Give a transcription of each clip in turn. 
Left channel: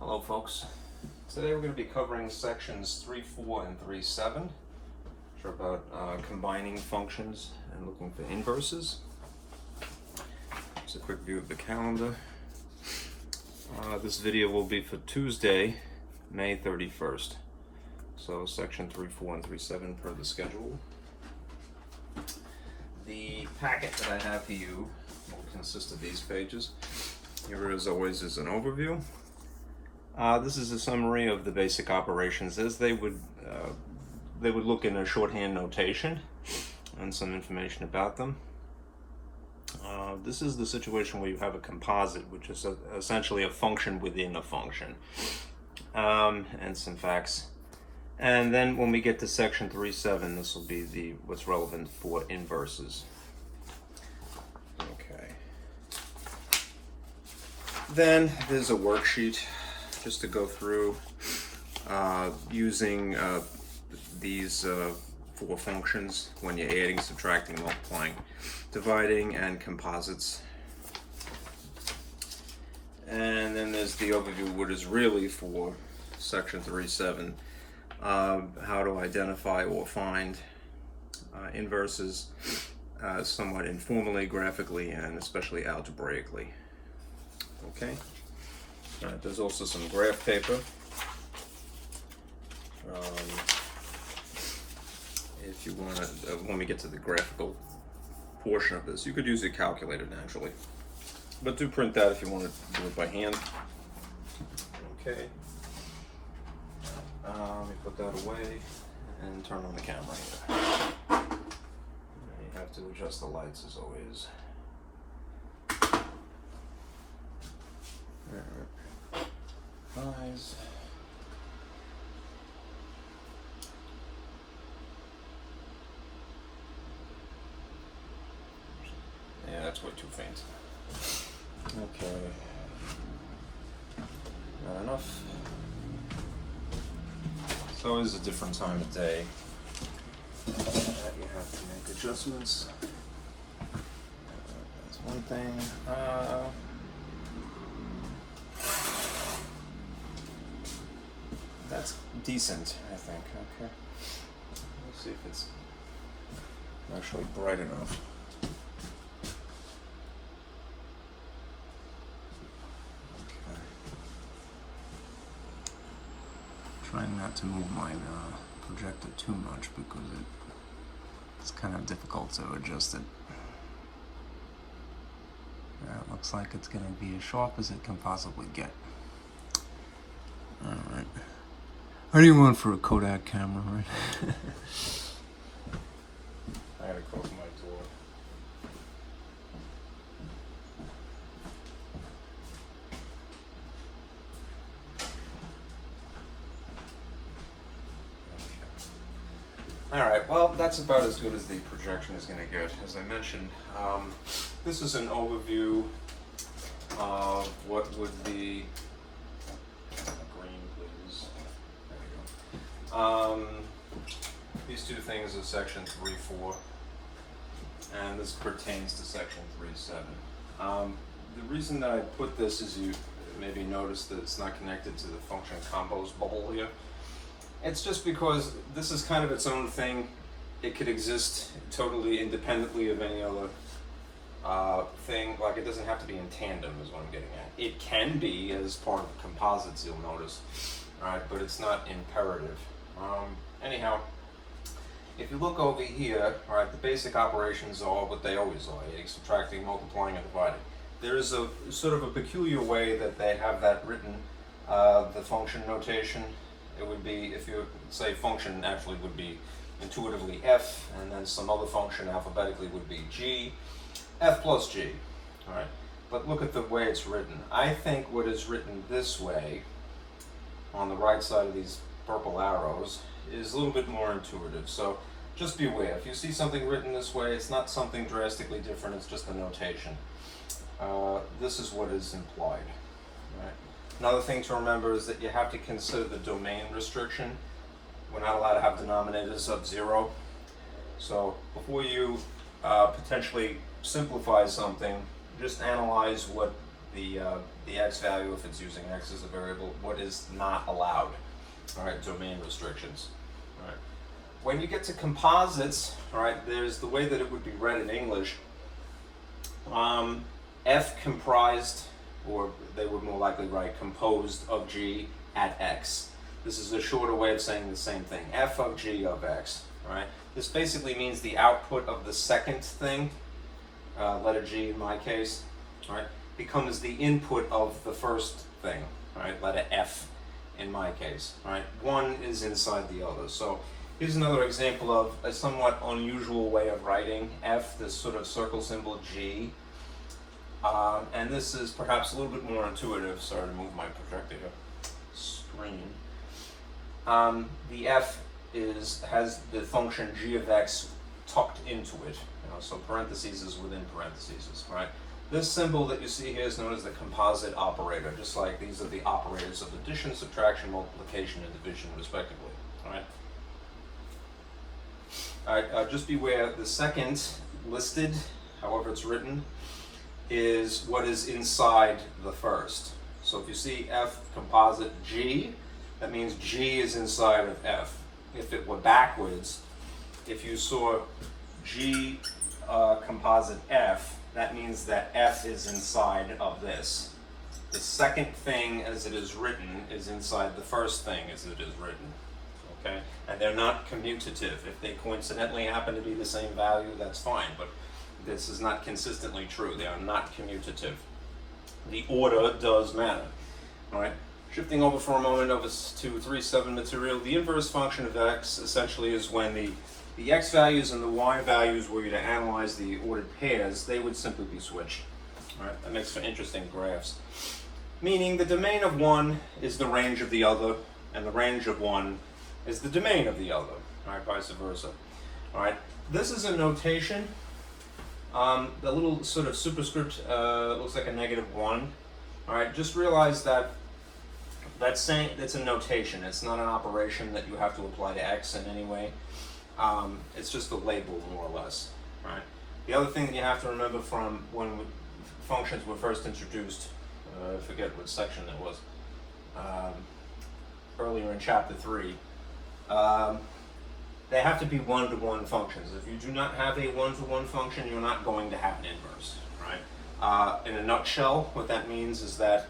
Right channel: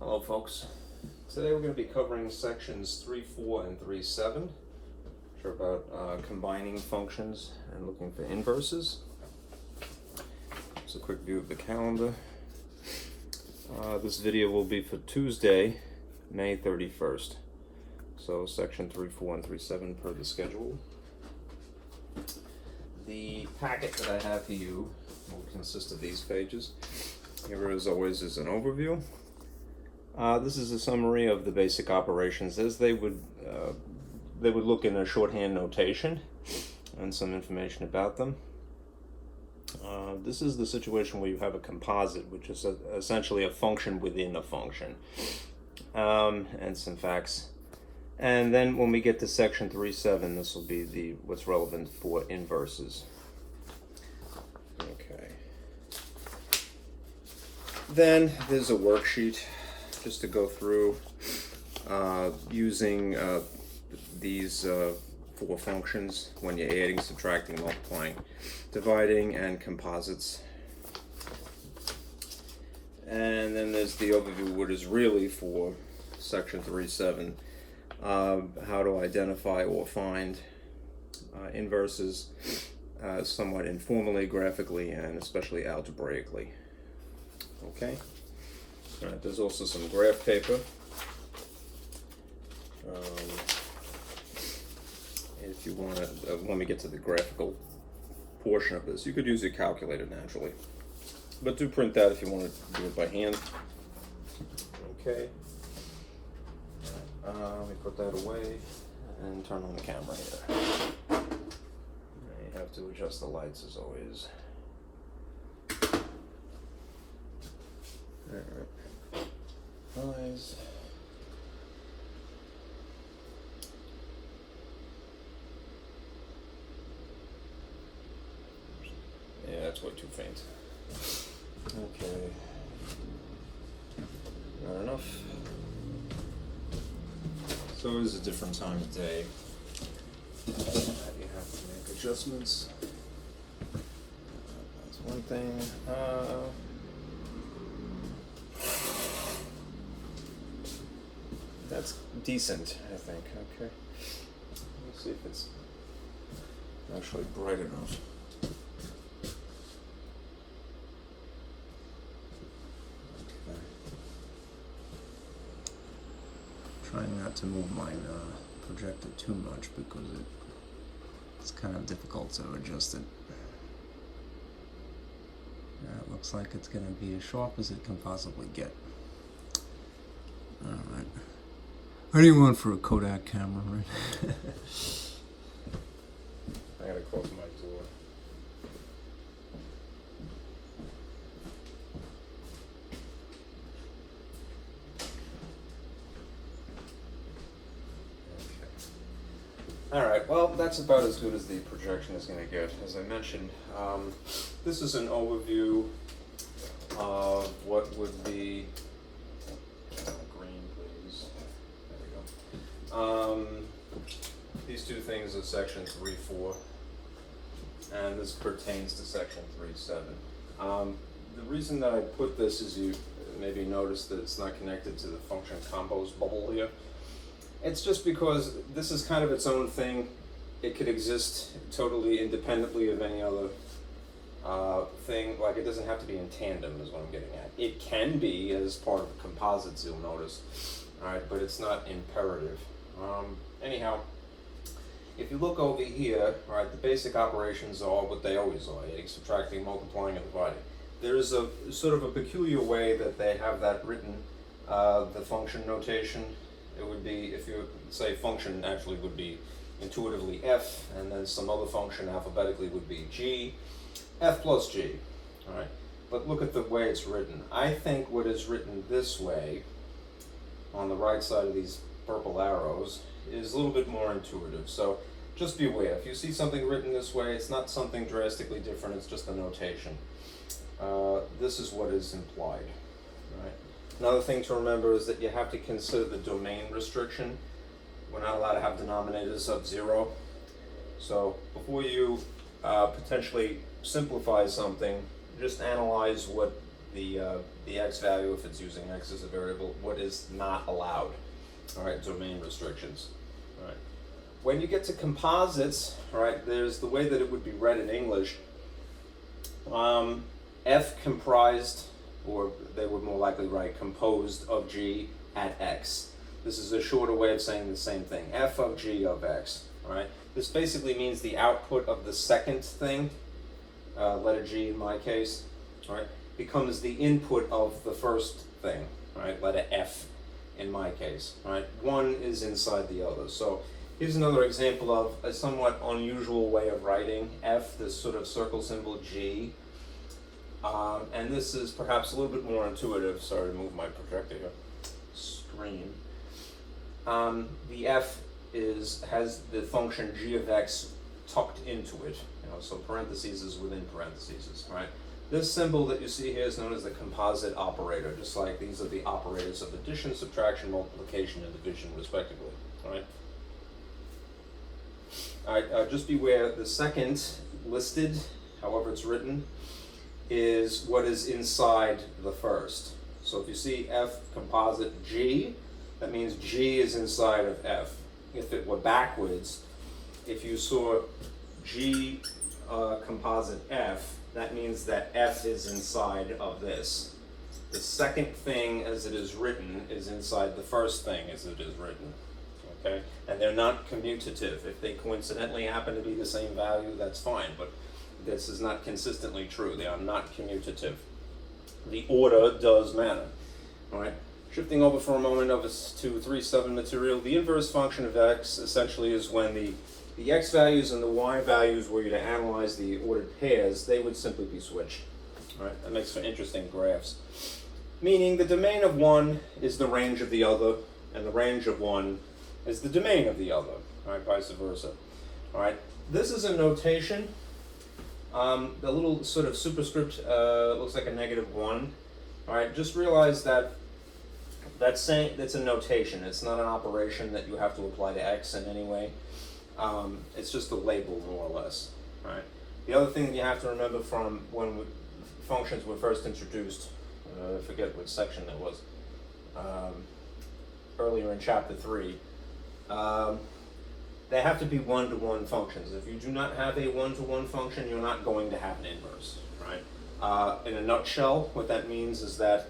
Hello folks. Today we're going to be covering sections 3.4 and 3.7, which are about combining functions and looking for inverses. Just a quick view of the calendar. This video will be for Tuesday, May 31st. So section 3.4 and 3.7 per the schedule. The packet that I have for you will consist of these pages. Here, as always, is an overview. This is a summary of the basic operations as they would look in a shorthand notation and some information about them. This is the situation where you have a composite, which is essentially a function within a function, and some facts. And then when we get to section 3.7, this will be what's relevant for inverses. Okay. Then there's a worksheet just to go through using these four functions when you're adding, subtracting, multiplying, dividing, and composites. And then there's the overview, what is really for section 3.7, how to identify or find inverses somewhat informally, graphically, and especially algebraically. Okay. All right, there's also some graph paper. If you want to, when we get to the graphical portion of this, you could use a calculator naturally, but do print that if you want to do it by hand. Okay. Let me put that away and turn on the camera here. You have to adjust the lights as always. All right. Eyes. Yeah, that's way too faint. Okay. Not enough. It's always a different time of day that you have to make adjustments. That's one thing. That's decent, I think. Okay. Let's see if it's actually bright enough. Okay. Trying not to move my projector too much because it's kind of difficult to adjust it. It looks like it's going to be as sharp as it can possibly get. All right. What do you want for a Kodak camera, right? I gotta close my door. Okay. Alright, well, that's about as good as the projection is going to get. As I mentioned, this is an overview of what would be these two things are section 3.4, and this pertains to section 3.7. The reason that I put this is you maybe noticed that it's not connected to the function combos bubble here. It's just because this is kind of its own thing. It could exist totally independently of any other thing. Like, it doesn't have to be in tandem is what I'm getting at. It can be as part of composites, you'll notice. Alright, but it's not imperative. Anyhow, if you look over here, alright, the basic operations are what they always are, adding, subtracting, multiplying, and dividing. There's a sort of a peculiar way that they have that written, the function notation. It would be, if you say function actually would be intuitively f, and then some other function alphabetically would be g, f plus g, alright? But look at the way it's written. I think what is written this way, on the right side of these purple arrows, is a little bit more intuitive. So just be aware, if you see something written this way, it's not something drastically different, it's just a notation. This is what is implied. Right? Another thing to remember is that you have to consider the domain restriction. We're not allowed to have denominators of 0. So before you potentially simplify something, just analyze what the x value if it's using x as a variable, what is not allowed. All right, domain restrictions. All right. When you get to composites, all right, there's the way that it would be read in English. F comprised, or they would more likely write composed of G at X. This is a shorter way of saying the same thing. F of G of X, right? This basically means the output of the second thing, letter G in my case, right, becomes the input of the first thing, right, letter F in my case, right? One is inside the other. So here's another example of a somewhat unusual way of writing F, this sort of circle symbol G. And this is perhaps a little bit more intuitive. Sorry to move my projector here. Screen. The F has the function G of X tucked into it. So parentheses is within parentheses, right? This symbol that you see here is known as the composite operator, just like these are the operators of addition, subtraction, multiplication, and division, respectively, right? All right, just beware, the second listed, however it's written, is what is inside the first. So if you see F composite G, that means G is inside of F. If it were backwards, if you saw G composite F, that means that F is inside of this. The second thing as it is written is inside the first thing as it is written. Okay? And they're not commutative. If they coincidentally happen to be the same value, that's fine, but this is not consistently true. They are not commutative. The order does matter. All right? Shifting over for a moment over to 3.7 material, the inverse function of x essentially is when the x values and the y values were you to analyze the ordered pairs, they would simply be switched. All right? That makes for interesting graphs. Meaning the domain of one is the range of the other, and the range of one is the domain of the other, all right, vice versa. All right, this is a notation. The little sort of superscript looks like a -1. All right, just realize that that's a notation. It's not an operation that you have to apply to x in any way. It's just a label, more or less. All right. The other thing that you have to remember from when functions were first introduced, I forget what section that was, earlier in chapter 3. They have to be one-to-one functions. If you do not have a one-to-one function, you're not going to have an inverse, right? In a nutshell, what that means is that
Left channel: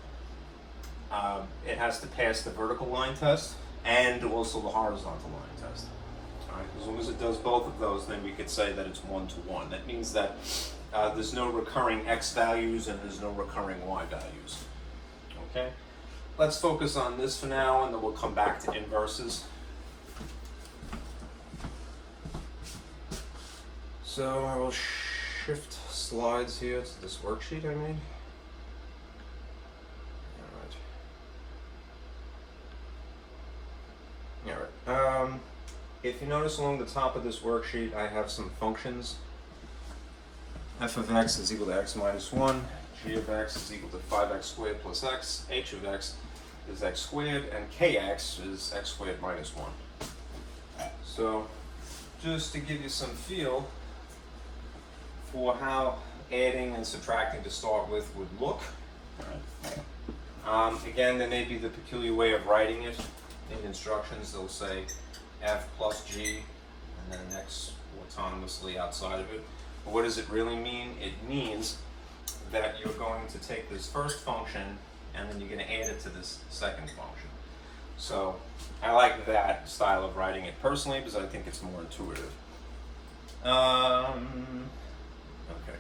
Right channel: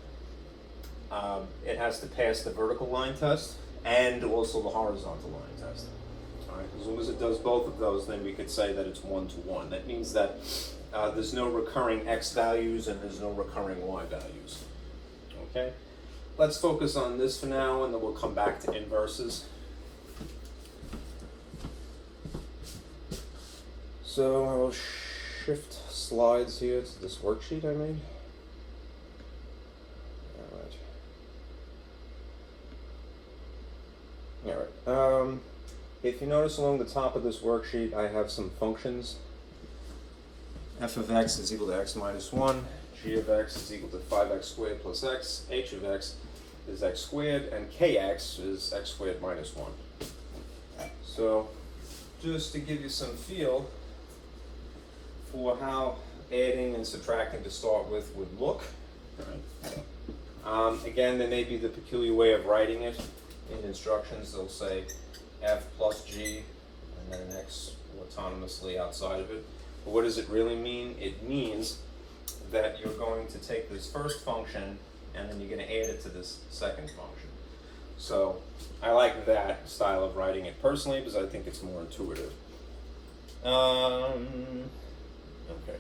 it has to pass the vertical line test and also the horizontal line test. Right? As long as it does both of those, then we could say that it's one-to-one. That means that there's no recurring x values and there's no recurring y values. Okay? Let's focus on this for now, and then we'll come back to inverses. So I will shift slides here to this worksheet I made. All right. If you notice along the top of this worksheet, I have some functions. F of x is equal to x minus 1. G of x is equal to 5x squared plus x. H of x is x squared, and kx is x squared minus 1. So just to give you some feel for how adding and subtracting to start with would look. Again, there may be the peculiar way of writing it. In instructions, they'll say f plus g and then an x autonomously outside of it. But what does it really mean? It means that you're going to take this first function and then you're going to add it to this second function. So I like that style of writing it personally because I think it's more intuitive. Okay.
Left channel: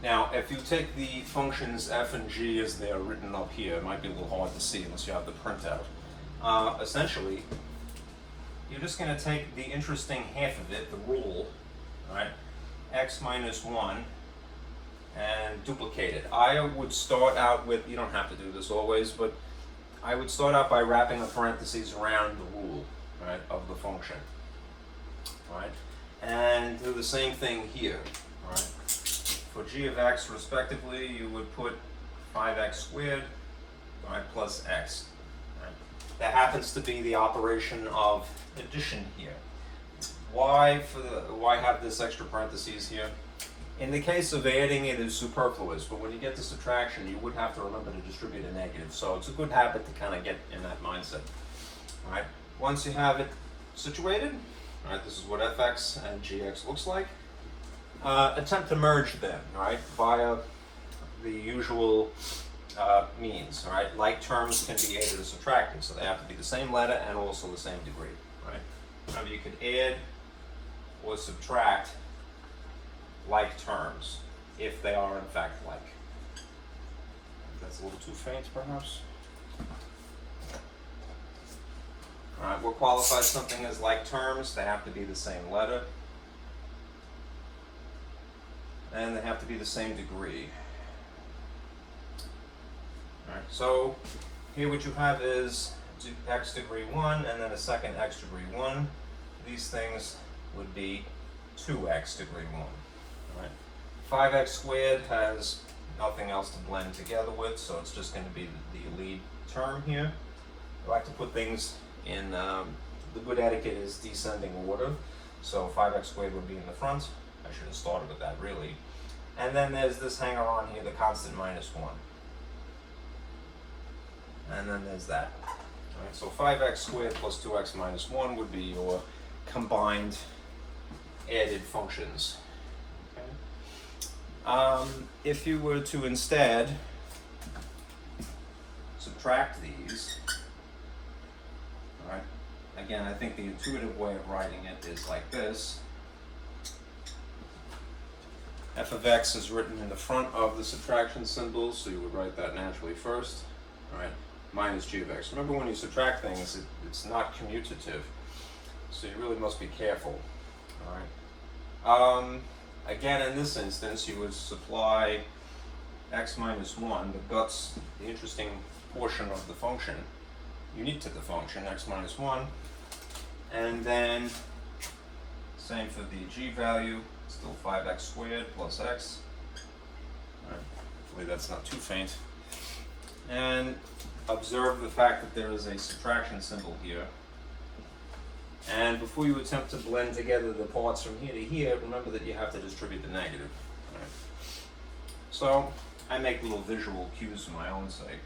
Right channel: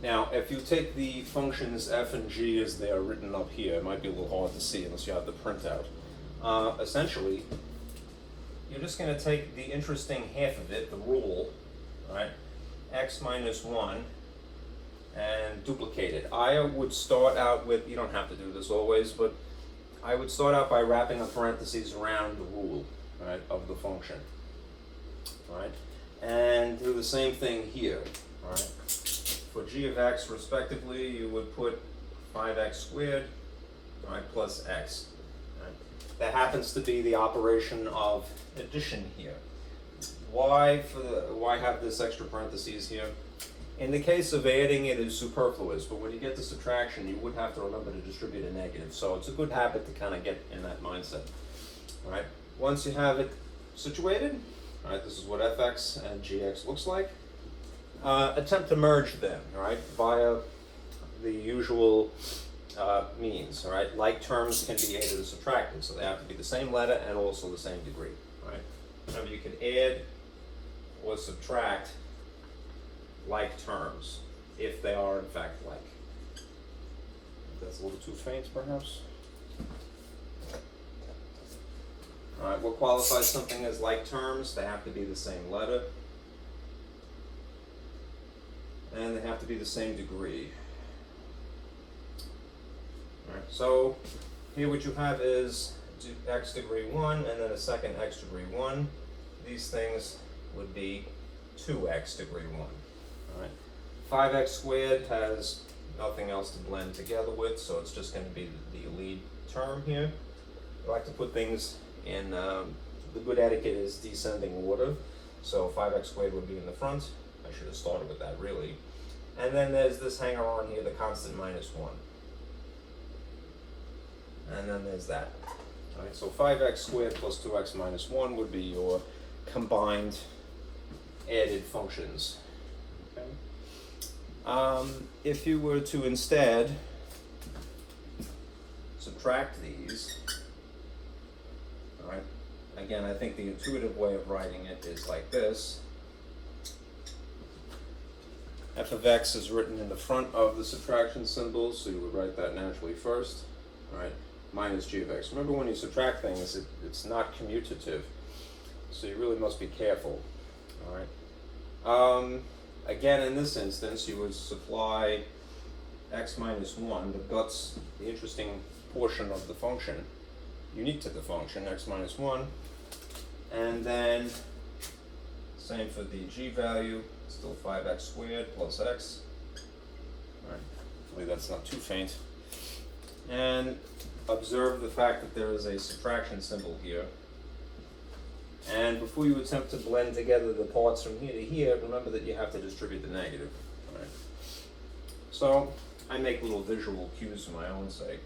Now, if you take the functions f and g as they are written up here, it might be a little hard to see unless you have the printout. Essentially, you're just going to take the interesting half of it, the rule, right, x minus 1, and duplicate it. I would start out with, you don't have to do this always, but I would start out by wrapping the parentheses around the rule, right, of the function, right, and do the same thing here, right. For g of x, respectively, you would put 5x squared, right, plus x. Right? That happens to be the operation of addition here. Why have this extra parentheses here? In the case of adding, it is superfluous, but when you get to subtraction, you would have to remember to distribute a negative. So it's a good habit to kind of get in that mindset. All right. Once you have it situated, all right, this is what fx and gx looks like. Attempt to merge them, all right, via the usual means. All right. Like terms can be added or subtracted, so they have to be the same letter and also the same degree. All right. Remember, you can add or subtract like terms if they are in fact like. That's a little too faint, perhaps. All right, what qualifies something as like terms? They have to be the same letter, and they have to be the same degree. All right, so here what you have is x degree 1 and then a second x degree 1. These things would be 2x degree 1. All right. 5x squared has nothing else to blend together with, so it's just going to be the lead term here. I like to put things in, the good etiquette is descending order, so 5x squared would be in the front. I should have started with that, really. And then there's this hanger on here, the constant minus 1. And then there's that. All right, so 5x squared plus 2x minus 1 would be your combined added functions. If you were to instead subtract these, all right, again, I think the intuitive way of writing it is like this. F of x is written in the front of the subtraction symbol, so you would write that naturally first, all right, minus g of x. Remember, when you subtract things, it's not commutative, so you really must be careful, all right. Again, in this instance, you would supply x minus 1, the guts, the interesting portion of the function, unique to the function, x minus 1, and then same for the g value, still 5x squared plus x. All right. Hopefully that's not too faint. And observe the fact that there is a subtraction symbol here. And before you attempt to blend together the parts from here to here, remember that you have to distribute the negative. All right. So I make little visual cues for my own sake,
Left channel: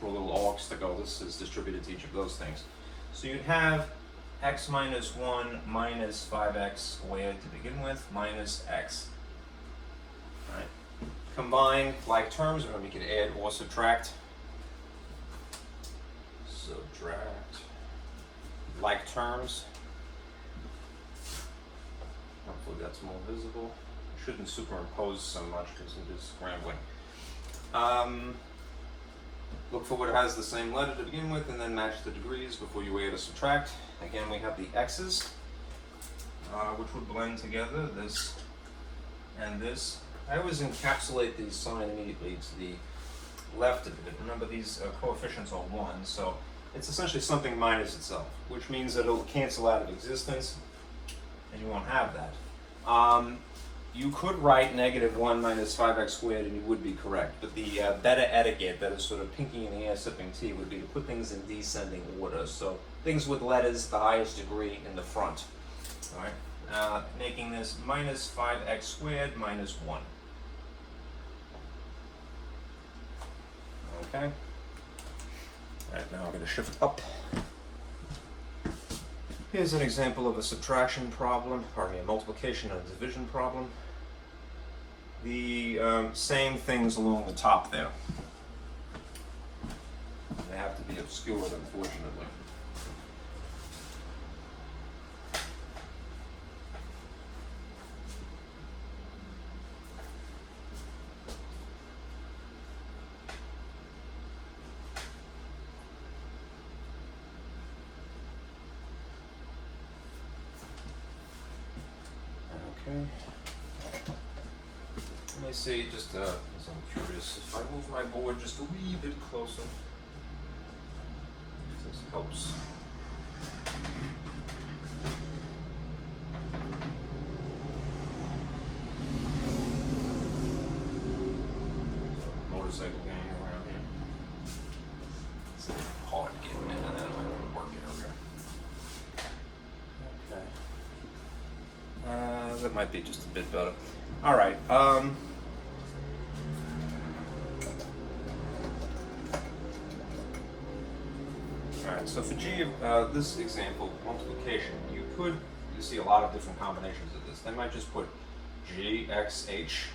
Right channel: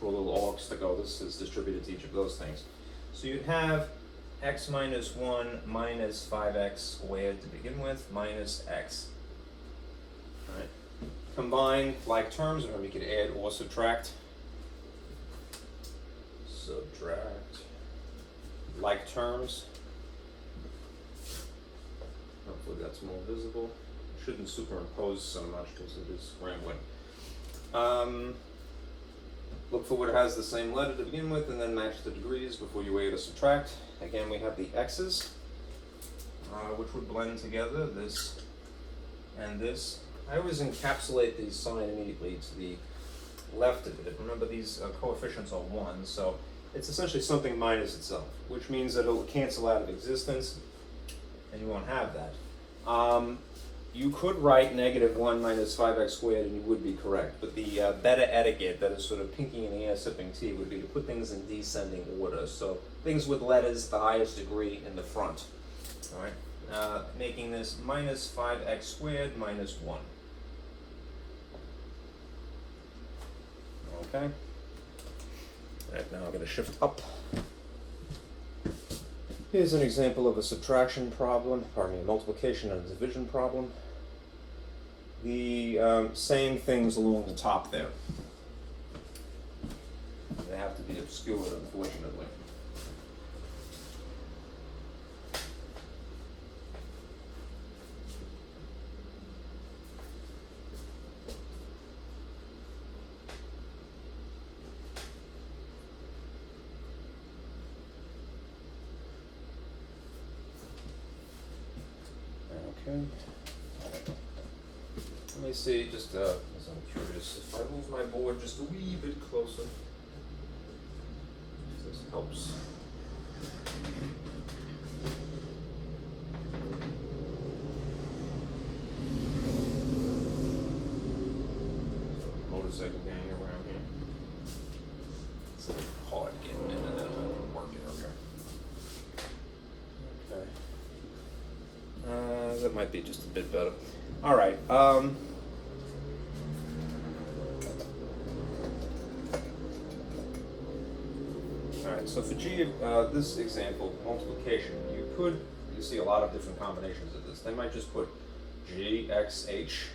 for little arcs to go, this is distributed to each of those things. So you'd have x minus 1 minus 5x squared to begin with, minus x. All right. Combine like terms, remember you could add or subtract. Subtract like terms. Hopefully that's more visible. I shouldn't superimpose so much because it is scrambling. Look for what has the same letter to begin with and then match the degrees before you add or subtract. Again, we have the x's, which would blend together, this and this. I always encapsulate the sign immediately to the left of it. Remember, these coefficients are 1, so it's essentially something minus itself, which means that it'll cancel out of existence, and you won't have that. You could write negative 1 minus 5x squared, and you would be correct, but the better etiquette, that is sort of pinky in the air sipping tea, would be to put things in descending order. So things with letters the highest degree in the front. All right, making this minus 5x squared minus 1. Okay. All right, now I'm going to shift up. Here's an example of a subtraction problem, pardon me, a multiplication and a division problem. The same things along the top there. They have to be obscured, unfortunately. Okay. Let me see, just as I'm curious, if I move my board just a wee bit closer, this helps. Motorcycle gang around here. It's hard getting in and then working over here. Okay. That might be just a bit better. All right. All right. So for G, this example, multiplication, you see a lot of different combinations of this. They might just put G, X, H,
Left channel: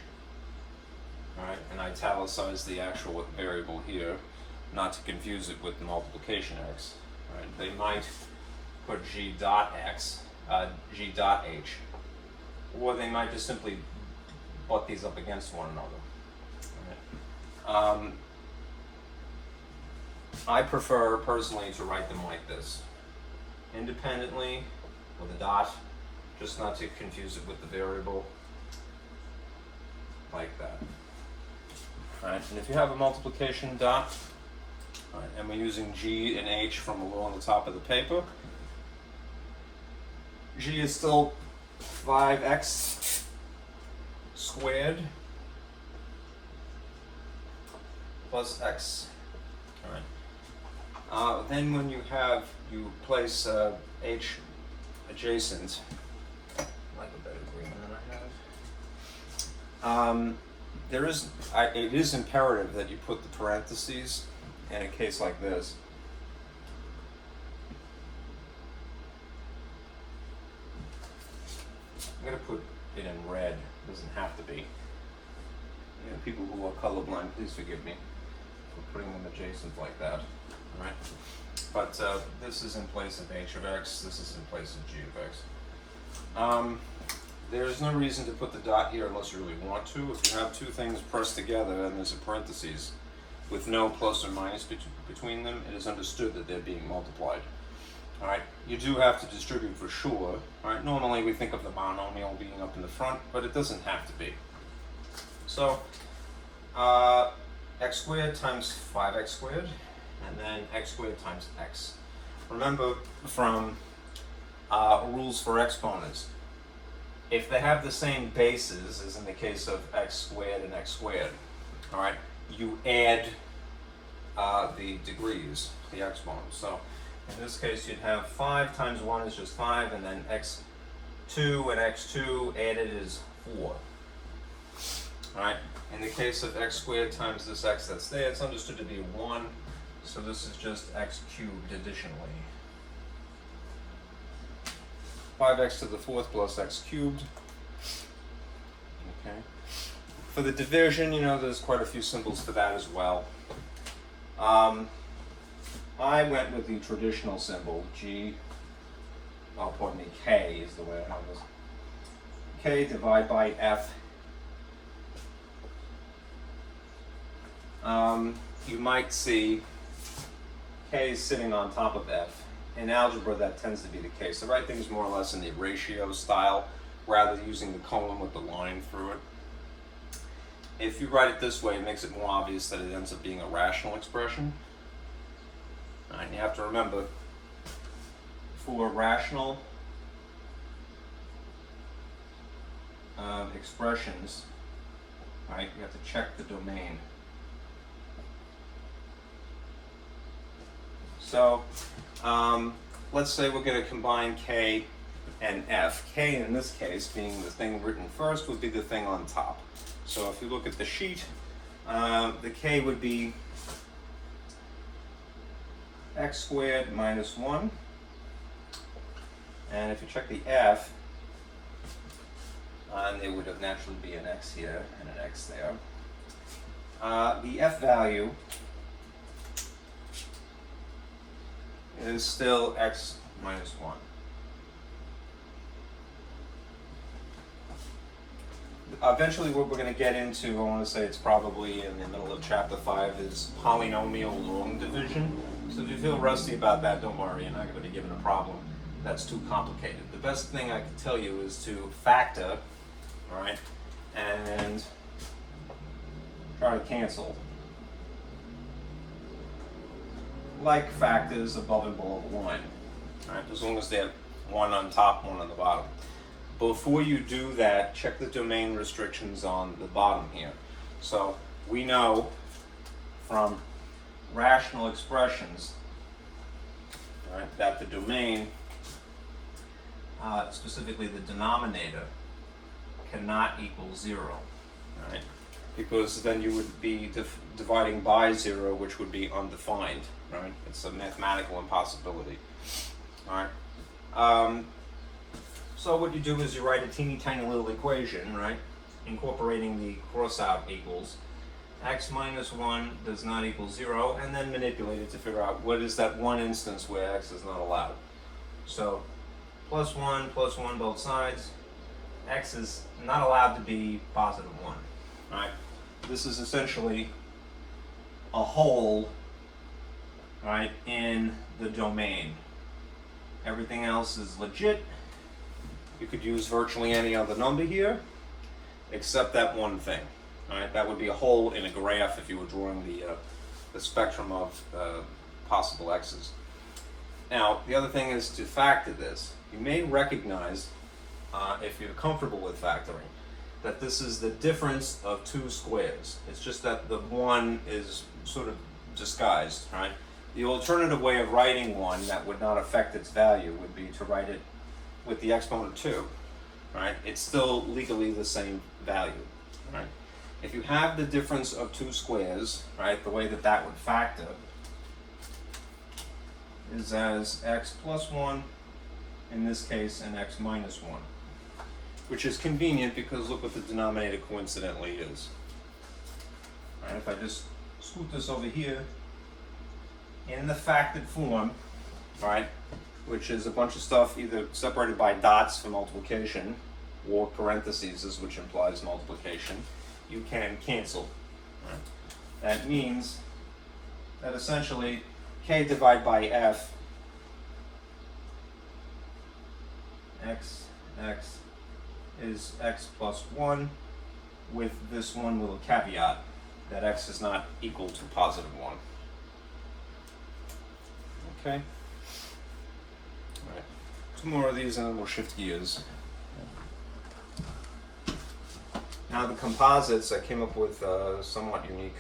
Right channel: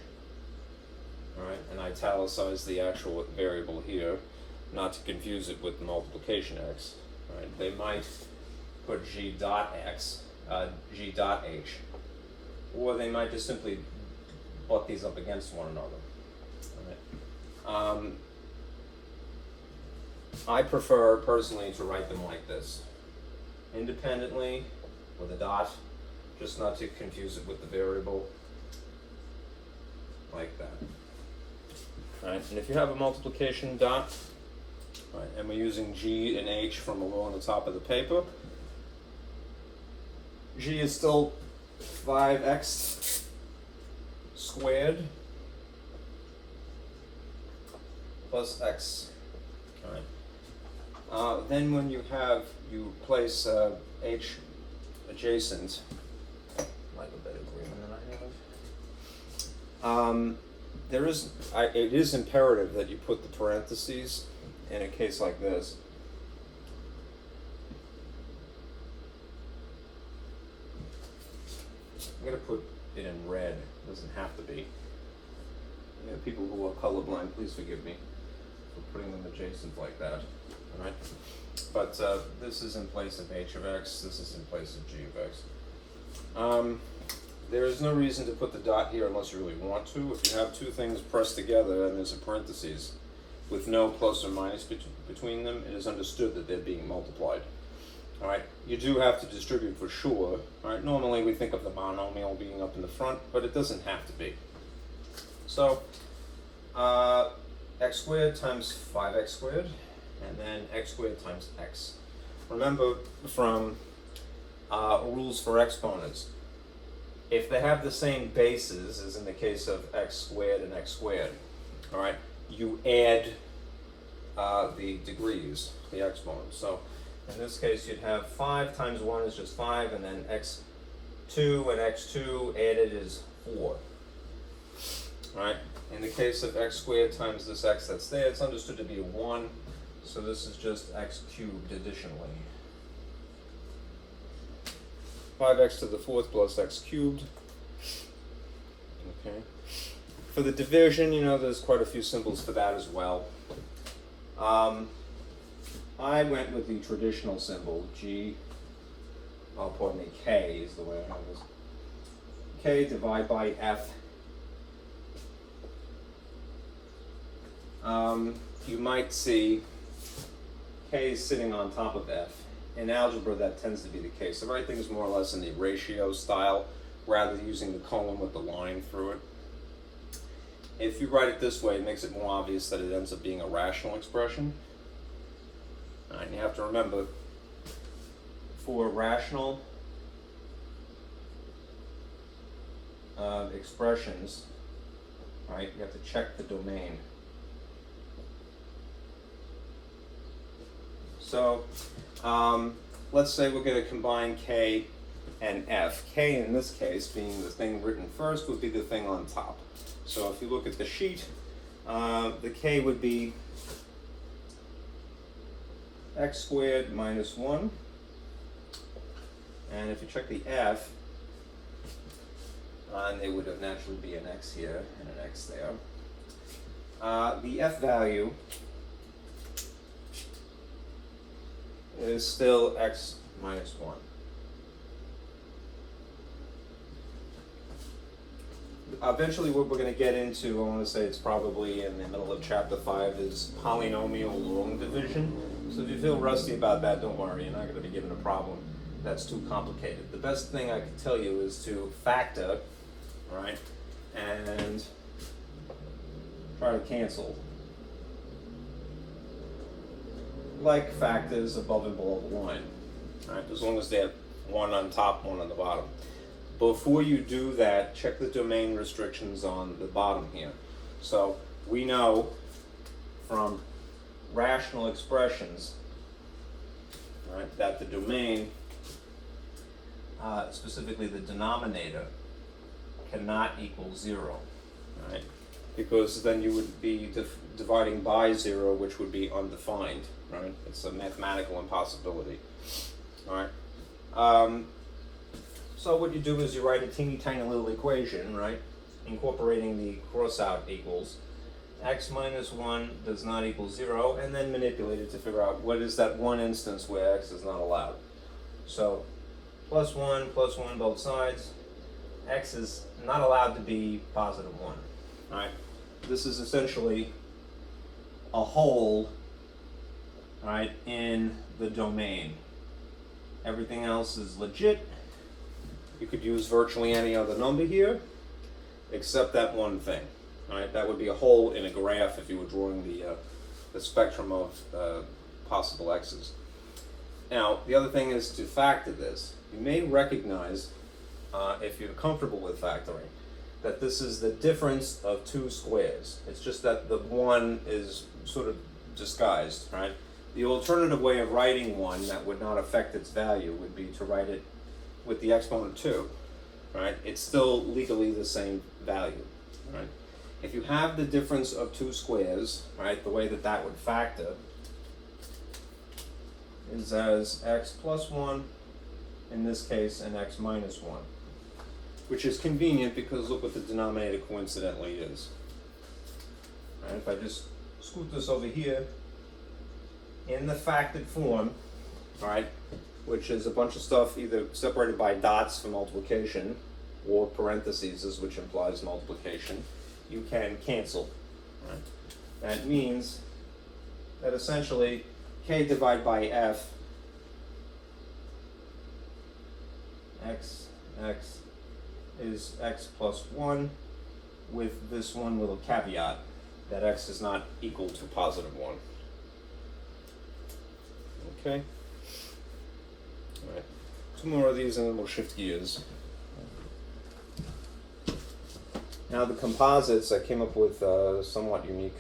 all right, and italicize the actual variable here, not to confuse it with the multiplication X. All right. They might put G dot X, G dot H, or they might just simply butt these up against one another. All right. I prefer personally to write them like this, independently with a dot, just not to confuse it with the variable, like that. All right, and if you have a multiplication dot, all right, and we're using G and H from along the top of the paper, G is still 5x squared plus x. All right. Then when you place H adjacent, like a better agreement than I have. It is imperative that you put the parentheses in a case like this. I'm going to put it in red. It doesn't have to be. You know, people who are colorblind, please forgive me for putting them adjacent like that. All right. But this is in place of h of x. This is in place of g of x. There's no reason to put the dot here unless you really want to. If you have two things pressed together and there's a parentheses with no plus or minus between them, it is understood that they're being multiplied. All right, you do have to distribute for sure. All right, normally we think of the monomial being up in the front, but it doesn't have to be. So, x squared times 5x squared, and then x squared times x. Remember from rules for exponents, if they have the same bases, as in the case of x squared and x squared, all right, you add the degrees, the exponents. So in this case, you'd have 5 times 1 is just 5, and then x2 and x2 added is 4. All right. In the case of x squared times this x that's there, it's understood to be 1, so this is just x cubed additionally. 5x to the 4th plus x cubed. Okay. For the division, you know, there's quite a few symbols for that as well. I went with the traditional symbol, K is the way I have this. K divide by F. You might see K is sitting on top of F. In algebra, that tends to be the case. The right thing is more or less in the ratio style, rather than using the colon with the line through it. If you write it this way, it makes it more obvious that it ends up being a rational expression. And you have to remember, for rational expressions, right, you have to check the domain. So let's say we're going to combine K and F. K in this case, being the thing written first, would be the thing on top. So if you look at the sheet, the K would be x squared minus 1. And if you check the F, there would have naturally be an x here and an x there. The F value is still x minus 1. Eventually what we're going to get into, I want to say it's probably in the middle of chapter 5, is polynomial long division. So if you feel rusty about that, don't worry, you're not going to be given a problem that's too complicated. The best thing I can tell you is to factor, all right, and try to cancel. Like factors above and below the line, all right, as long as they're one on top, one on the bottom. Before you do that, check the domain restrictions on the bottom here. So we know from rational expressions, right, that the domain, specifically the denominator, cannot equal 0, right? Because then you would be dividing by 0, which would be undefined, right? It's a mathematical impossibility, all right? So what you do is you write a teeny tiny little equation, right? Incorporating the cross-out equals. X minus 1 does not equal 0, and then manipulate it to figure out what is that one instance where x is not allowed. So plus 1 both sides. X is not allowed to be positive 1. Right? This is essentially a hole, right, in the domain. Everything else is legit. You could use virtually any other number here, except that one thing. Right? That would be a hole in a graph if you were drawing the spectrum of possible x's. Now, the other thing is to factor this. You may recognize, if you're comfortable with factoring, that this is the difference of two squares. It's just that the one is sort of disguised, right? The alternative way of writing one that would not affect its value would be to write it with the exponent 2, right? It's still legally the same value, right? If you have the difference of two squares, right, the way that that would factor is as x plus 1 in this case and x minus 1, which is convenient because look what the denominator coincidentally is. Right, if I just scoot this over here in the factored form, right, which is a bunch of stuff either separated by dots for multiplication or parentheses, which implies multiplication, you can cancel. Right? That means that essentially k divided by f, x is x plus 1 with this one little caveat that x is not equal to positive 1. Okay? All right. Two more of these and then we'll shift gears. Now the composites, I came up with somewhat unique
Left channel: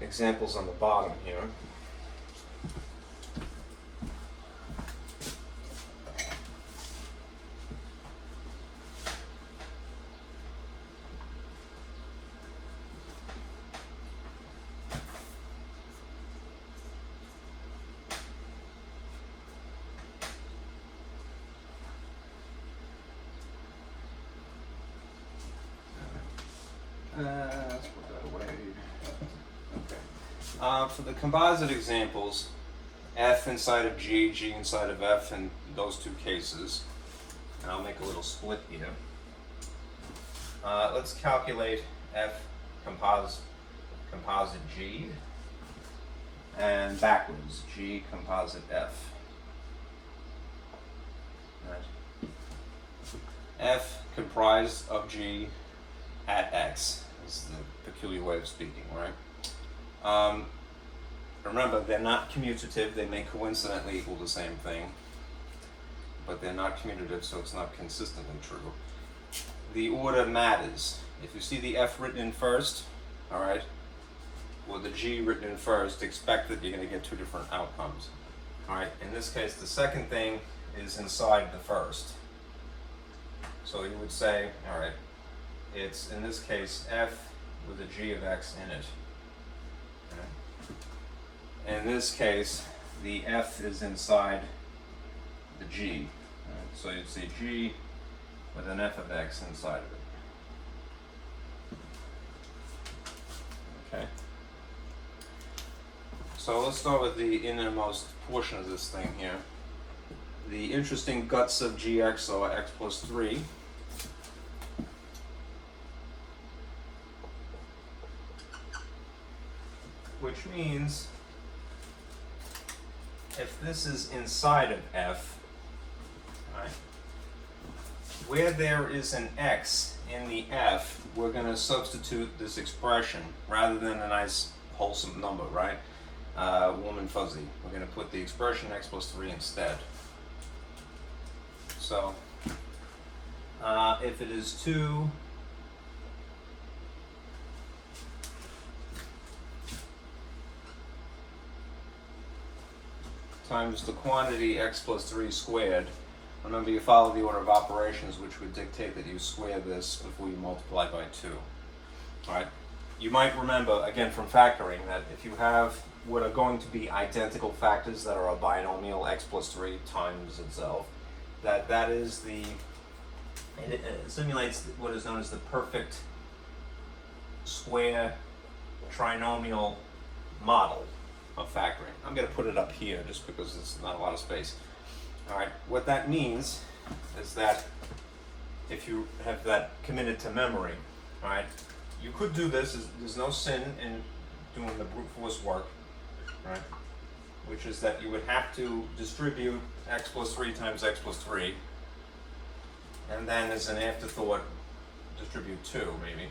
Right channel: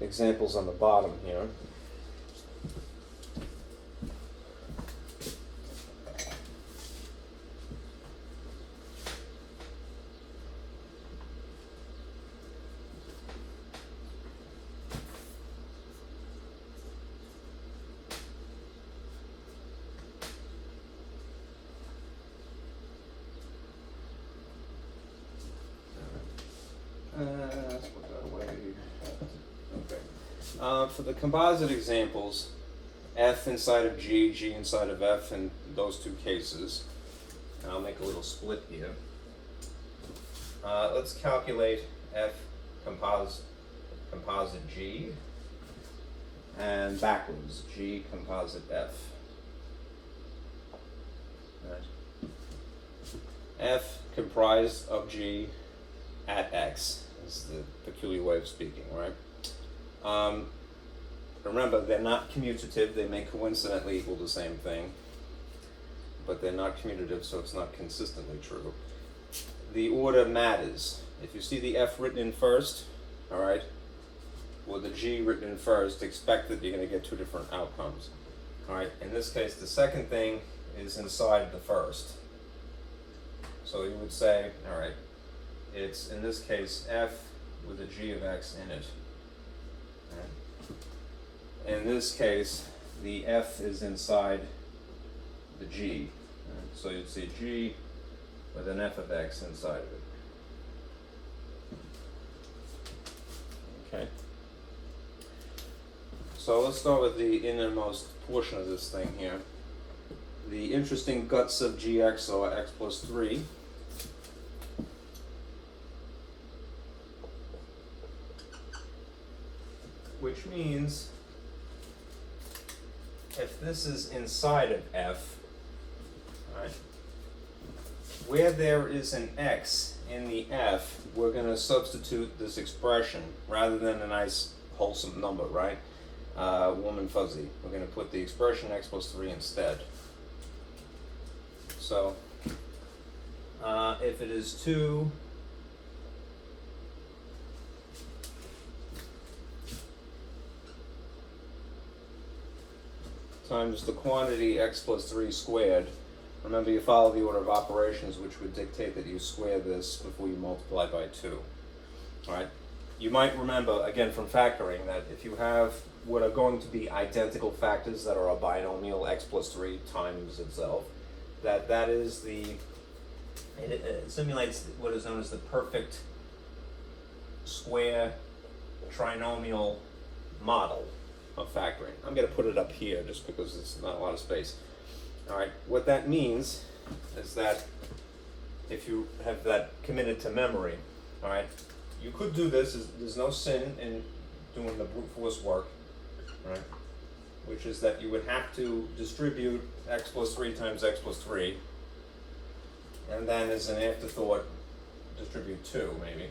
examples on the bottom here. Let's put that away. Okay. For the composite examples, f inside of g, g inside of f in those two cases. And I'll make a little split here. Let's calculate f composite g and backwards g composite f. Right. F comprised of g at x is the peculiar way of speaking, right? Remember, they're not commutative. They may coincidentally equal the same thing, but they're not commutative, so it's not consistently true. The order matters. If you see the f written in first, all right, or the g written in first, expect that you're going to get two different outcomes. All right. In this case, the second thing is inside the first. So you would say, all right, it's in this case f with a g of x in it. Okay. In this case, the f is inside the g. Right? So you'd see g with an f of x inside of it. Okay. So let's start with the innermost portion of this thing here. The interesting guts of gx are x plus 3. Which means if this is inside of f, right, where there is an x in the f, we're going to substitute this expression rather than a nice wholesome number, right? Warm and fuzzy. We're going to put the expression x plus 3 instead. So if it is 2 times the quantity x plus 3 squared, remember you follow the order of operations, which would dictate that you square this before you multiply by 2. All right. You might remember, again, from factoring, that if you have what are going to be identical factors that are a binomial, x plus 3 times itself, that is it simulates what is known as the perfect square trinomial model of factoring. I'm going to put it up here just because it's not a lot of space. All right, what that means is that if you have that committed to memory, all right, you could do this. There's no sin in doing the brute force work, right? Which is that you would have to distribute x plus 3 times x plus 3, and then as an afterthought, distribute 2 maybe.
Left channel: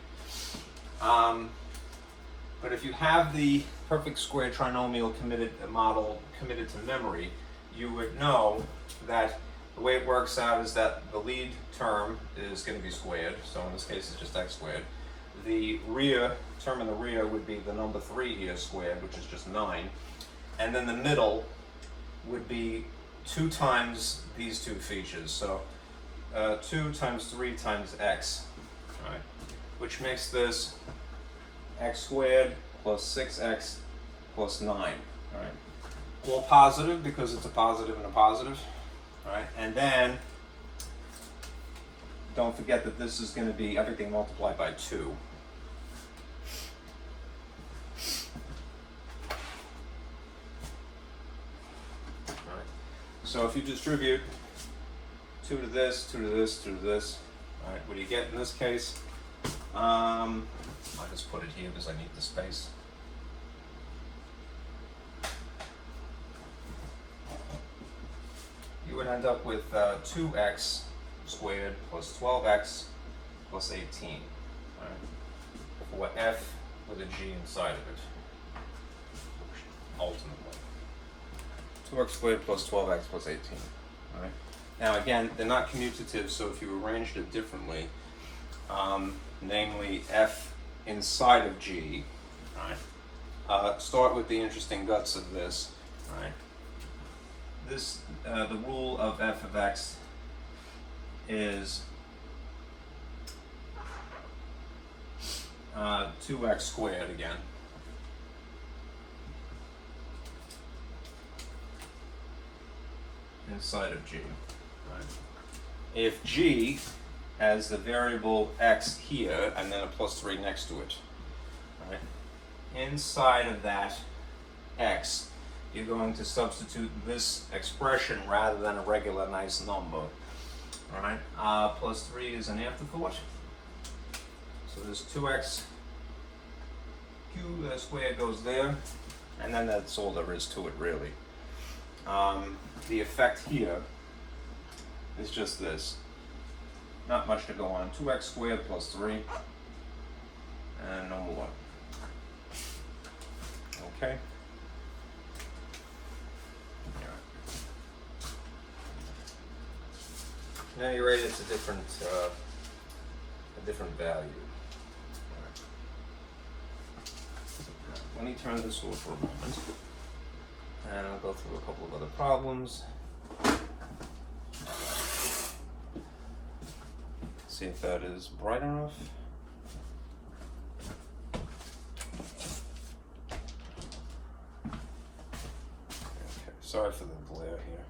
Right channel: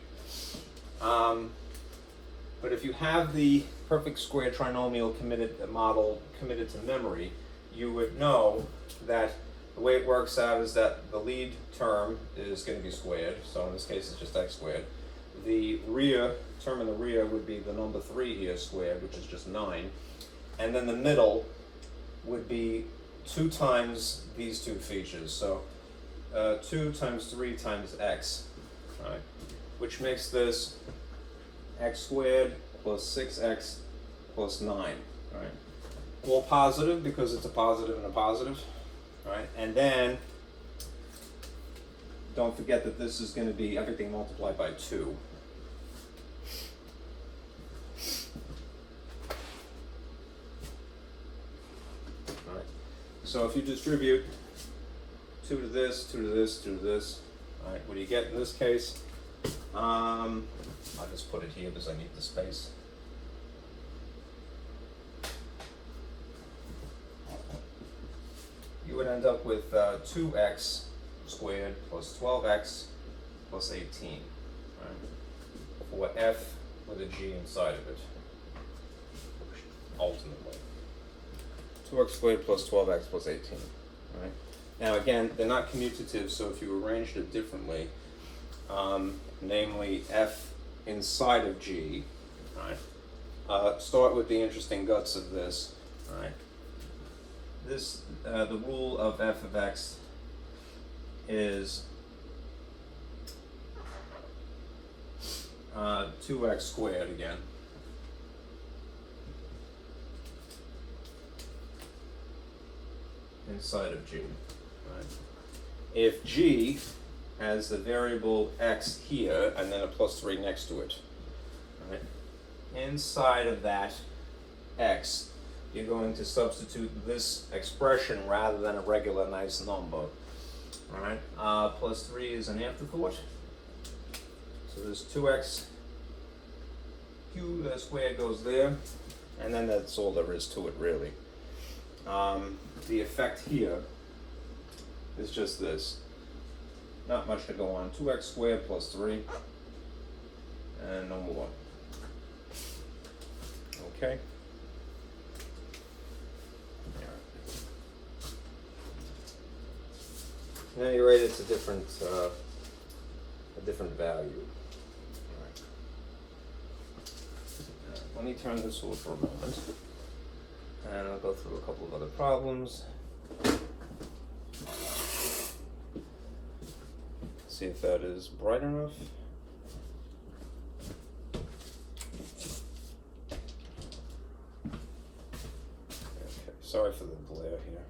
But if you have the perfect square trinomial model committed to memory, you would know that the way it works out is that the lead term is going to be squared. So in this case, it's just x squared. The rear term in the rear would be the number 3 here squared, which is just 9. And then the middle would be 2 times these two features. So 2 times 3 times x, all right, which makes this x squared plus 6x plus 9. All right. All positive because it's a positive and a positive. All right. And then don't forget that this is going to be everything multiplied by 2. All right. So if you distribute 2 to this, 2 to this, 2 to this, all right, what do you get in this case? I'll just put it here because I need the space. You would end up with 2x squared plus 12x plus 18, right? For f with a g inside of it, ultimately. 2x squared plus 12x plus 18, all right? Now again, they're not commutative, so if you arranged it differently, namely f inside of g, right? Start with the interesting guts of this, right? This, the rule of f of x is 2x squared again. Inside of g, right? If g has the variable x here and then a plus 3 next to it, right? Inside of that x, you're going to substitute this expression rather than a regular nice number. All right, plus 3 is an afterthought. So there's 2x cubed, that square goes there, and then that's all there is to it really. The effect here is just this. Not much to go on. 2x squared plus 3, and no more. Okay. Now you're right, it's a different value. Right. Let me turn this over for a moment, and I'll go through a couple of other problems. See if that is bright enough. Okay, sorry for the glare here.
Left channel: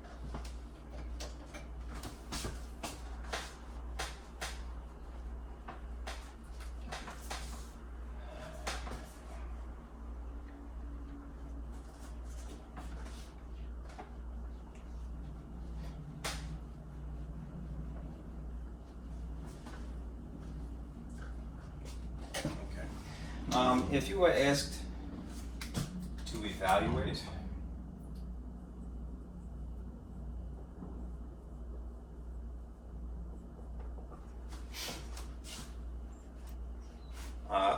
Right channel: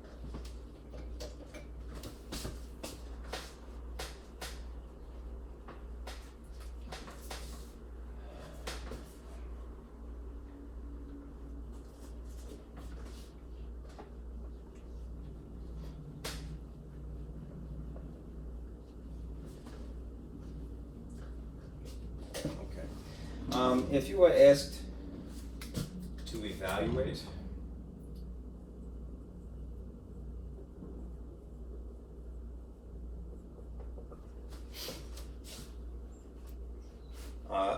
If you were asked to evaluate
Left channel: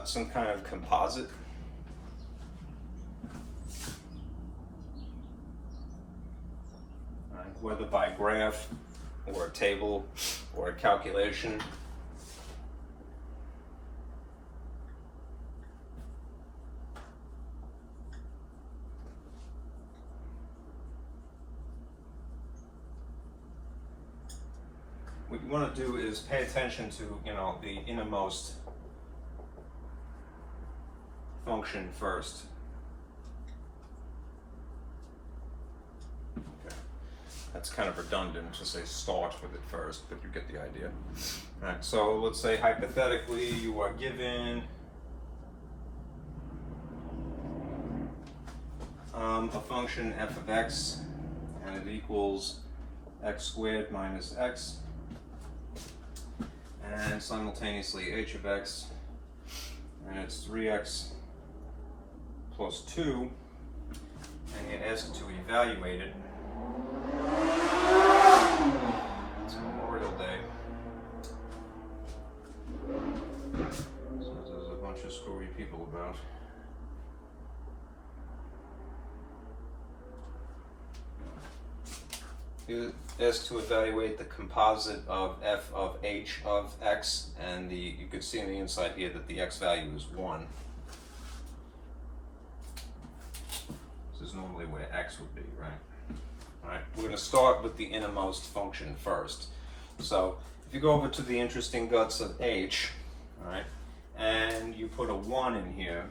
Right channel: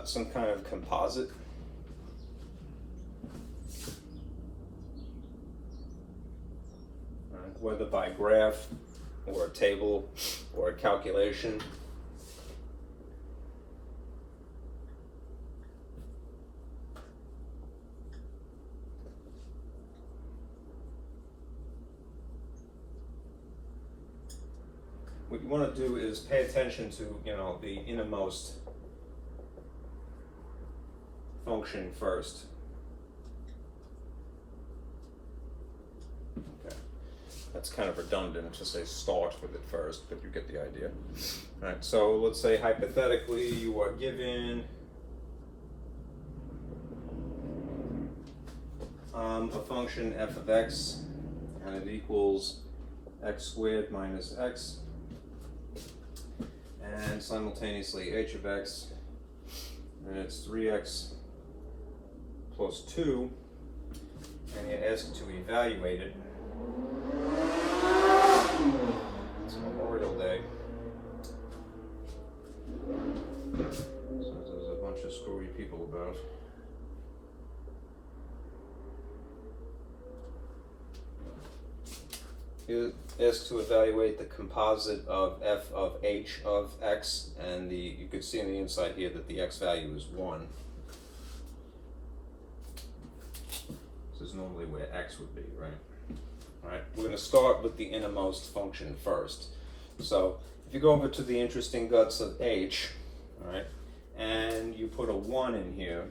some kind of composite, whether by graph or a table or a calculation, what you want to do is pay attention to, the innermost function first. Okay. That's kind of redundant to say start with it first, but you get the idea. All right, so let's say hypothetically you are given a function f of x, and it equals x squared minus x, and simultaneously h of x, and it's 3x plus 2, and you're asked to evaluate it. It's Memorial Day, so there's a bunch of screwy people about. You're asked to evaluate the composite of f of h of x, and you could see on the inside here that the x value is 1. This is normally where x would be, right? All right, we're going to start with the innermost function first. So if you go over to the interesting guts of h, all right, and you put a 1 in here,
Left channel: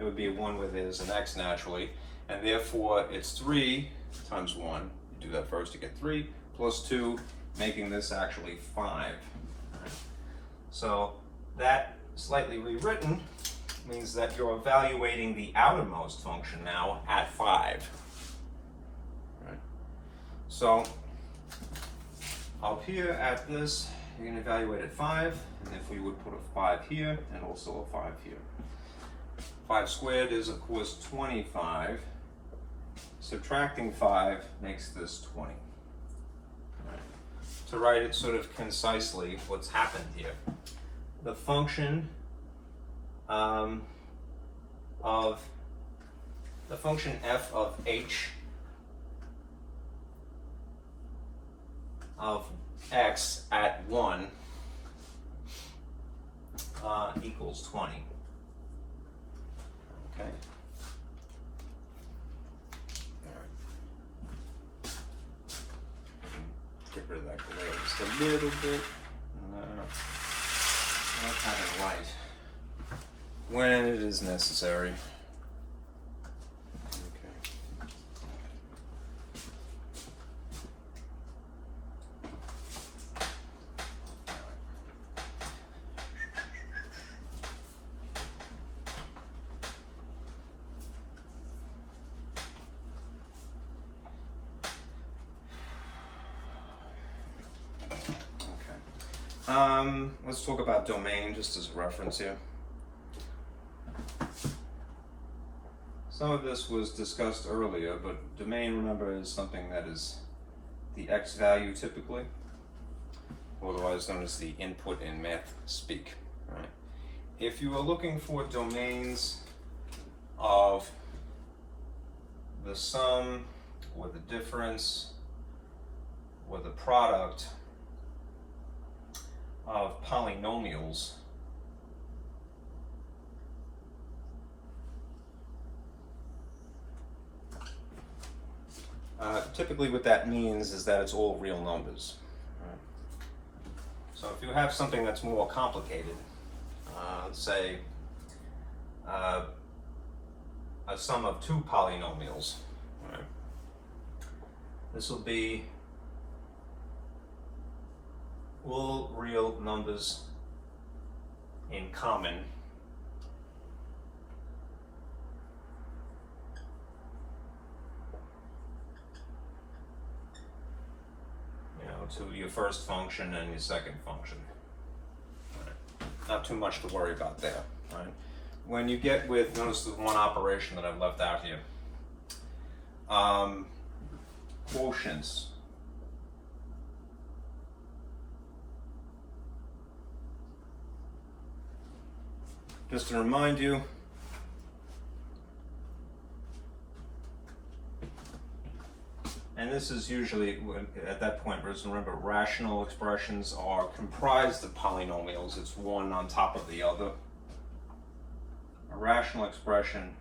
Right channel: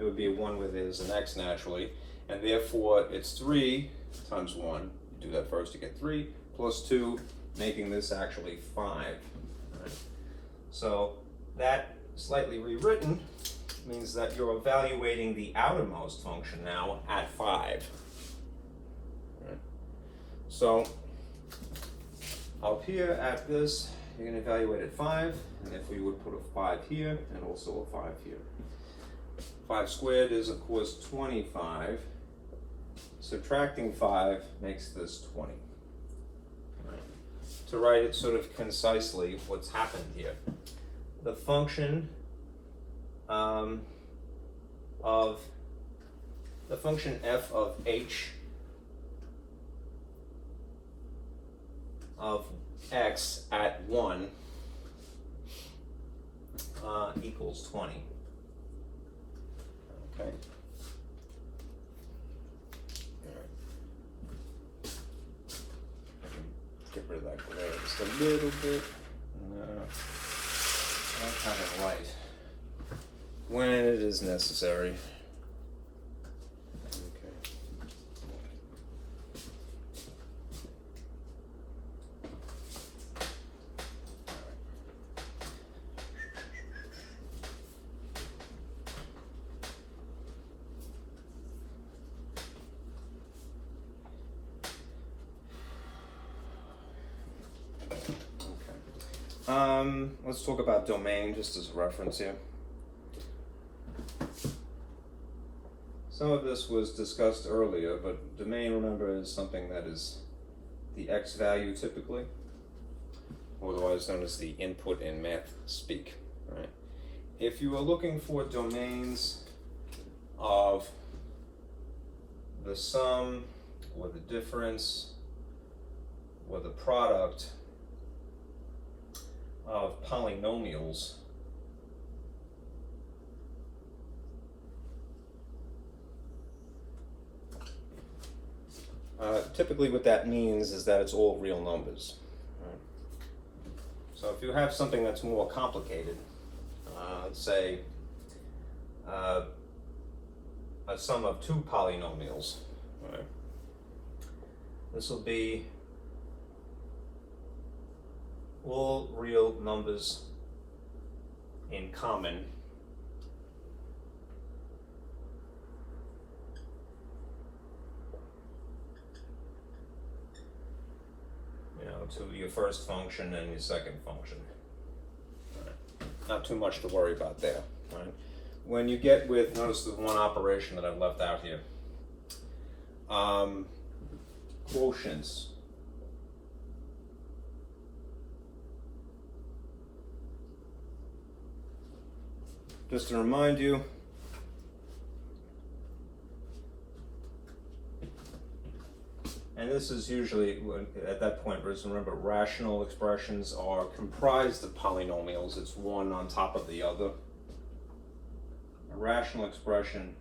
it would be a 1 where there's an x naturally, and therefore it's 3 times 1. Do that first to get 3 plus 2, making this actually 5. Right. So that slightly rewritten means that you're evaluating the outermost function now at 5. Right. So up here at this, you're going to evaluate at 5, and if we would put a 5 here and also a 5 here. 5 squared is of course 25. Subtracting 5 makes this 20. Right. To write it sort of concisely, what's happened here? The function f of h of x at 1 equals 20. Okay. Get rid of that glare just a little bit. That kind of light when it is necessary. Okay. Let's talk about domain just as a reference here. Some of this was discussed earlier, but domain, remember, is something that is the x value typically, otherwise known as the input in math speak. Right? If you are looking for domains of the sum or the difference or the product of polynomials, typically what that means is that it's all real numbers. Right? So if you have something that's more complicated, let's say a sum of 2 polynomials, right? This will be all real numbers in common to your first function and your second function. Right. Not too much to worry about there. Right? When you get with, notice the one operation that I've left out here, quotients. Just to remind you, and this is usually, at that point, remember, rational expressions are comprised of polynomials. It's one on top of the other. A rational expression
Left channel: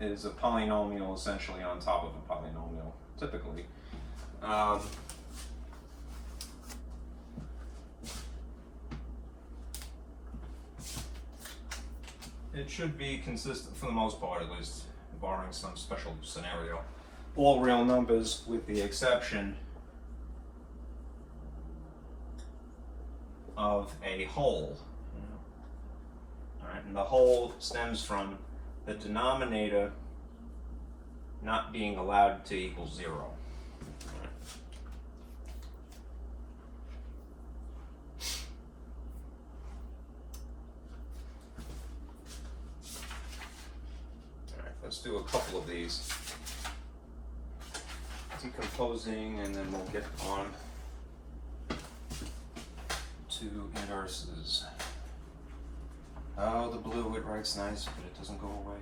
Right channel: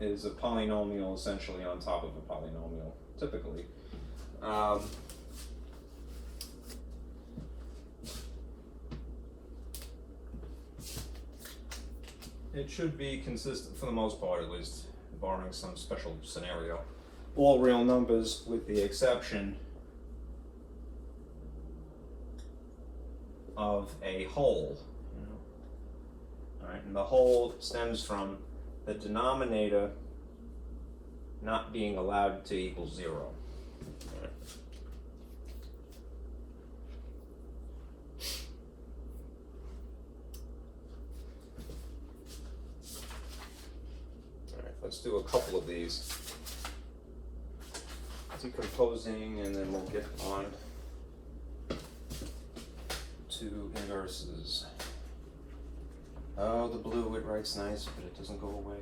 is a polynomial essentially on top of a polynomial, typically. it should be consistent for the most part, at least, barring some special scenario. All real numbers with the exception of a whole. All right, and the whole stems from the denominator not being allowed to equal 0. All right. All right, let's do a couple of these. Decomposing, and then we'll get on to inverses. Oh, the blue, it writes nice, but it doesn't go away.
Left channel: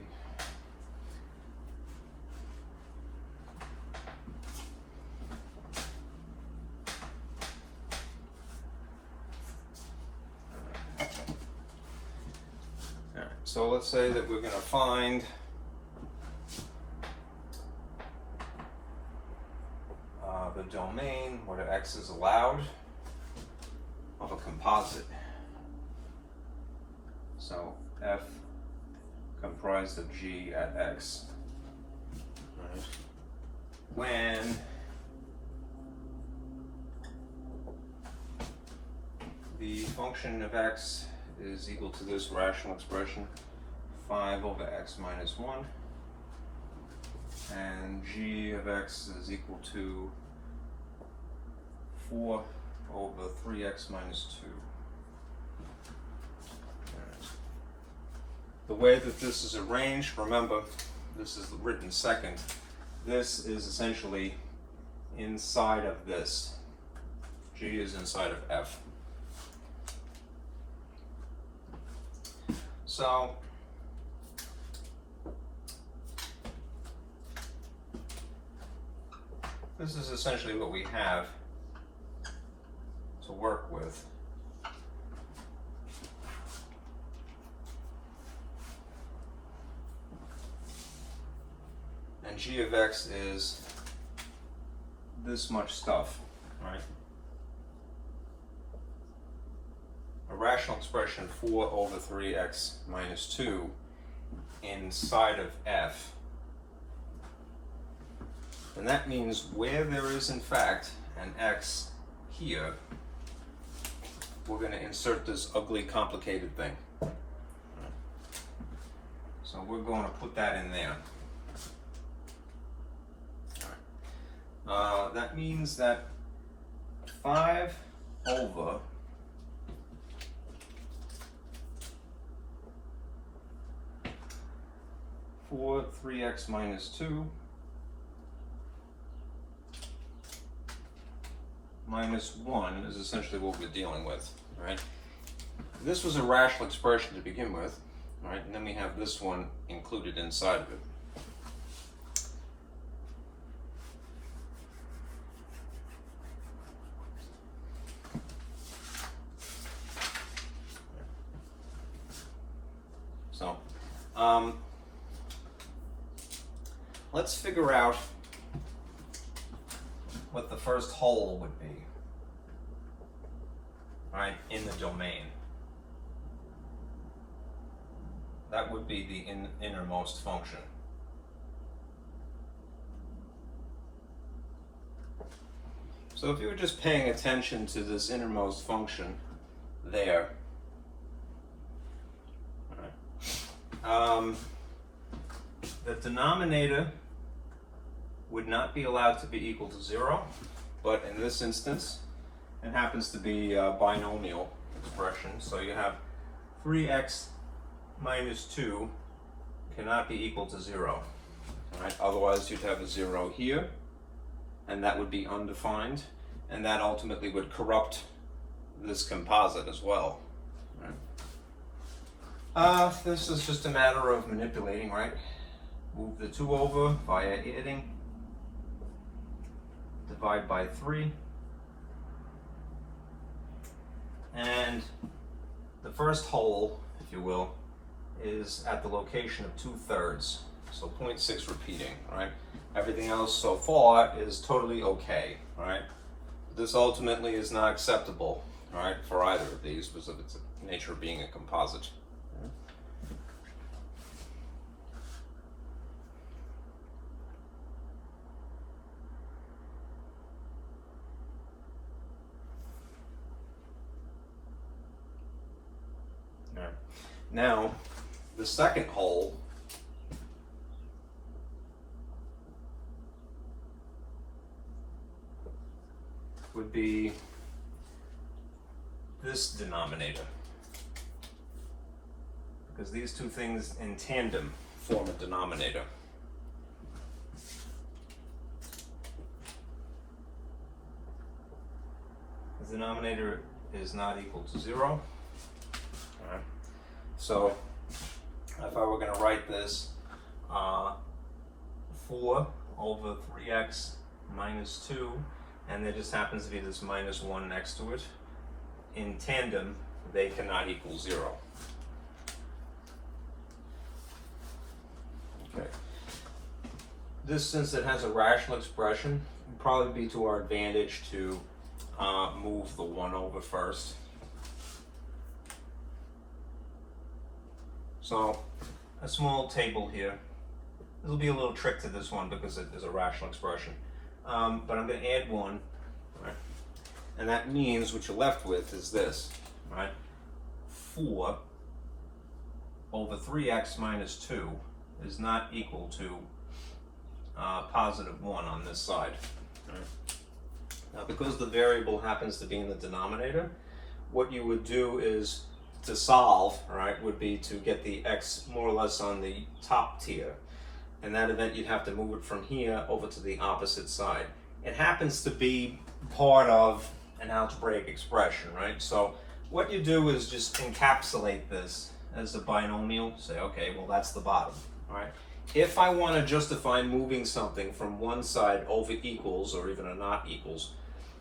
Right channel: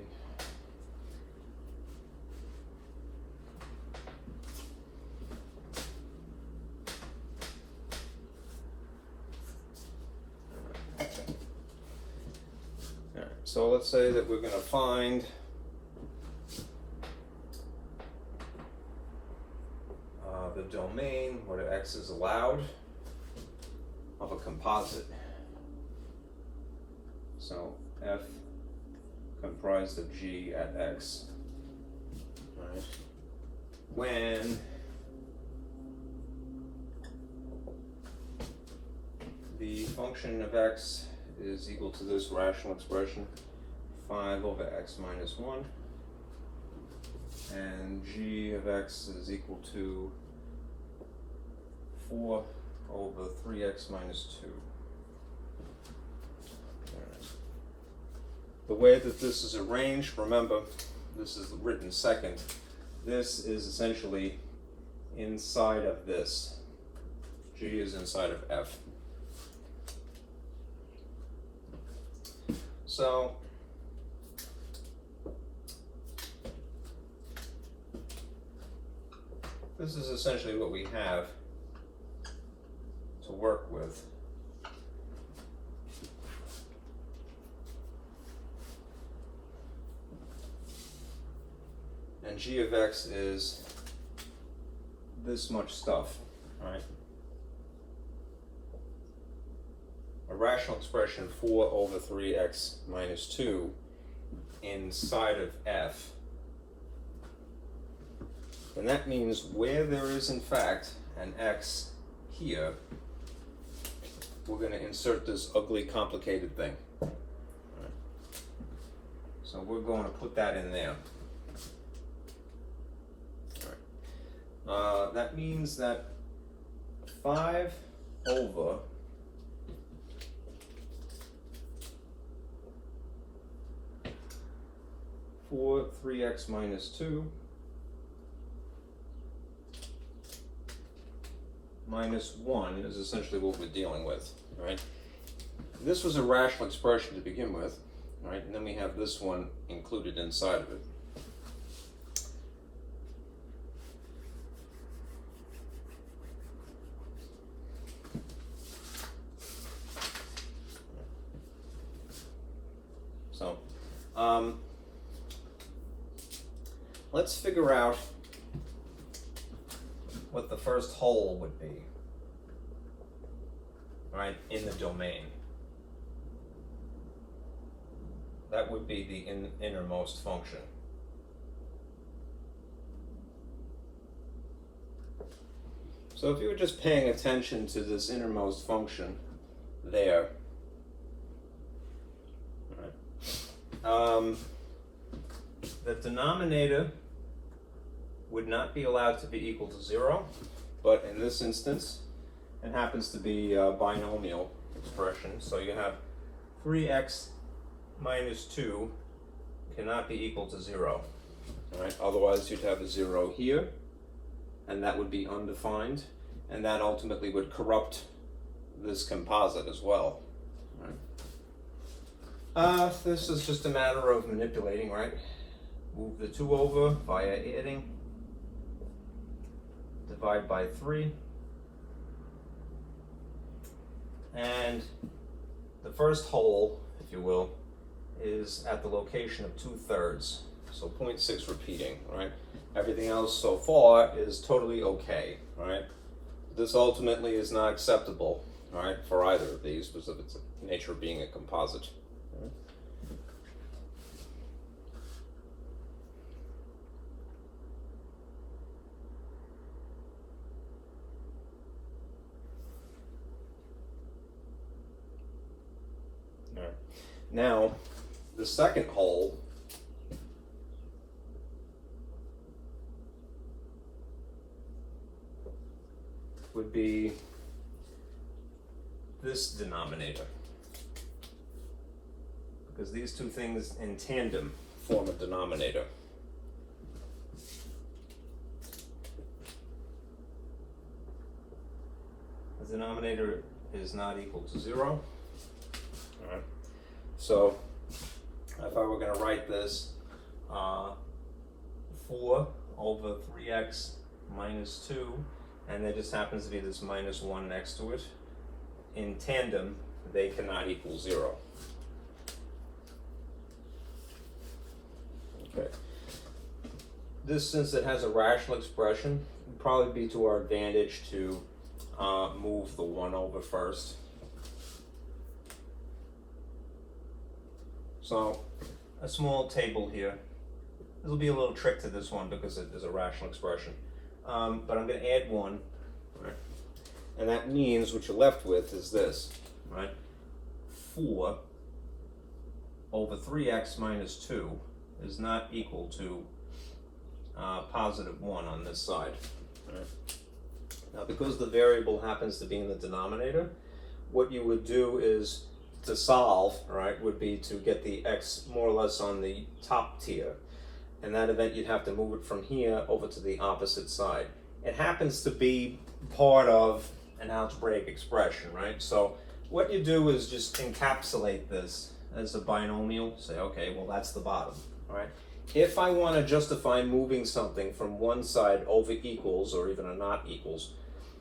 All right, so let's say that we're going to find the domain where x is allowed of a composite. So f comprised of g at x. Right. When the function of x is equal to this rational expression, 5 over x minus 1, and g of x is equal to 4 over 3x minus 2. Right. The way that this is arranged, remember, this is written second. This is essentially inside of this. G is inside of f. So, this is essentially what we have to work with. And g of x is this much stuff, right? A rational expression 4 over 3x minus 2 inside of f. And that means where there is in fact an x here, we're going to insert this ugly complicated thing. So we're going to put that in there. That means that 5 over 4 3x minus 2 minus 1 is essentially what we're dealing with, right? This was a rational expression to begin with, right? And then we have this one included inside of it. So, let's figure out what the first whole would be, right, in the domain. That would be the innermost function. So if you were just paying attention to this innermost function there, the denominator would not be allowed to be equal to 0, but in this instance, it happens to be a binomial expression. So you have 3x minus 2 cannot be equal to 0. All right? Otherwise, you'd have a 0 here, and that would be undefined, and that ultimately would corrupt this composite as well. Right? This is just a matter of manipulating, right? Move the 2 over via adding. Divide by 3. And the first whole, if you will, is at the location of 2/3. So 0.6 repeating, right? Everything else so far is totally okay, right? This ultimately is not acceptable, right, for either of these because of its nature of being a composite. Right. Now, the second whole would be this denominator, because these two things in tandem form a denominator. The denominator is not equal to 0. All right. So if I were going to write this 4 over 3x minus 2, and there just happens to be this minus 1 next to it, in tandem, they cannot equal 0. Okay. This, since it has a rational expression, would probably be to our advantage to move the 1 over first. So, a small table here. There'll be a little trick to this one because it is a rational expression. But I'm going to add 1, right? And that means what you're left with is this, right? 4 over 3x minus 2 is not equal to positive 1 on this side. Right? Now, because the variable happens to be in the denominator, what you would do is to solve, right, would be to get the x more or less on the top tier. In that event, you'd have to move it from here over to the opposite side. It happens to be part of an algebraic expression, right? So what you do is just encapsulate this as a binomial. Say, okay, well, that's the bottom, right? If I want to justify moving something from one side over equals or even a not equals,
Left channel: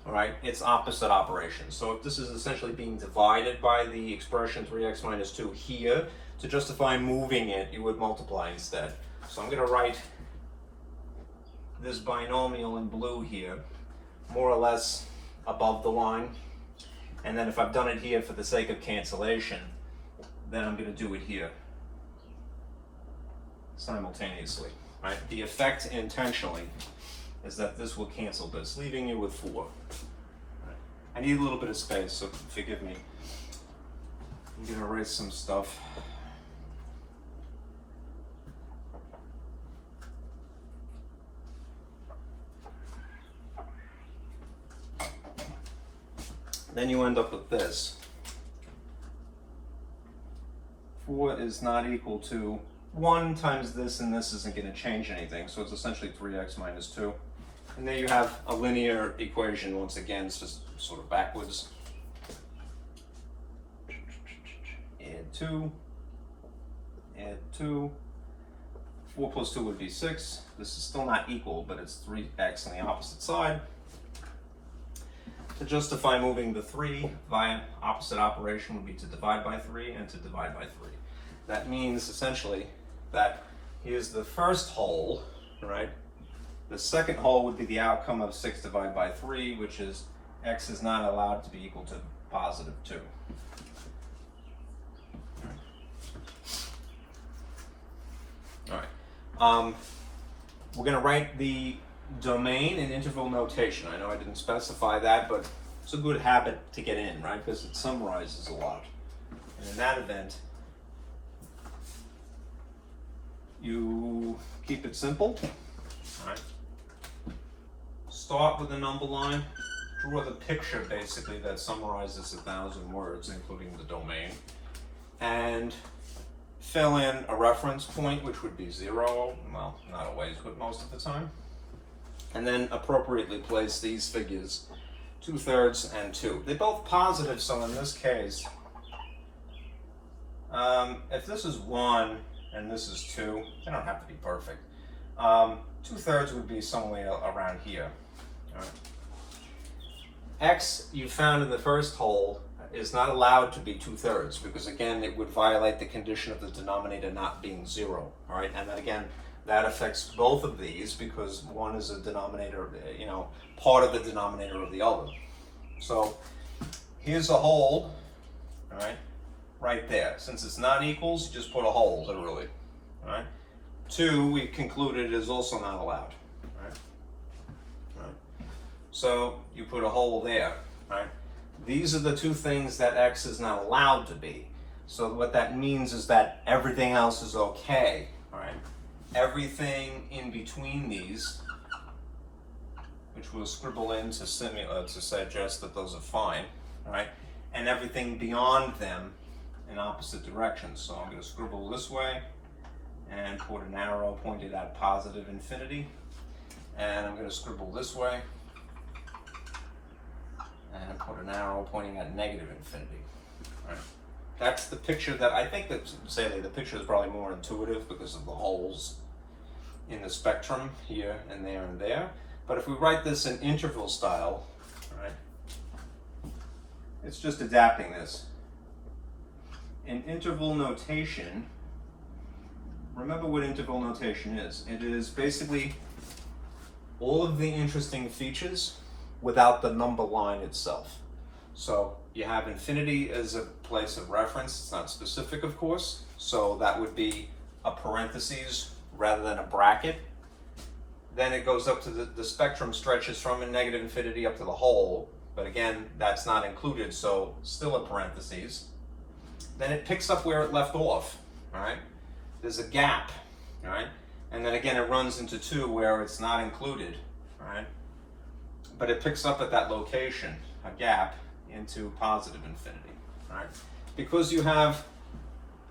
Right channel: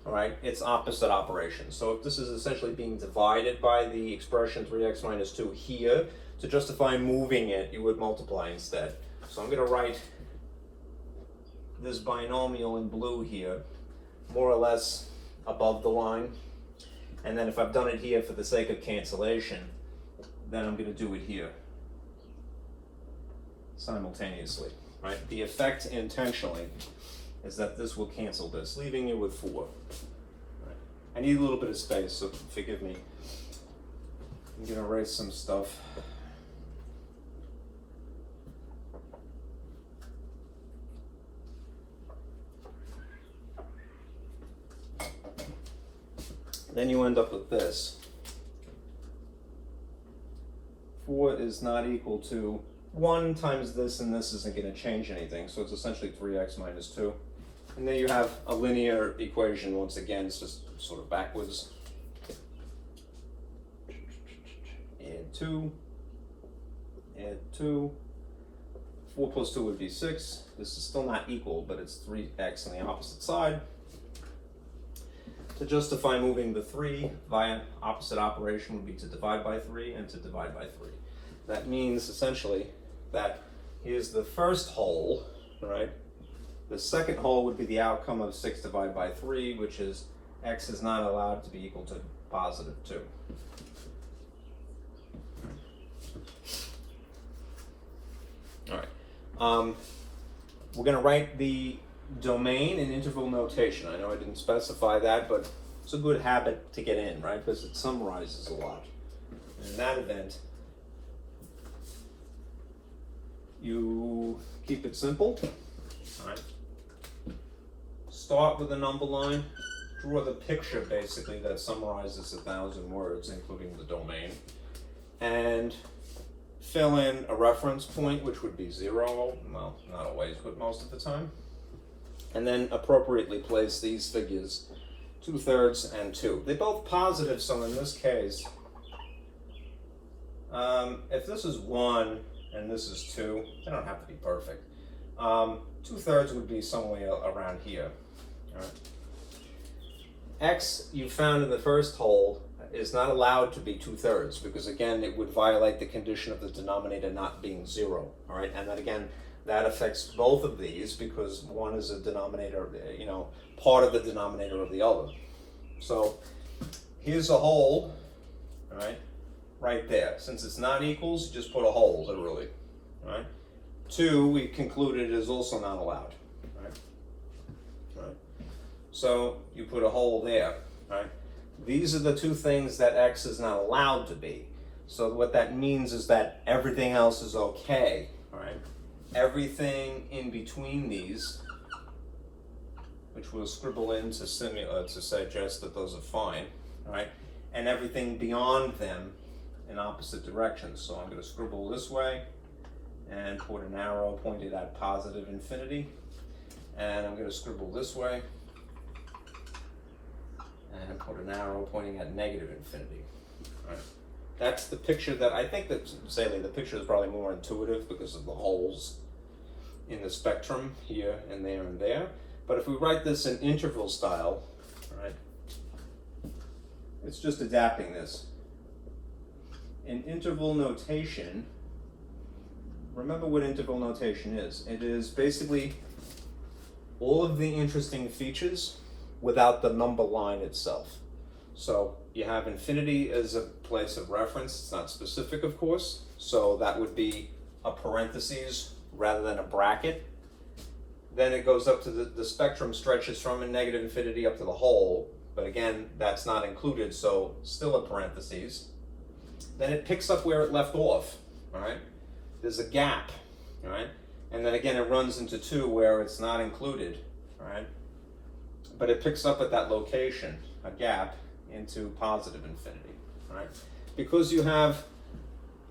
all right, it's opposite operation. So if this is essentially being divided by the expression 3x minus 2 here, to justify moving it, you would multiply instead. So I'm going to write this binomial in blue here, more or less above the line. And then if I've done it here for the sake of cancellation, then I'm going to do it here simultaneously, right? The effect intentionally is that this will cancel this, leaving you with 4. Right. I need a little bit of space, so forgive me. I'm going to erase some stuff. Then you end up with this. 4 is not equal to 1 times this, and this isn't going to change anything, so it's essentially 3x minus 2. And there you have a linear equation. Once again, it's just sort of backwards. Add 2, add 2. 4 plus 2 would be 6. This is still not equal, but it's 3x on the opposite side. To justify moving the 3 via opposite operation would be to divide by 3 and to divide by 3. That means essentially that here's the first whole, right? The second whole would be the outcome of 6 divided by 3, which is x is not allowed to be equal to positive 2. All right. We're going to write the domain in interval notation. I know I didn't specify that, but it's a good habit to get in, right? Because it summarizes a lot. And in that event, you keep it simple. All right. Start with a number line. Draw the picture, basically, that summarizes 1,000 words, including the domain. And fill in a reference point, which would be 0. Well, not always, but most of the time. And then appropriately place these figures 2/3 and 2. They're both positive, so in this case, if this is 1 and this is 2, they don't have to be perfect. 2/3 would be somewhere around here. All right. X you found in the first whole is not allowed to be 2/3 because again it would violate the condition of the denominator not being 0. All right, and then again that affects both of these because one is a denominator, part of the denominator of the other. So here's a whole, all right, right there. Since it's not equals, you just put a whole, literally. All right. 2 we concluded is also not allowed. Right. Right. So you put a whole there. Right. These are the two things that x is not allowed to be. So what that means is that everything else is okay, all right? Everything in between these, which we'll scribble in to suggest that those are fine, all right? And everything beyond them in opposite directions. So I'm going to scribble this way and put an arrow pointed at positive infinity. And I'm going to scribble this way and put an arrow pointing at negative infinity. All right. That's the picture that I think that, say, the picture is probably more intuitive because of the holes in the spectrum here and there and there. But if we write this in interval style, right, it's just adapting this. In interval notation, remember what interval notation is. It is basically all of the interesting features without the number line itself. So you have infinity as a place of reference. It's not specific, of course. So that would be a parentheses rather than a bracket. Then it goes up to the spectrum stretches from a negative infinity up to the whole. But again, that's not included, so still a parentheses. Then it picks up where it left off, all right? There's a gap, all right? And then again, it runs into 2 where it's not included, all right? But it picks up at that location, a gap, into positive infinity, all right? Because you have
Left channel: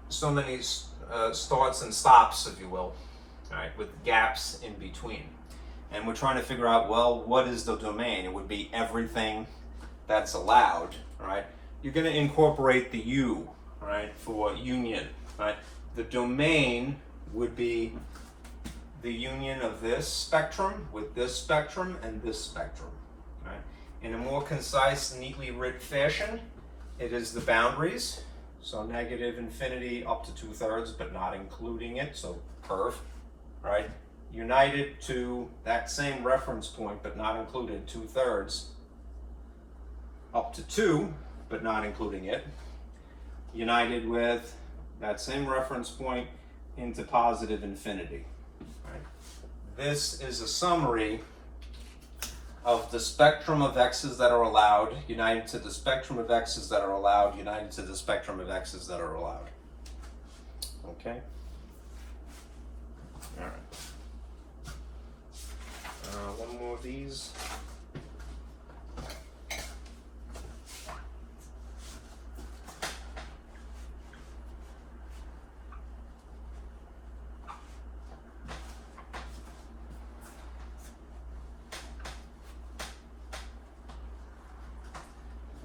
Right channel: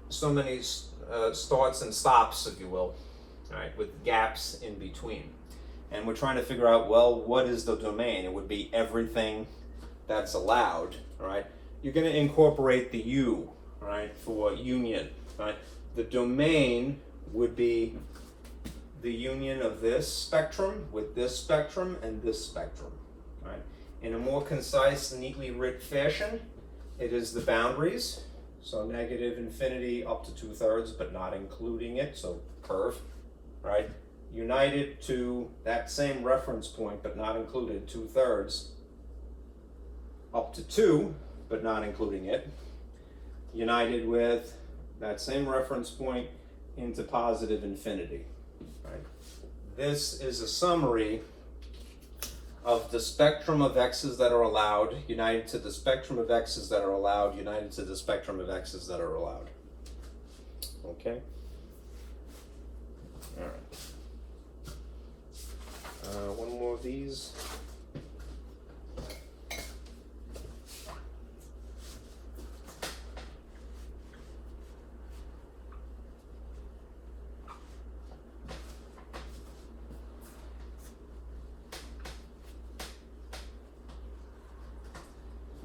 so many starts and stops, if you will, all right, with gaps in between. And we're trying to figure out, well, what is the domain? It would be everything that's allowed, all right? You're going to incorporate the U, all right, for union, right? The domain would be the union of this spectrum with this spectrum and this spectrum, right? In a more concise, neatly written fashion, it is the boundaries. So negative infinity up to 2/3, but not including it, so curve, right? United to that same reference point, but not included, 2/3, up to 2, but not including it. United with that same reference point into positive infinity. Right? This is a summary of the spectrum of x's that are allowed, united to the spectrum of x's that are allowed, united to the spectrum of x's that are allowed. Okay? All right. One more of these.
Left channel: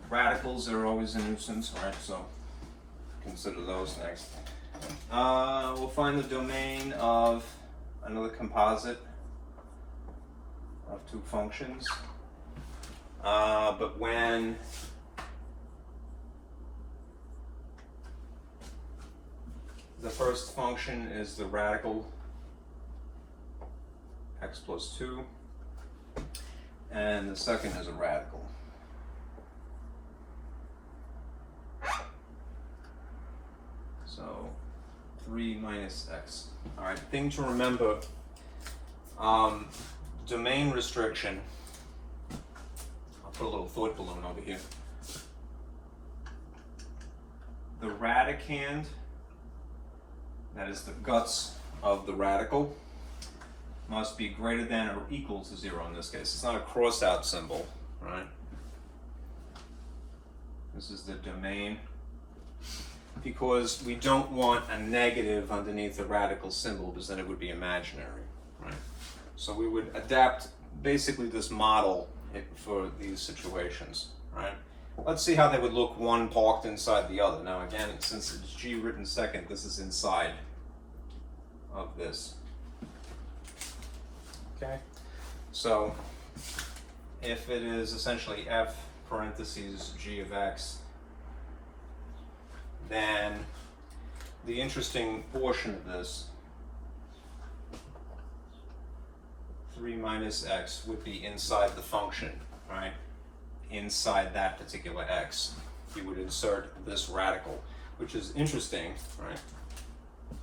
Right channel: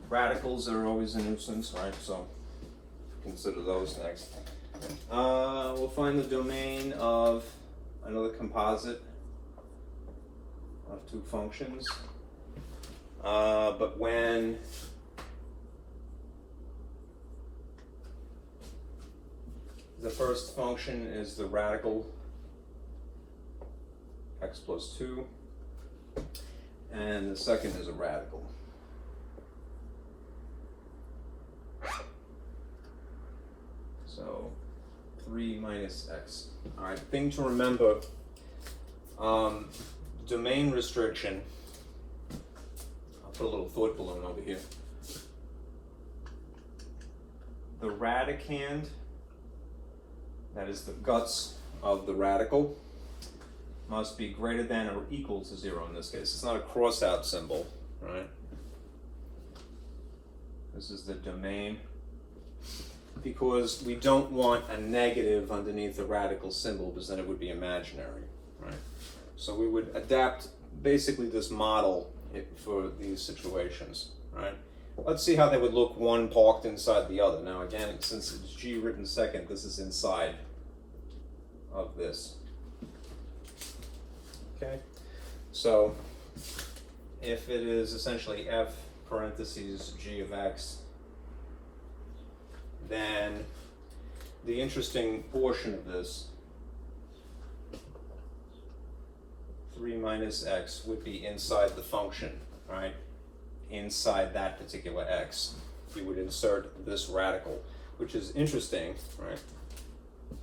Radicals are always a nuisance, right? So consider those next. We'll find the domain of another composite of 2 functions. But when the first function is the radical x plus 2, and the second is a radical. So 3 minus x. All right, thing to remember, domain restriction, I'll put a little thought balloon over here. The radicand, that is the guts of the radical, must be greater than or equal to 0 in this case. It's not a cross-out symbol, right? This is the domain, because we don't want a negative underneath the radical symbol, because then it would be imaginary, right? So we would adapt basically this model for these situations, right? Let's see how they would look one parked inside the other. Now again, since it's G written second, this is inside of this. Okay, so if it is essentially f parentheses g of x, then the interesting portion of this, 3 minus x, would be inside the function, right? Inside that particular x. You would insert this radical, which is interesting, right?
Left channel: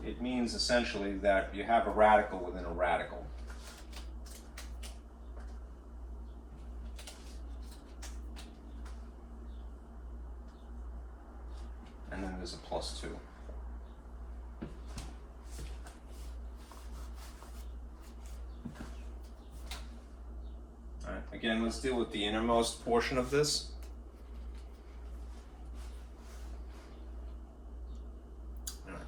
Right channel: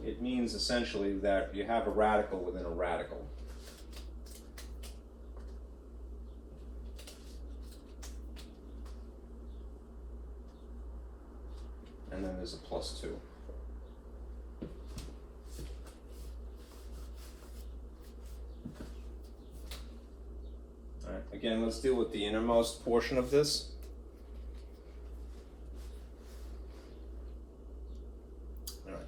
It means essentially that you have a radical within a radical. and then there's a plus 2. All right, again, let's deal with the innermost portion of this. All right.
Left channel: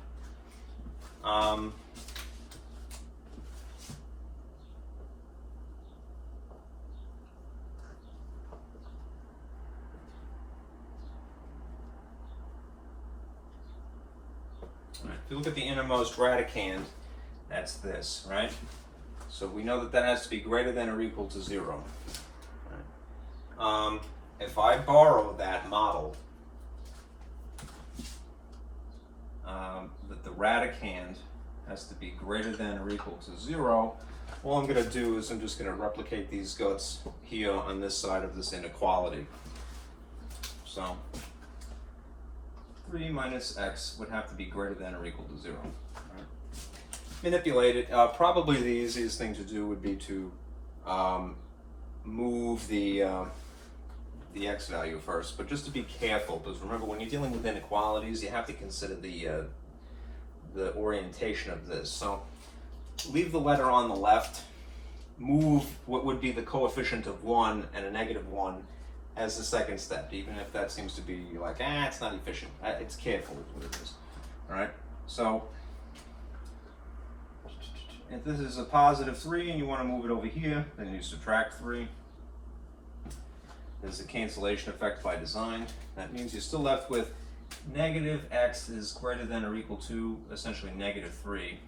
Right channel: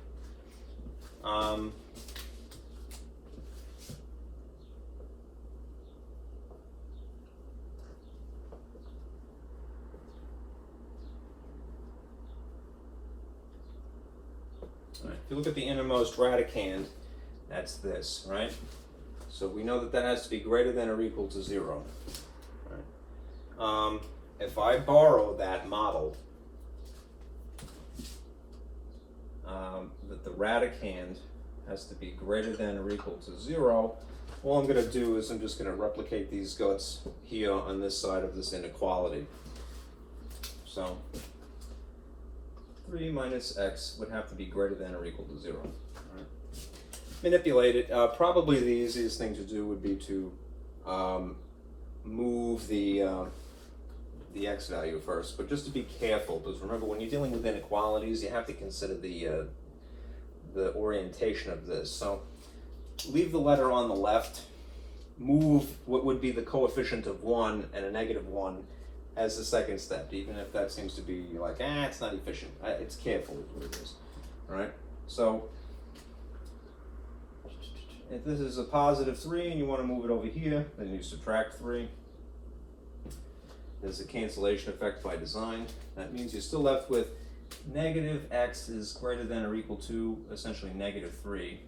If you look at the innermost radicand, that's this, right? So we know that that has to be greater than or equal to 0. Right? If I borrow that model, that the radicand has to be greater than or equal to 0, all I'm going to do is I'm just going to replicate these guts here on this side of this inequality. So 3 minus x would have to be greater than or equal to 0. Right? Manipulate it. Probably the easiest thing to do would be to move the x value first, but just to be careful, because remember, when you're dealing with inequalities, you have to consider the orientation of this. So leave the letter on the left, move what would be the coefficient of 1 and a negative 1 as the second step, even if that seems to be like, it's not efficient. It's careful is what it is. All right, so if this is a positive 3 and you want to move it over here, then you subtract 3. There's a cancellation effect by design. That means you're still left with negative x is greater than or equal to essentially negative 3.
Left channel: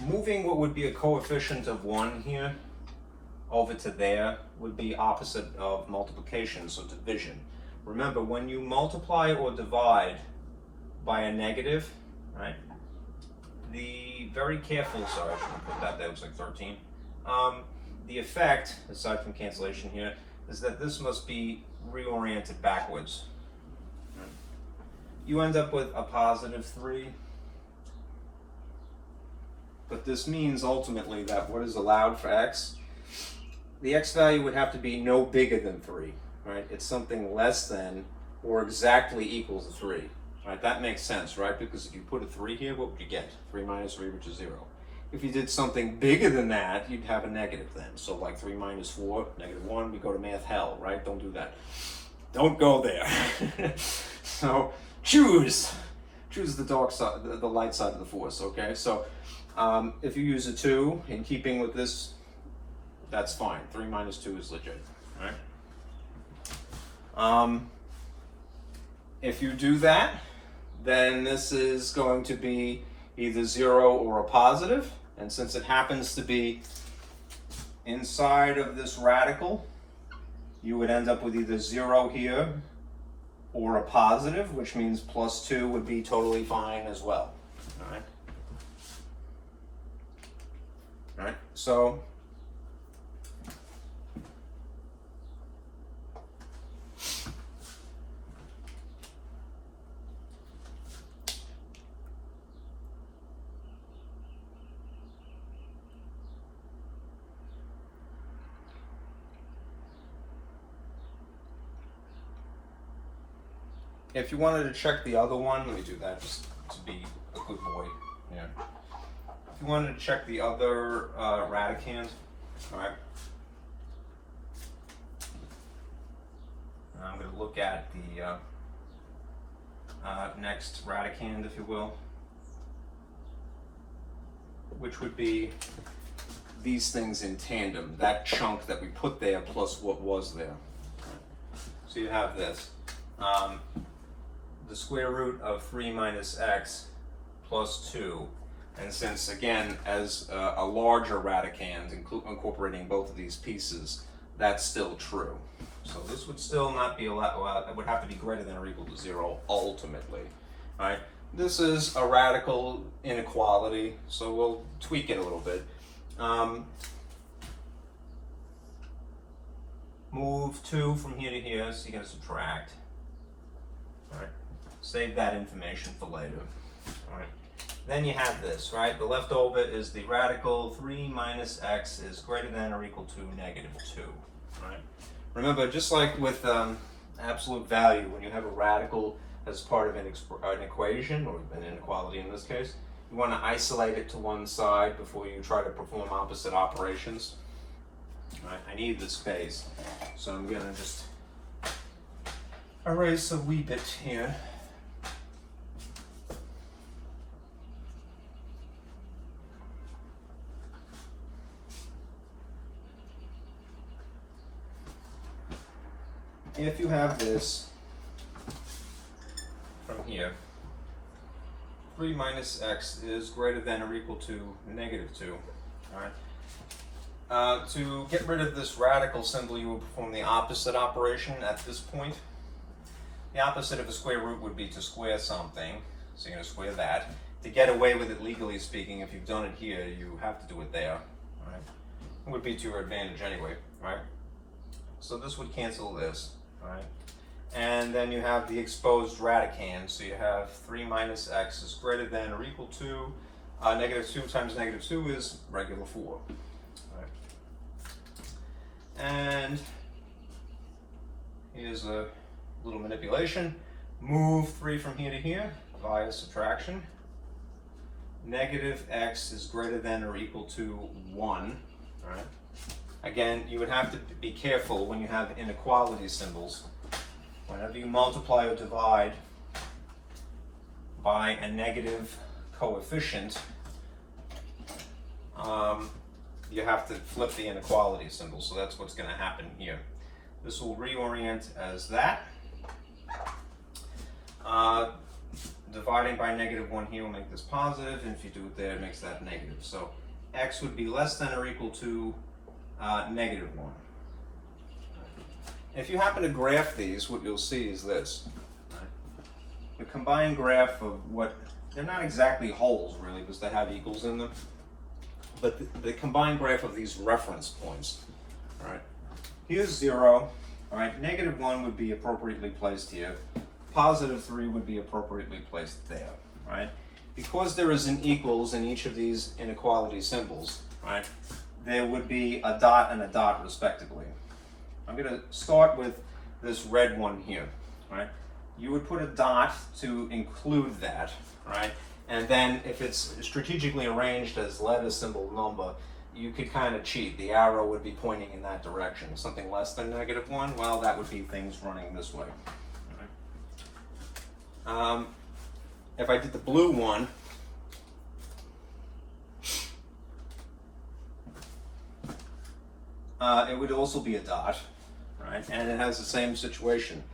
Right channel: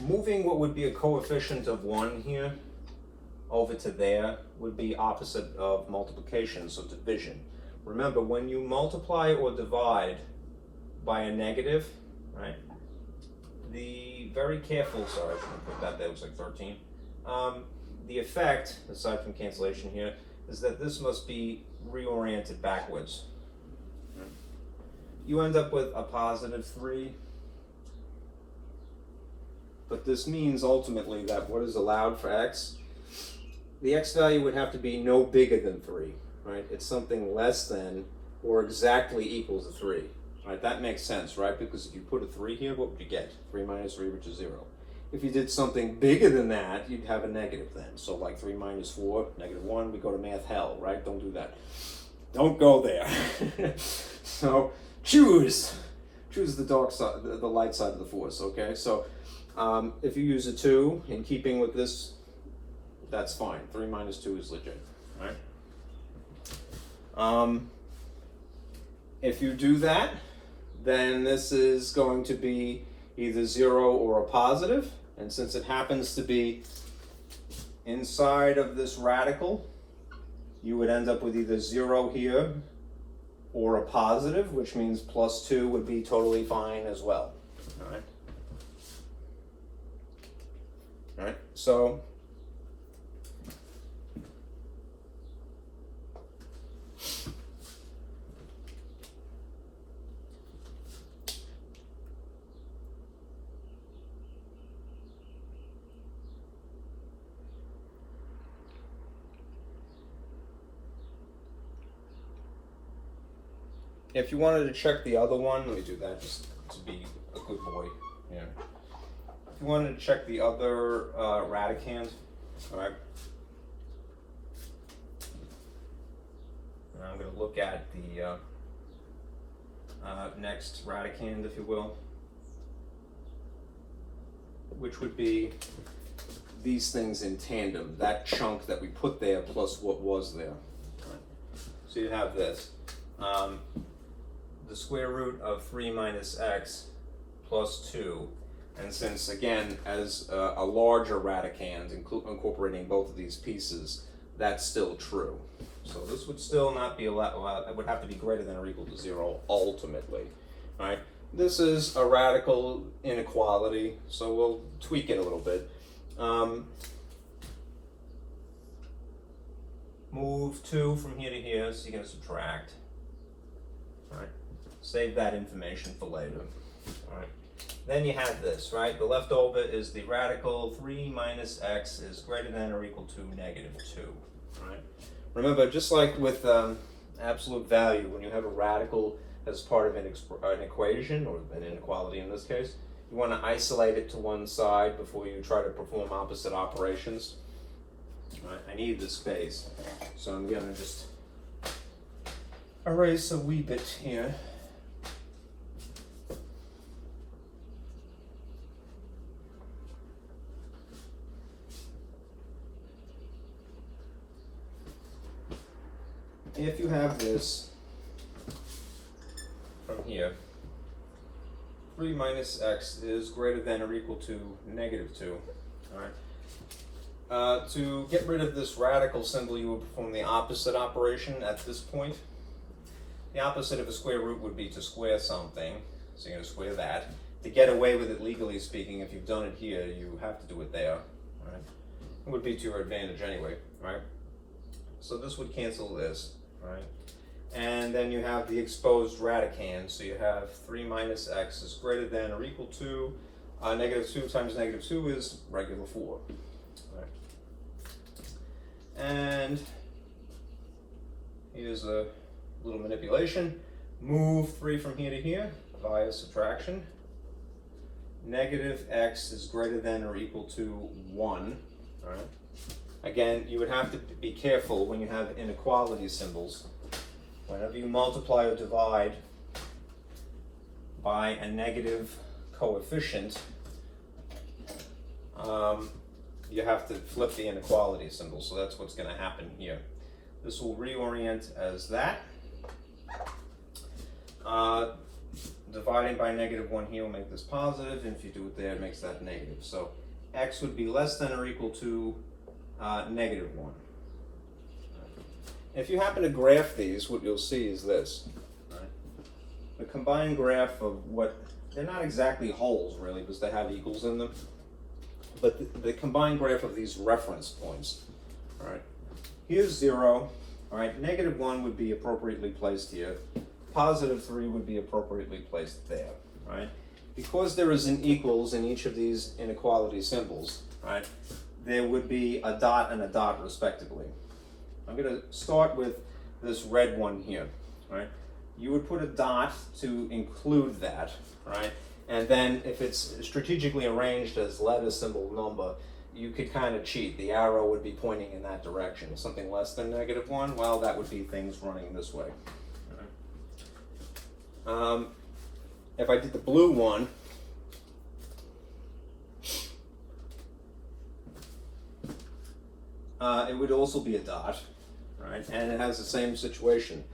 Moving what would be a coefficient of 1 here over to there would be opposite of multiplication, so division. Remember, when you multiply or divide by a negative, right, the very careful, sorry, I shouldn't put that, that looks like 13. The effect, aside from cancellation here, is that this must be reoriented backwards. Right? You end up with a positive 3, but this means ultimately that what is allowed for x, the x value would have to be no bigger than 3, right? It's something less than or exactly equal to 3, right? That makes sense, right? Because if you put a 3 here, what would you get? 3 minus 3, which is 0. If you did something bigger than that, you'd have a negative then. So like 3 minus 4, negative 1, we go to math hell, right? Don't do that. Don't go there. So choose the dark side, the light side of the force, okay? So if you use a 2, in keeping with this, that's fine. 3 minus 2 is legit, right? If you do that, then this is going to be either 0 or a positive, and since it happens to be inside of this radical, you would end up with either 0 here or a positive, which means plus 2 would be totally fine as well. All right. All right. So if you wanted to check the other one, let me do that just to be a good boy. Yeah. If you wanted to check the other radicand, all right. I'm going to look at the next radicand, if you will, which would be these things in tandem, that chunk that we put there plus what was there. Right. So you have this. The square root of 3 minus x plus 2, and since again as a larger radicand incorporating both of these pieces, that's still true. So this would still not be allowed, it would have to be greater than or equal to 0 ultimately. All right? This is a radical inequality, so we'll tweak it a little bit. Move 2 from here to here, so you're going to subtract. All right? Save that information for later. All right. Then you have this, right? The leftover is the radical 3 minus x is greater than or equal to negative 2. Right? Remember, just like with absolute value, when you have a radical as part of an equation, or an inequality in this case, you want to isolate it to one side before you try to perform opposite operations. Right, I need the space, so I'm going to just erase a wee bit here. If you have this from here, 3 minus x is greater than or equal to -2. All right. To get rid of this radical symbol, you will perform the opposite operation at this point. The opposite of a square root would be to square something, so you're going to square that. To get away with it legally speaking, if you've done it here, you have to do it there. All right. It would be to your advantage anyway, right? So this would cancel this. Right. And then you have the exposed radicand, so you have 3 minus x is greater than or equal to -2 times -2 is regular 4. Right. And here's a little manipulation. Move 3 from here to here via subtraction. -x is greater than or equal to 1. Right. Again, you would have to be careful when you have inequality symbols. Whenever you multiply or divide by a negative coefficient, you have to flip the inequality symbol. So that's what's going to happen here. This will reorient as that. Dividing by -1 here will make this positive, and if you do it there, it makes that negative. So x would be less than or equal to -1. If you happen to graph these, what you'll see is this. Right? The combined graph of what, they're not exactly wholes really, because they have equals in them, but the combined graph of these reference points. Right? Here's 0. All right, -1 would be appropriately placed here. +3 would be appropriately placed there. Right? Because there is an equals in each of these inequality symbols, right, there would be a dot and a dot respectively. I'm going to start with this red one here, right? You would put a dot to include that, right? And then if it's strategically arranged as letter, symbol, number, you could kind of cheat. The arrow would be pointing in that direction. Something less than -1, well, that would be things running this way. All right. If I did the blue one, it would also be a dot, right? And it has the same situation.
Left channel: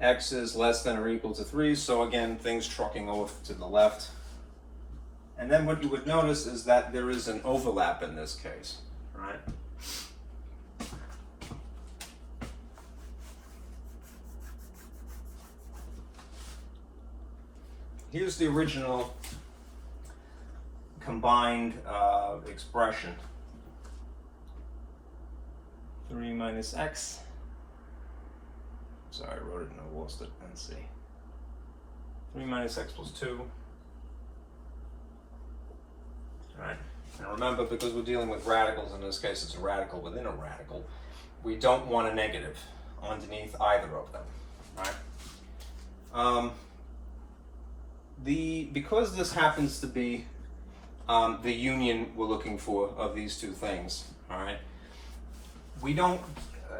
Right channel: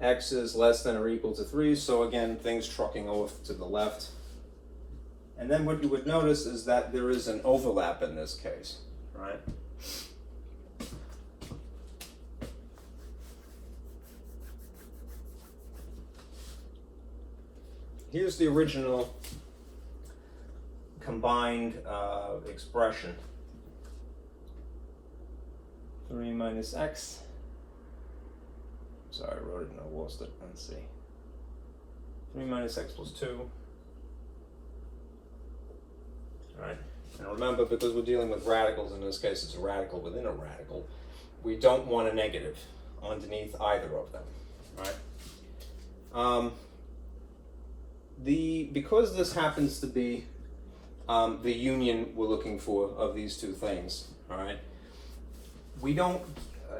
X is less than or equal to 3, so again, things trucking off to the left. And then what you would notice is that there is an overlap in this case, right? Here's the original combined expression. 3 minus x. Sorry, I wrote it and I lost it. Let's see. 3 minus x plus 2. Alright. Now remember, because we're dealing with radicals, in this case it's a radical within a radical, we don't want a negative underneath either of them. Right? Because this happens to be the union we're looking for of these two things, all right? We don't,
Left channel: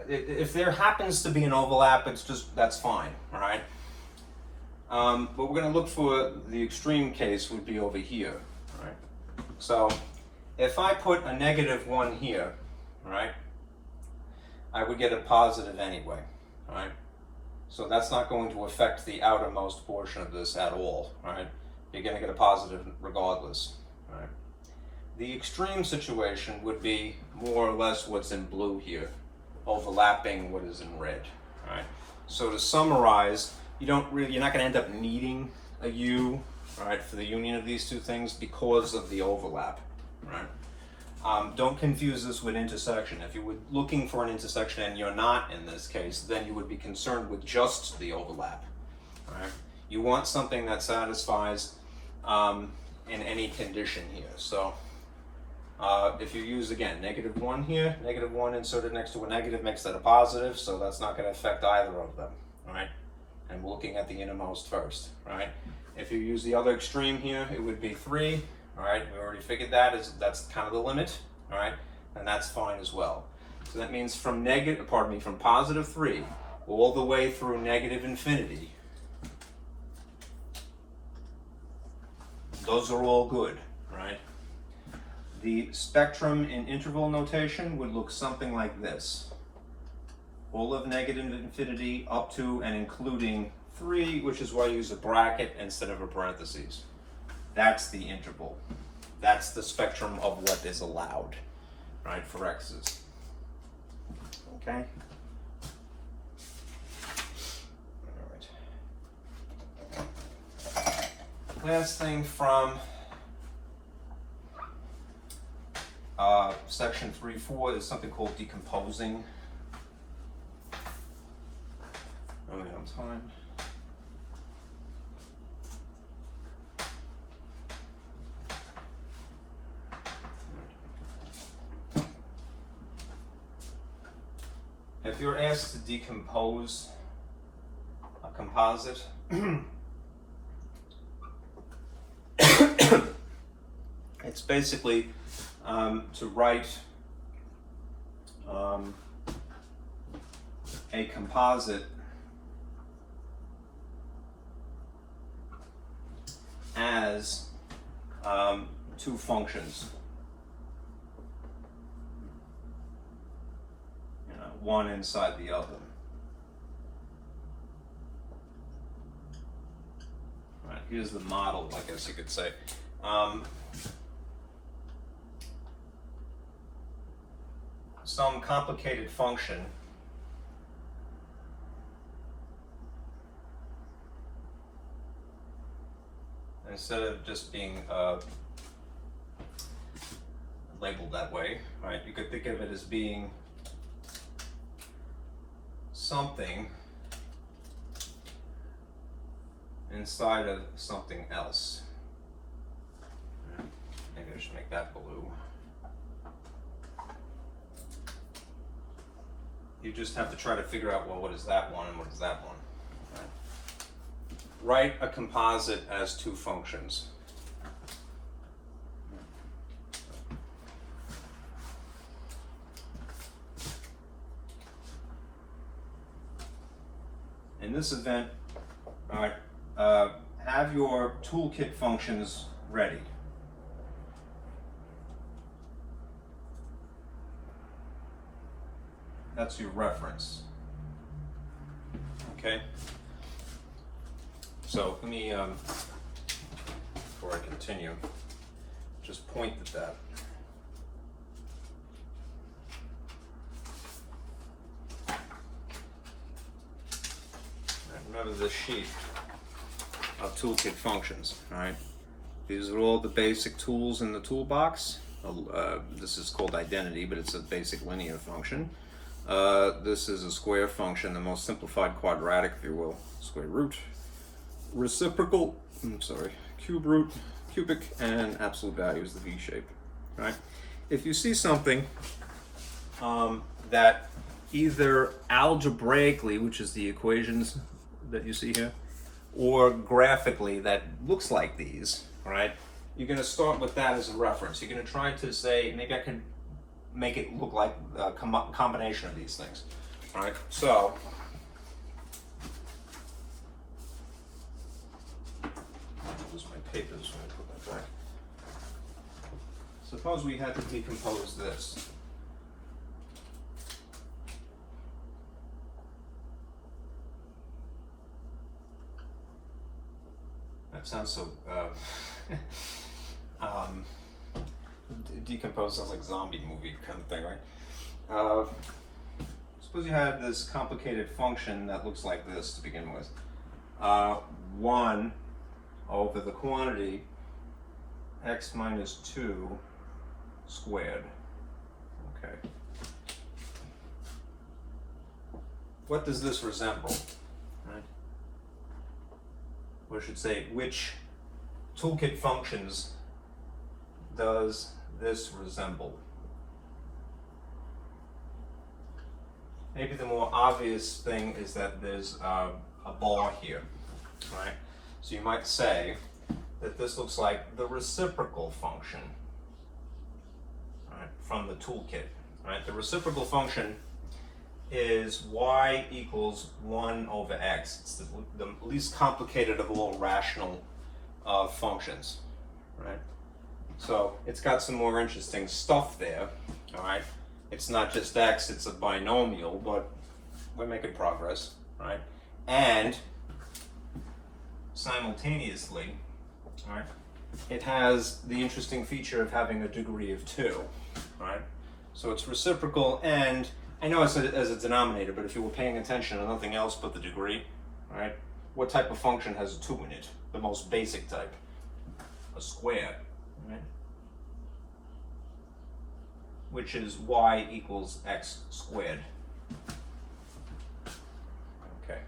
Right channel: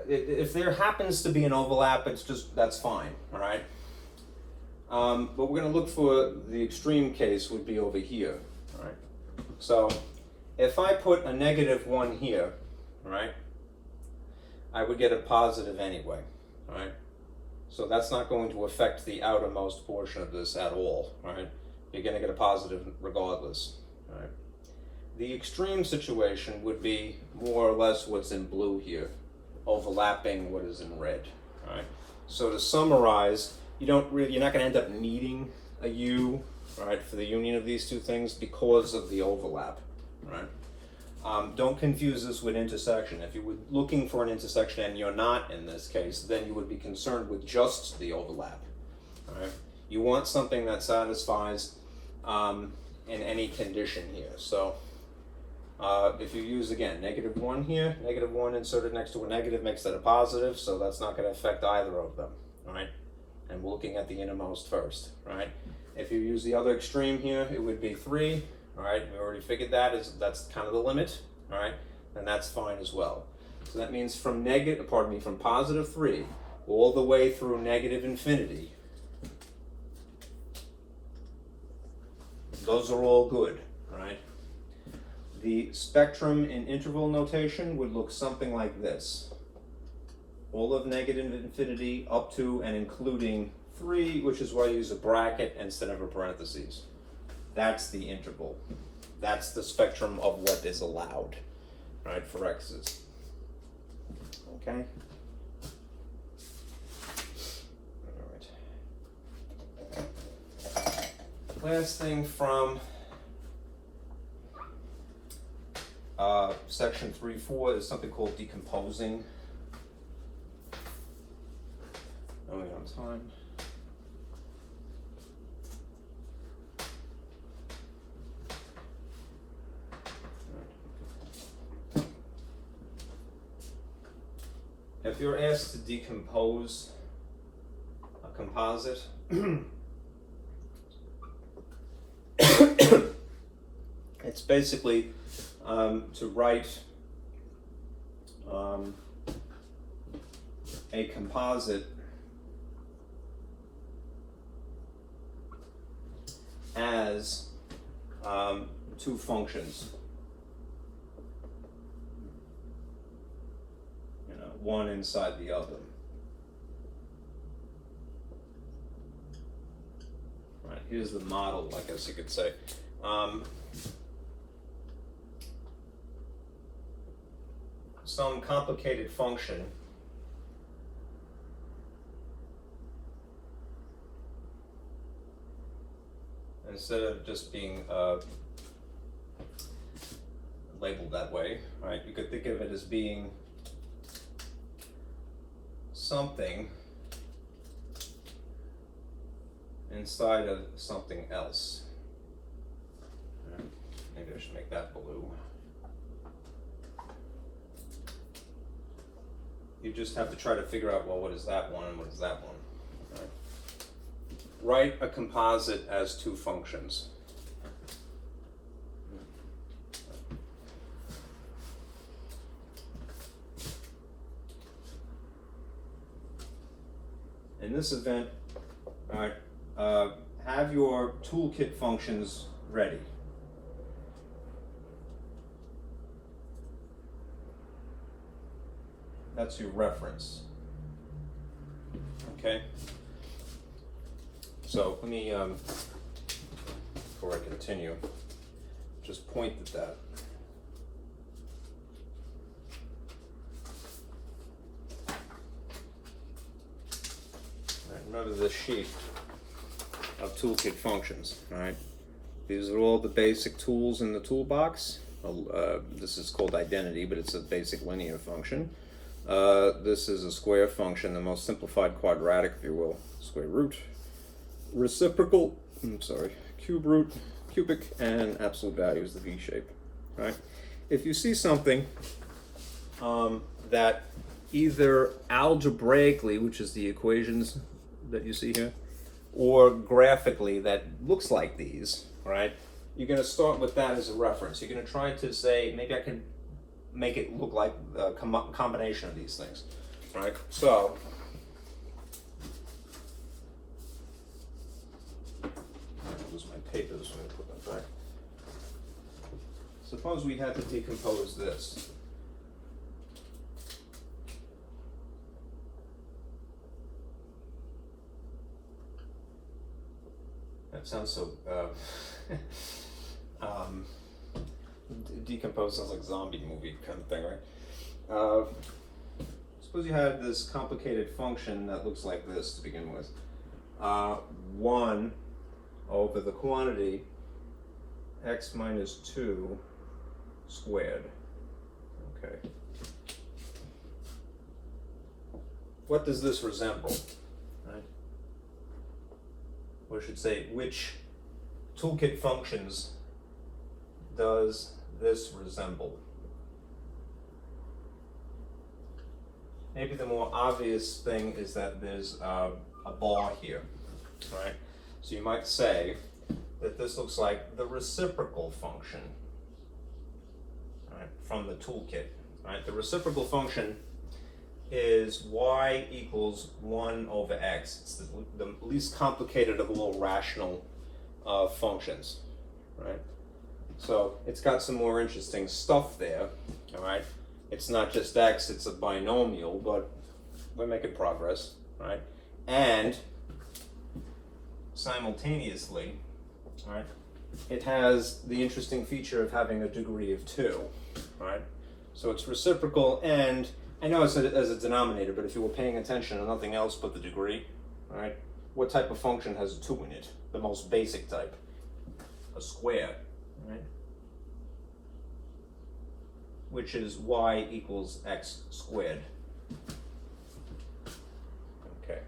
if there happens to be an overlap, that's fine, all right? But we're going to look for the extreme case would be over here, all right? So if I put a -1 here, all right, I would get a positive anyway, all right? So that's not going to affect the outermost portion of this at all, all right? You're going to get a positive regardless, all right? The extreme situation would be more or less what's in blue here, overlapping what is in red, all right? So to summarize, you're not going to end up needing a U, all right, for the union of these two things because of the overlap, right? Don't confuse this with intersection. If you were looking for an intersection and you're not in this case, then you would be concerned with just the overlap. Right? You want something that satisfies in any condition here. So If you use, again, -1 here, -1 inserted next to a negative makes that a positive, so that's not going to affect either of them, right? And we're looking at the innermost first, right? If you use the other extreme here, it would be 3, all right? We already figured that's kind of the limit, all right? And that's fine as well. So that means from from positive 3 all the way through -infinity, those are all good, right? The spectrum in interval notation would look something like this. All of -infinity up to and including 3, which is why I use a bracket instead of a parentheses. That's the interval. That's the spectrum of what is allowed, right, for x's. Okay? All right. Last thing from section 3.4 is something called decomposing. Oh, we have time. If you're asked to decompose a composite, it's basically to write a composite as two functions, one inside the other. All right, here's the model, I guess you could say. Some complicated function instead of just being labeled that way, right? You could think of it as being something inside of something else. Maybe I should make that blue. You just have to try to figure out, well, what is that one and what is that one? Right. Write a composite as two functions. In this event, all right, have your toolkit functions ready. That's your reference. Okay. So let me, before I continue, just point at that. Remember this sheet of toolkit functions, all right? These are all the basic tools in the toolbox. This is called identity, but it's a basic linear function. This is a square function, the most simplified quadratic, if you will. Square root, reciprocal, cube root, cubic, and absolute value is the V shape, right? If you see something that either algebraically, which is the equations that you see here, or graphically that looks like these, right? You're going to start with that as a reference. You're going to try to say, maybe I can make it look like a combination of these things, right? So, I'll lose my papers when I put that back. Suppose we had to decompose this. That sounds so, decompose sounds like zombie movie kind of thing, right? Suppose you had this complicated function that looks like this to begin with. 1 over the quantity x minus 2 squared. Okay. What does this resemble? Right? Or I should say, which toolkit functions does this resemble? Maybe the more obvious thing is that there's a bar here, right? So you might say that this looks like the reciprocal function, right, from the toolkit, right? The reciprocal function is y equals 1 over x. It's the least complicated of all rational functions, right? So it's got some more interesting stuff there, all right? It's not just x, it's a binomial, but we're making progress, right? And simultaneously, all right, it has the interesting feature of having a degree of 2, right? So it's reciprocal, and I know it's as a denominator, but if you were paying attention to nothing else but the degree, right? What type of function has a 2 in it? The most basic type, a square, right? Which is y equals x squared. Okay.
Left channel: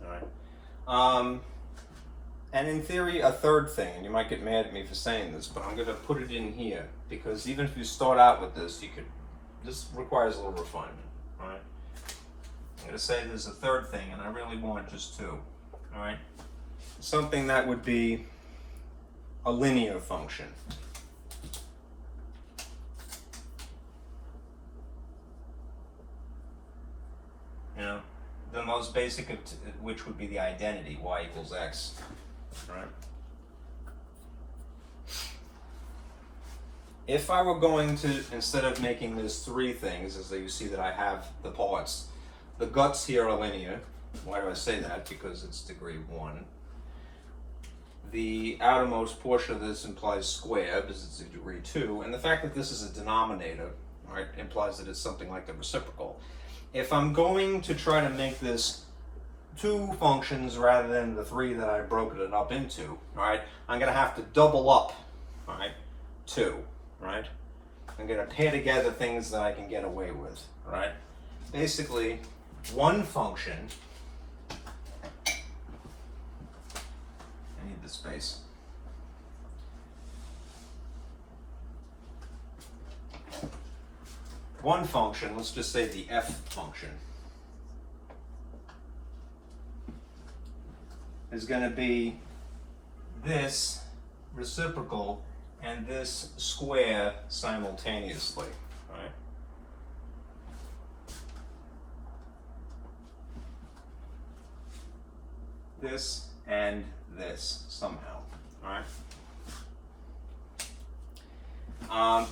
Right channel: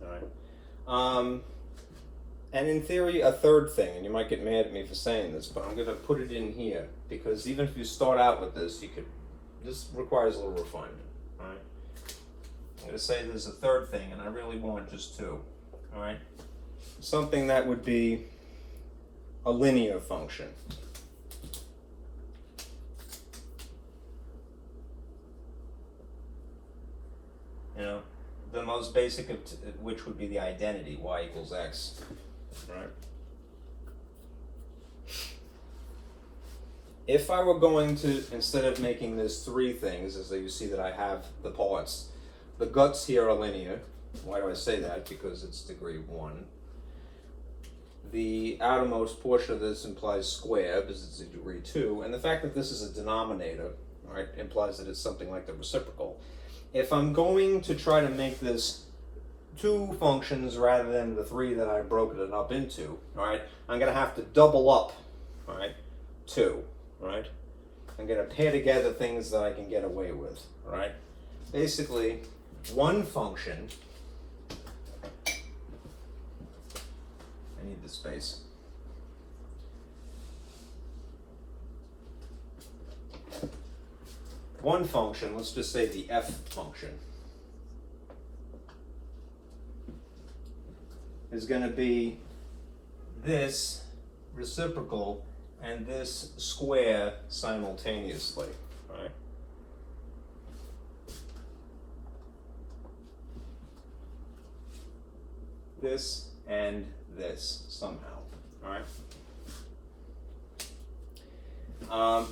All right. And in theory, a third thing, and you might get mad at me for saying this, but I'm going to put it in here, because even if you start out with this, this requires a little refinement, all right? I'm going to say there's a third thing, and I really want just 2, all right? Something that would be a linear function. You know, the most basic of which would be the identity, y equals x. Right. If I were going to, instead of making this 3 things, as you see that I have the parts, the guts here are linear. Why do I say that? Because it's degree 1. The outermost portion of this implies square, because it's a degree 2, and the fact that this is a denominator, right, implies that it's something like the reciprocal. If I'm going to try to make this 2 functions rather than the 3 that I've broken it up into, right? I'm going to have to double up, right? 2, right? I'm going to pair together things that I can get away with, right? Basically, one function, I need the space. One function, let's just say the f function, is going to be this reciprocal and this square simultaneously, right? This and this somehow, all right?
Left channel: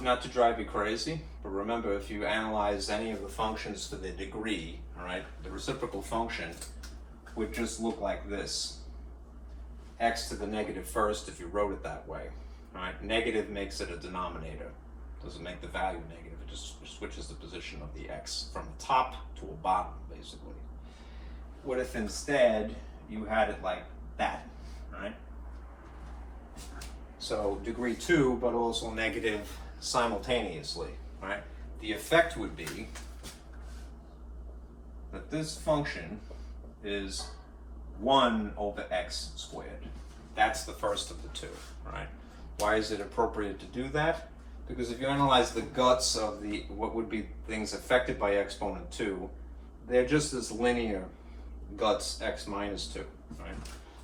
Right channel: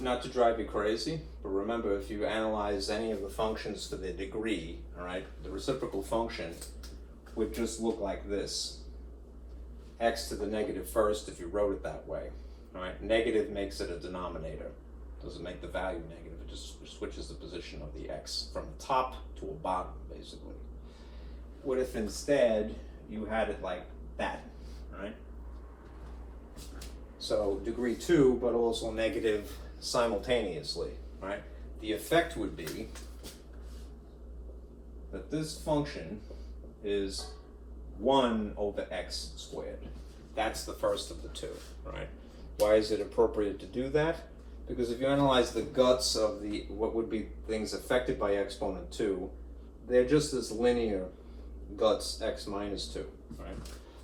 Not to drive you crazy, but remember, if you analyze any of the functions to their degree, all right, the reciprocal function would just look like this. X to the negative first if you wrote it that way. All right? Negative makes it a denominator. Doesn't make the value negative. It just switches the position of the x from the top to a bottom, basically. What if instead you had it like that, right? So degree 2, but also negative simultaneously, right? The effect would be that this function is 1 over x squared. That's the first of the 2, right? Why is it appropriate to do that? Because if you analyze the guts of what would be things affected by exponent 2, they're just this linear guts x minus 2, right?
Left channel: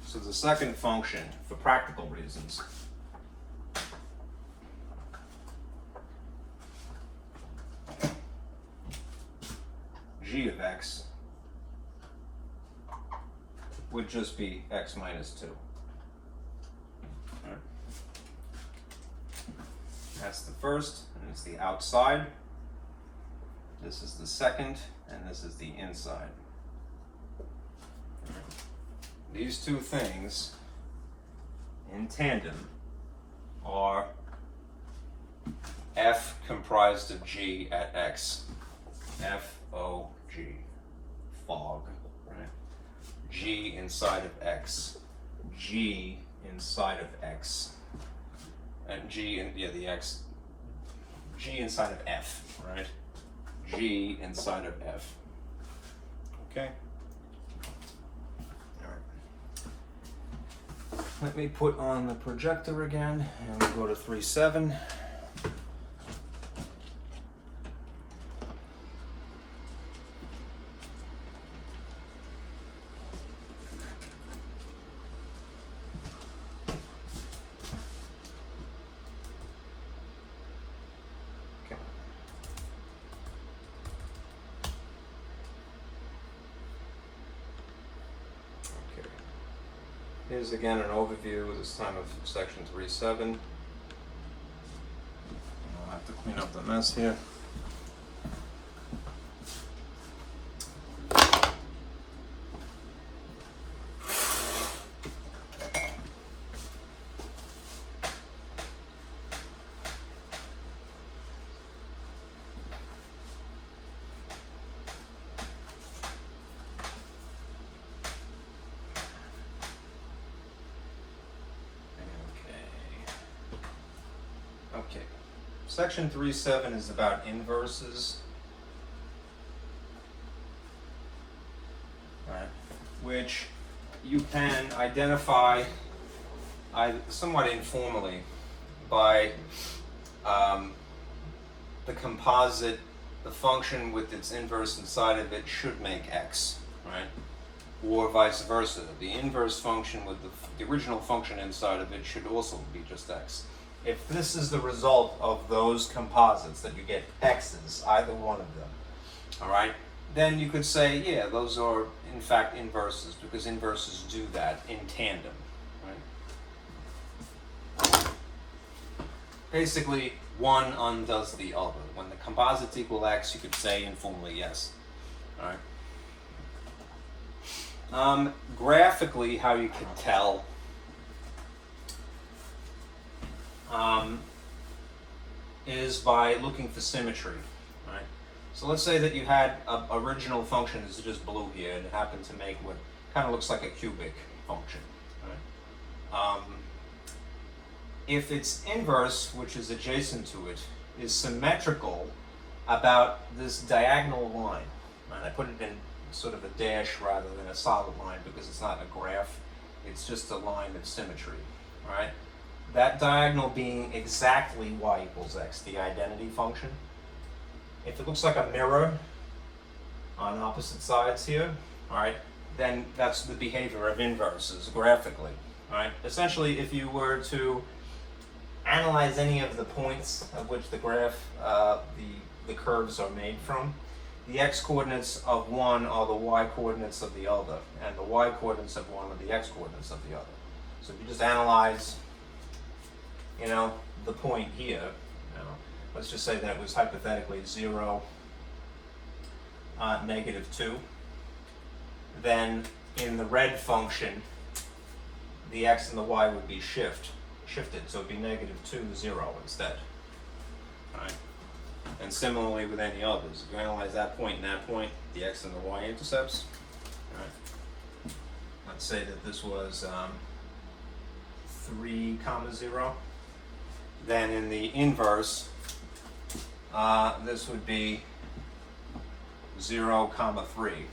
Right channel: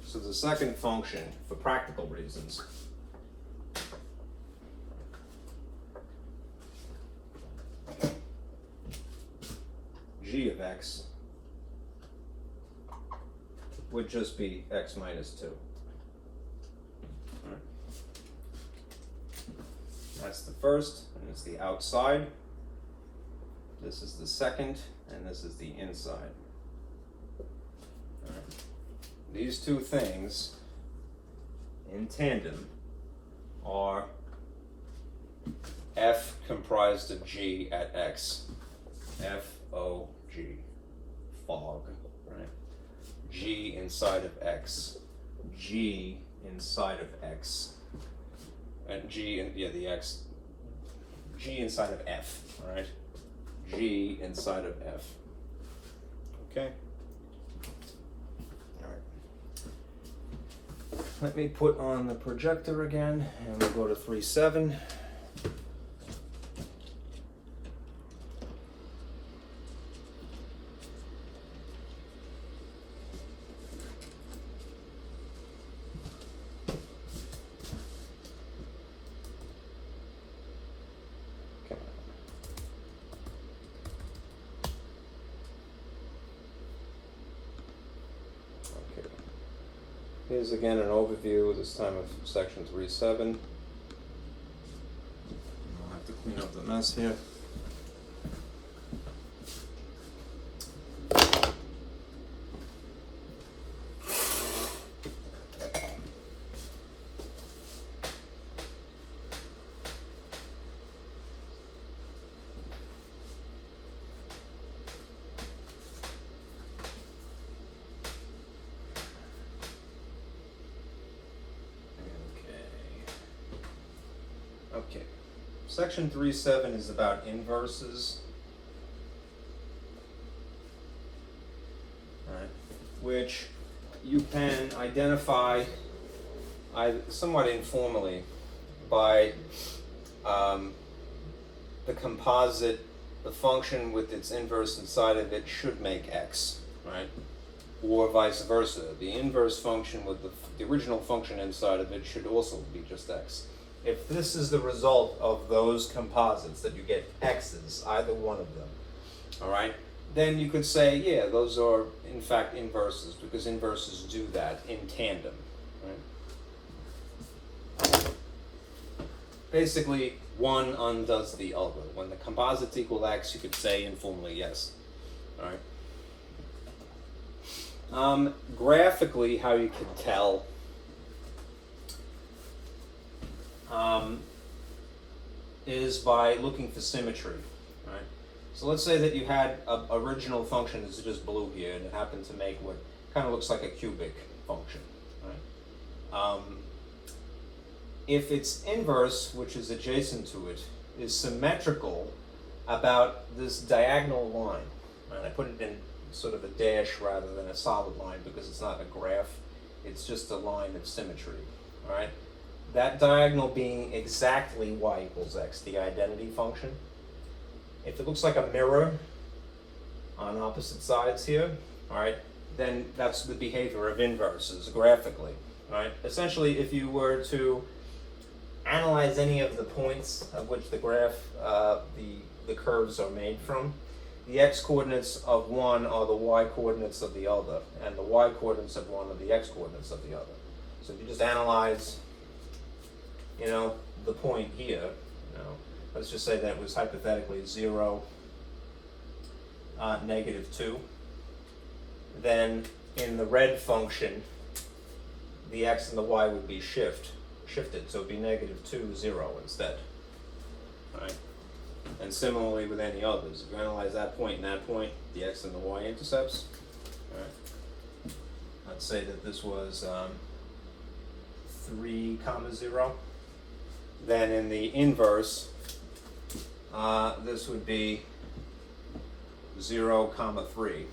So the second function, for practical reasons, g of x would just be x minus 2. Right. That's the first, and it's the outside. This is the second, and this is the inside. Right. These two things in tandem are f comprised of g at x. F-O-G. Fog. Right? G inside of x. g inside of x. And g, the x, g inside of f, right? G inside of f. Okay? All right. Let me put on the projector again, and we'll go to 3.7. Here's again an overview, this time of section 3.7. I'll have to clean up the mess here. Okay, section 3.7 is about inverses, right, which you can identify somewhat informally by the composite, the function with its inverse inside of it should make x, right, or vice versa. The inverse function with the original function inside of it should also be just x. If this is the result of those composites, that you get x's, either one of them, all right, then you could say, yeah, those are in fact inverses, because inverses do that in tandem, right? Basically, one undoes the other. When the composites equal x, you could say informally yes, all right? Graphically, how you could tell is by looking for symmetry, right? So let's say that you had an original function that's just blue here, and it happened to make what kind of looks like a cubic function, right? If its inverse, which is adjacent to it, is symmetrical about this diagonal line, right? I put it in sort of a dash rather than a solid line because it's not a graph, it's just a line of symmetry, all right? That diagonal being exactly y equals x, the identity function. If it looks like a mirror on opposite sides here, all right, then that's the behavior of inverses graphically, all right? Essentially, if you were to analyze any of the points of which the graph, the curves are made from, the x-coordinates of one are the y-coordinates of the other, and the y-coordinates of one are the x-coordinates of the other. So if you just analyze, you know, the point here, you know, let's just say that it was hypothetically 0, -2, then in the red function, the x and the y would be shifted, so it'd be -2, 0 instead, all right? And similarly with any others, if you analyze that point and that point, the x and the y intercepts, all right? Let's say that this was 3, 0. Then in the inverse, this would be 0, 3.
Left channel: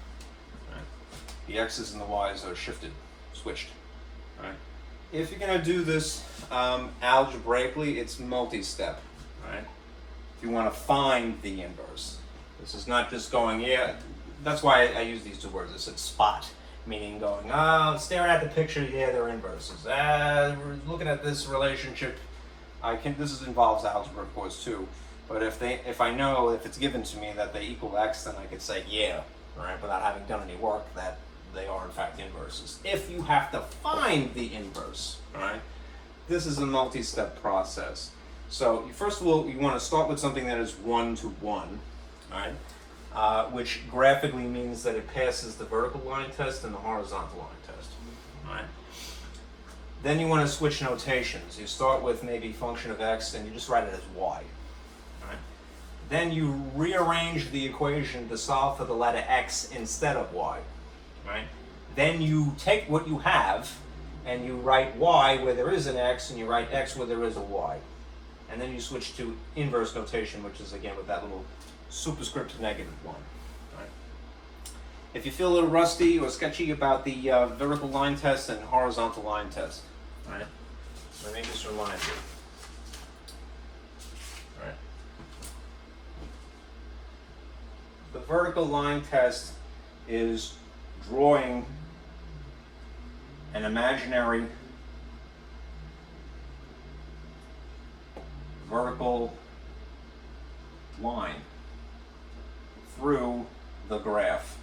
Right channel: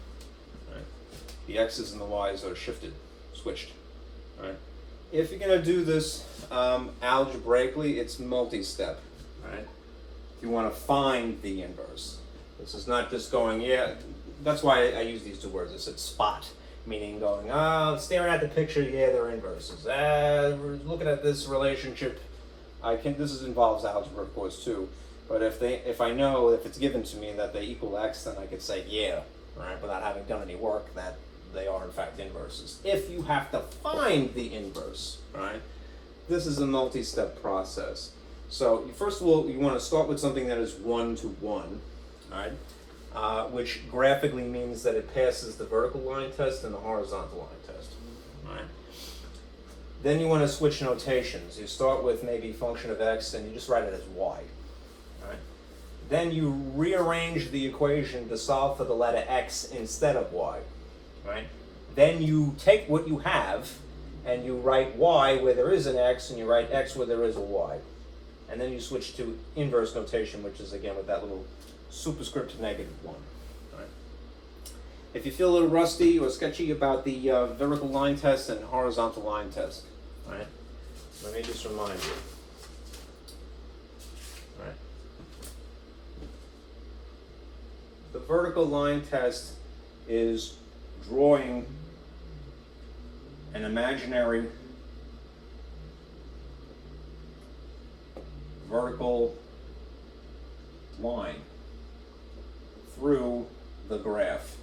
Right? The x's and the y's are switched. Right? If you're going to do this algebraically, it's multi-step. Right? If you want to find the inverse, this is not just going, yeah. That's why I use these two words. I said spot, meaning going, staring at the picture, yeah, they're inverses. We're looking at this relationship. This involves algebra, of course, too. But if I know, if it's given to me that they equal x, then I could say, yeah, right, without having done any work, that they are in fact inverses. If you have to find the inverse, right, this is a multi-step process. So first of all, you want to start with something that is 1-to-1, right, which graphically means that it passes the vertical line test and the horizontal line test, right? Then you want to switch notations. You start with maybe function of x, and you just write it as y. Right? Then you rearrange the equation to solve for the letter x instead of y. Right? Then you take what you have, and you write y where there is an x, and you write x where there is a y. And then you switch to inverse notation, which is again with that little superscript -1. Right? If you feel a little rusty or sketchy about the vertical line test and horizontal line test, right? Let me just remind you. Right? The vertical line test is drawing an imaginary vertical line through the graph,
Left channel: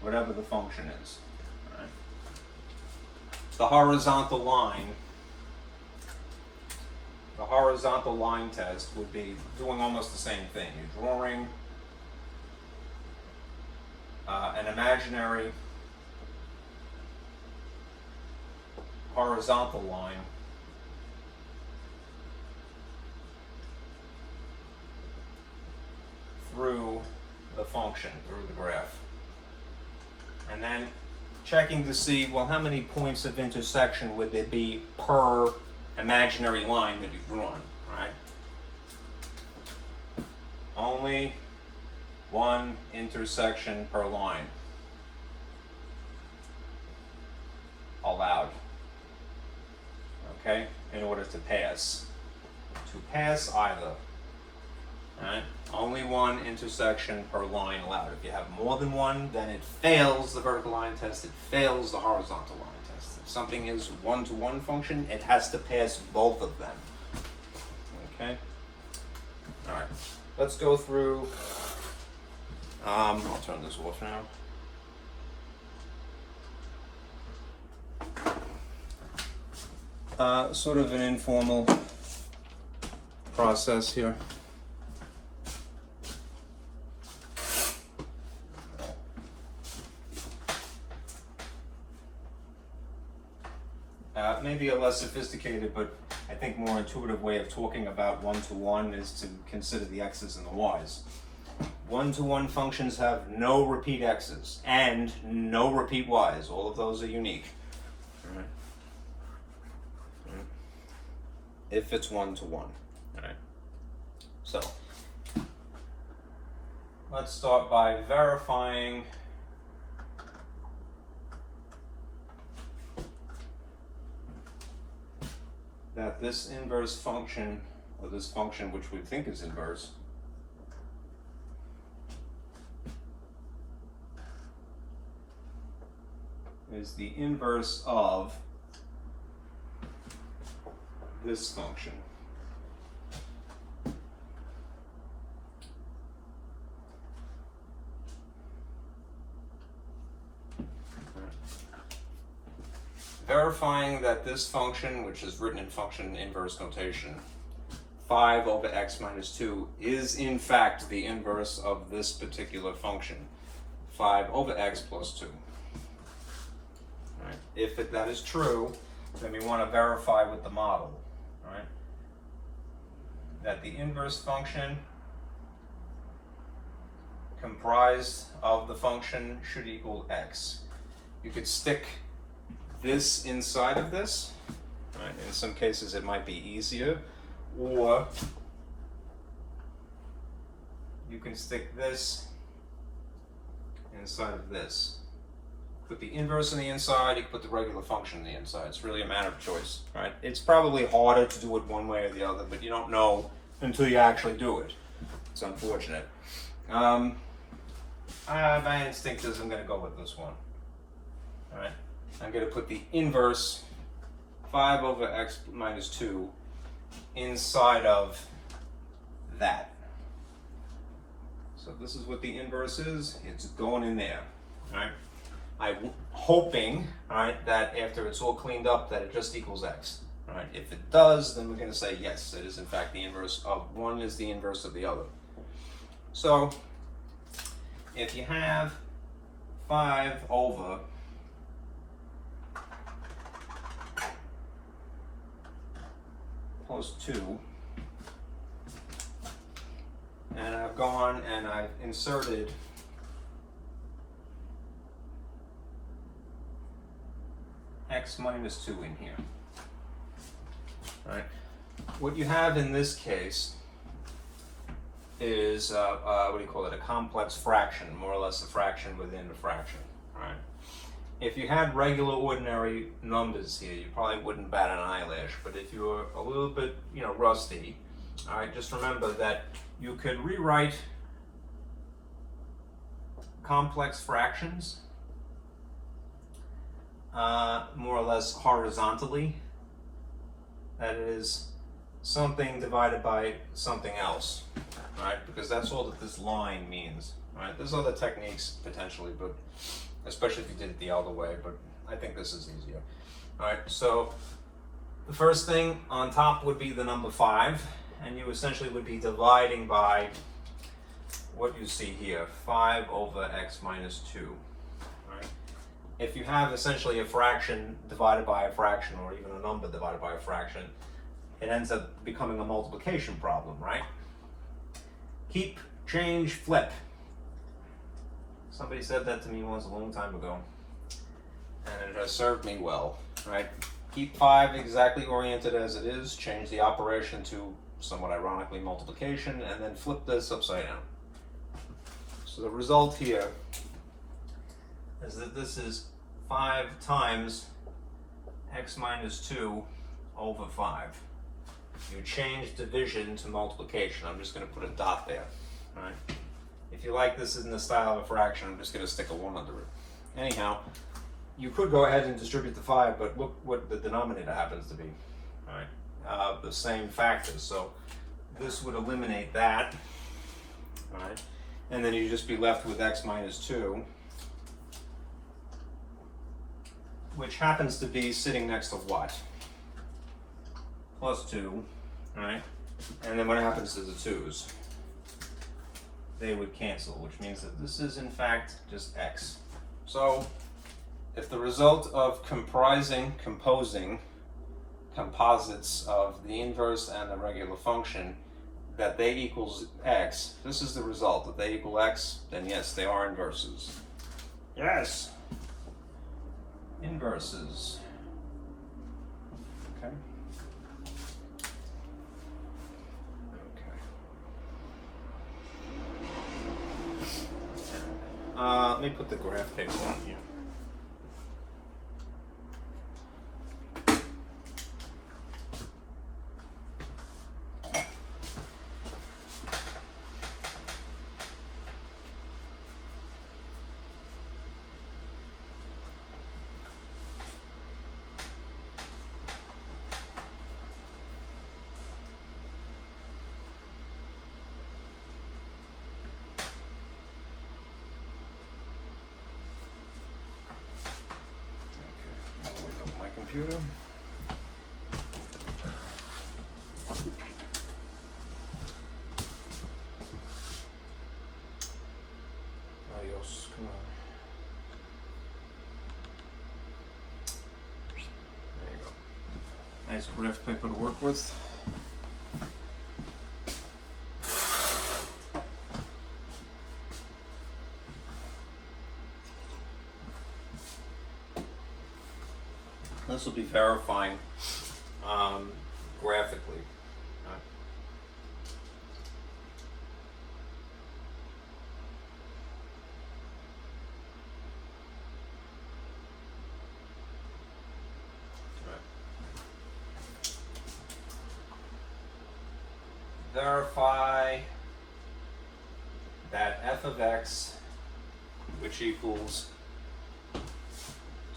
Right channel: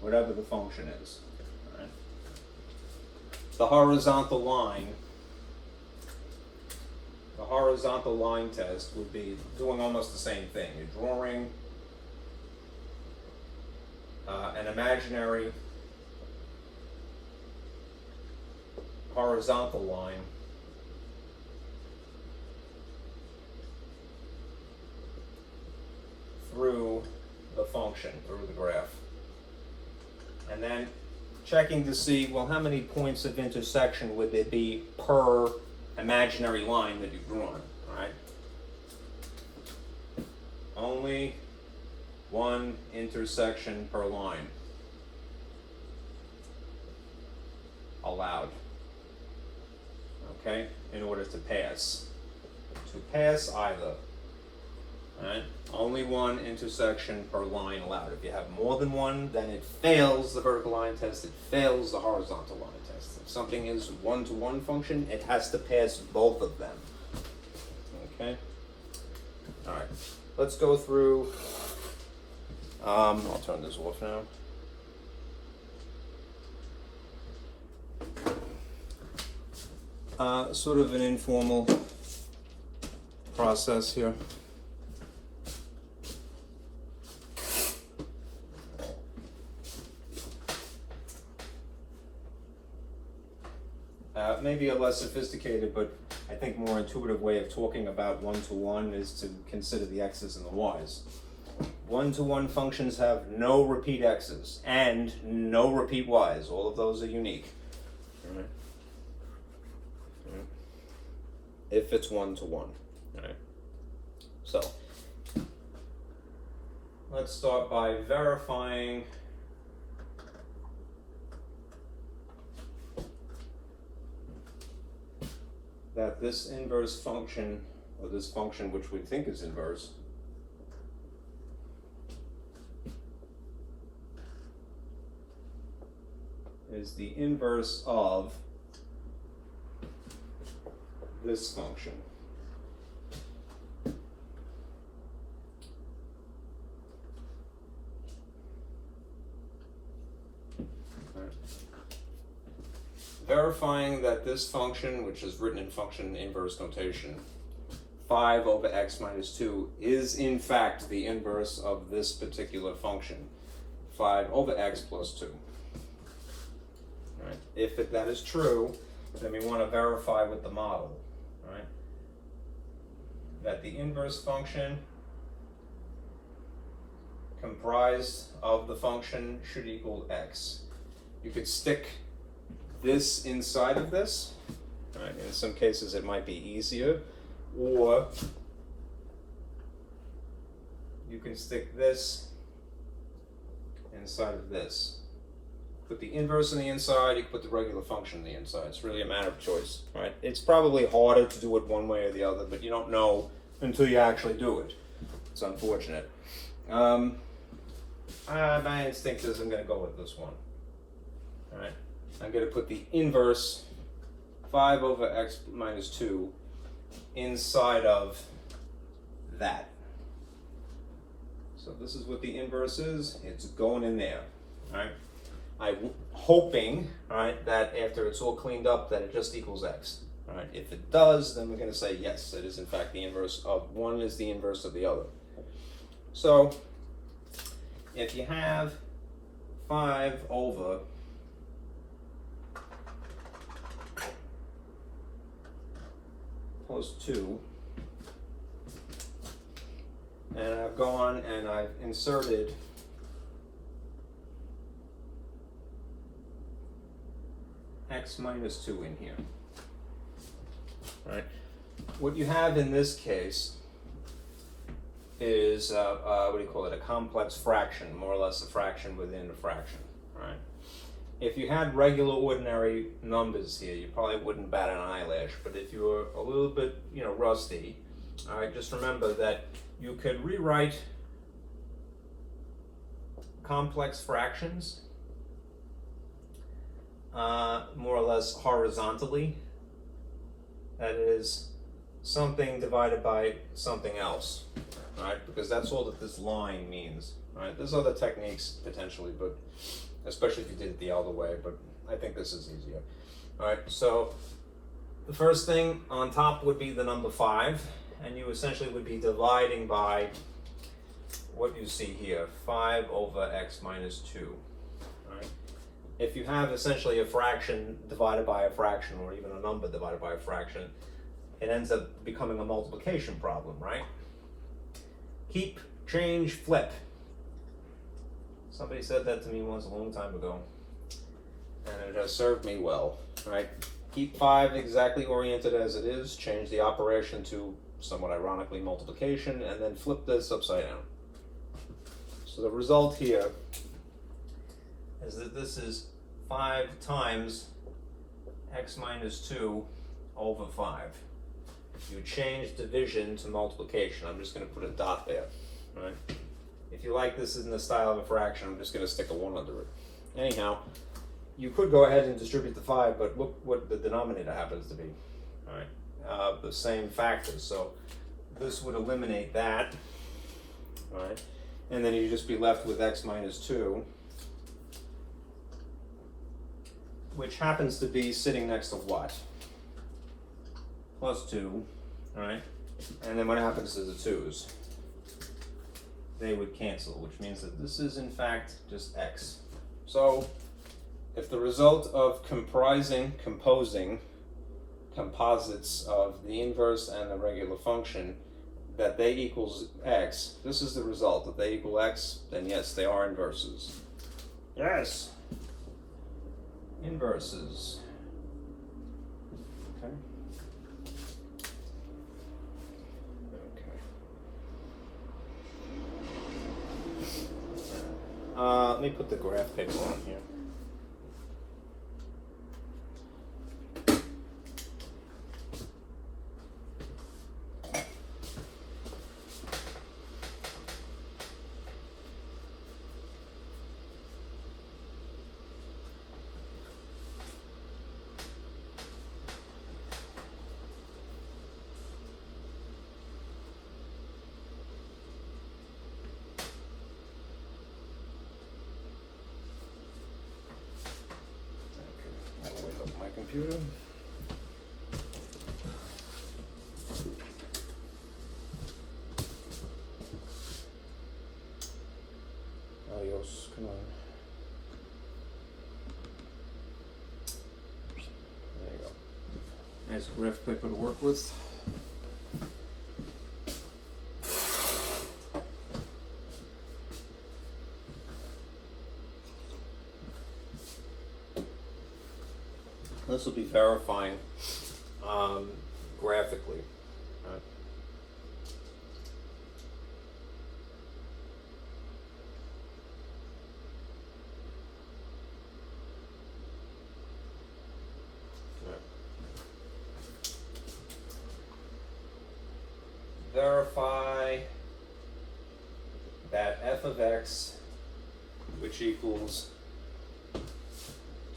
whatever the function is. Right? The horizontal line test would be doing almost the same thing. You're drawing an imaginary horizontal line through the function, through the graph. And then checking to see, well, how many points of intersection would there be per imaginary line that you've drawn, right? Only one intersection per line allowed, okay, in order to pass. To pass either, right? Only one intersection per line allowed. If you have more than one, then it fails the vertical line test, it fails the horizontal line test. If something is one-to-one function, it has to pass both of them. Okay? All right. Let's go through, I'll turn this off now. Sort of an informal process here. Maybe a less sophisticated, but I think more intuitive way of talking about one-to-one is to consider the x's and the y's. One-to-one functions have no repeat x's and no repeat y's. All of those are unique. All right. All right. If it's one-to-one. All right. So let's start by verifying that this inverse function, or this function which we think is inverse, is the inverse of this function. Verifying that this function, which is written in function inverse notation, 5 over x minus 2, is in fact the inverse of this particular function, 5 over x plus 2. Right. If that is true, then we want to verify with the model, right, that the inverse function comprised of the function should equal x. You could stick this inside of this, right? In some cases it might be easier, or you can stick this inside of this. Put the inverse on the inside, you can put the regular function on the inside. It's really a matter of choice, right? It's probably harder to do it one way or the other, but you don't know until you actually do it. It's unfortunate. My instinct is I'm going to go with this one. All right. I'm going to put the inverse 5 over x minus 2 inside of that. So this is what the inverse is. It's going in there. All right. I'm hoping, all right, that after it's all cleaned up that it just equals x. All right. If it does, then we're going to say yes, it is in fact the inverse of one is the inverse of the other. So if you have 5 over plus 2, and I've gone and I've inserted x minus 2 in here. Right? What you have in this case is, what do you call it, a complex fraction, more or less a fraction within a fraction. Right? If you had regular ordinary numbers here, you probably wouldn't bat an eyelash, but if you were a little bit, rusty, all right, just remember that you could rewrite complex fractions more or less horizontally. That is something divided by something else, right? Because that's all that this line means, right? There's other techniques potentially, but especially if you did it the other way, but I think this is easier. All right, so the first thing on top would be the number 5, and you essentially would be dividing by what you see here, 5 over x minus 2. Right? If you have essentially a fraction divided by a fraction, or even a number divided by a fraction, it ends up becoming a multiplication problem, right? Keep, change, flip. Somebody said that to me once a long time ago, and it has served me well, right? Keep 5 exactly oriented as it is, change the operation to, somewhat ironically, multiplication, and then flip this upside down. So the result here is that this is 5 times x minus 2 over 5. You change division to multiplication. I'm just going to put a dot there, right? If you like this in the style of a fraction, I'm just going to stick a 1 under it. Anyhow, you could go ahead and distribute the 5, but look what the denominator happens to be, right? The same factors, so this would eliminate that, right? And then you'd just be left with x minus 2, which happens to be sitting next to what? Plus 2, right? And then what happens to the 2's? They would cancel, which means that this is in fact just x. So if the result of composing composites of the inverse and the regular function, that they equals x, this is the result, that they equal x, then yes, they are inverses. Yes! Inverses. Okay. Let me put the graph paper on here. Computer. Adios, come on. There you go. Nice graph paper to work with. This will be verifying graphically. Right. Right. Verify that f of x, which equals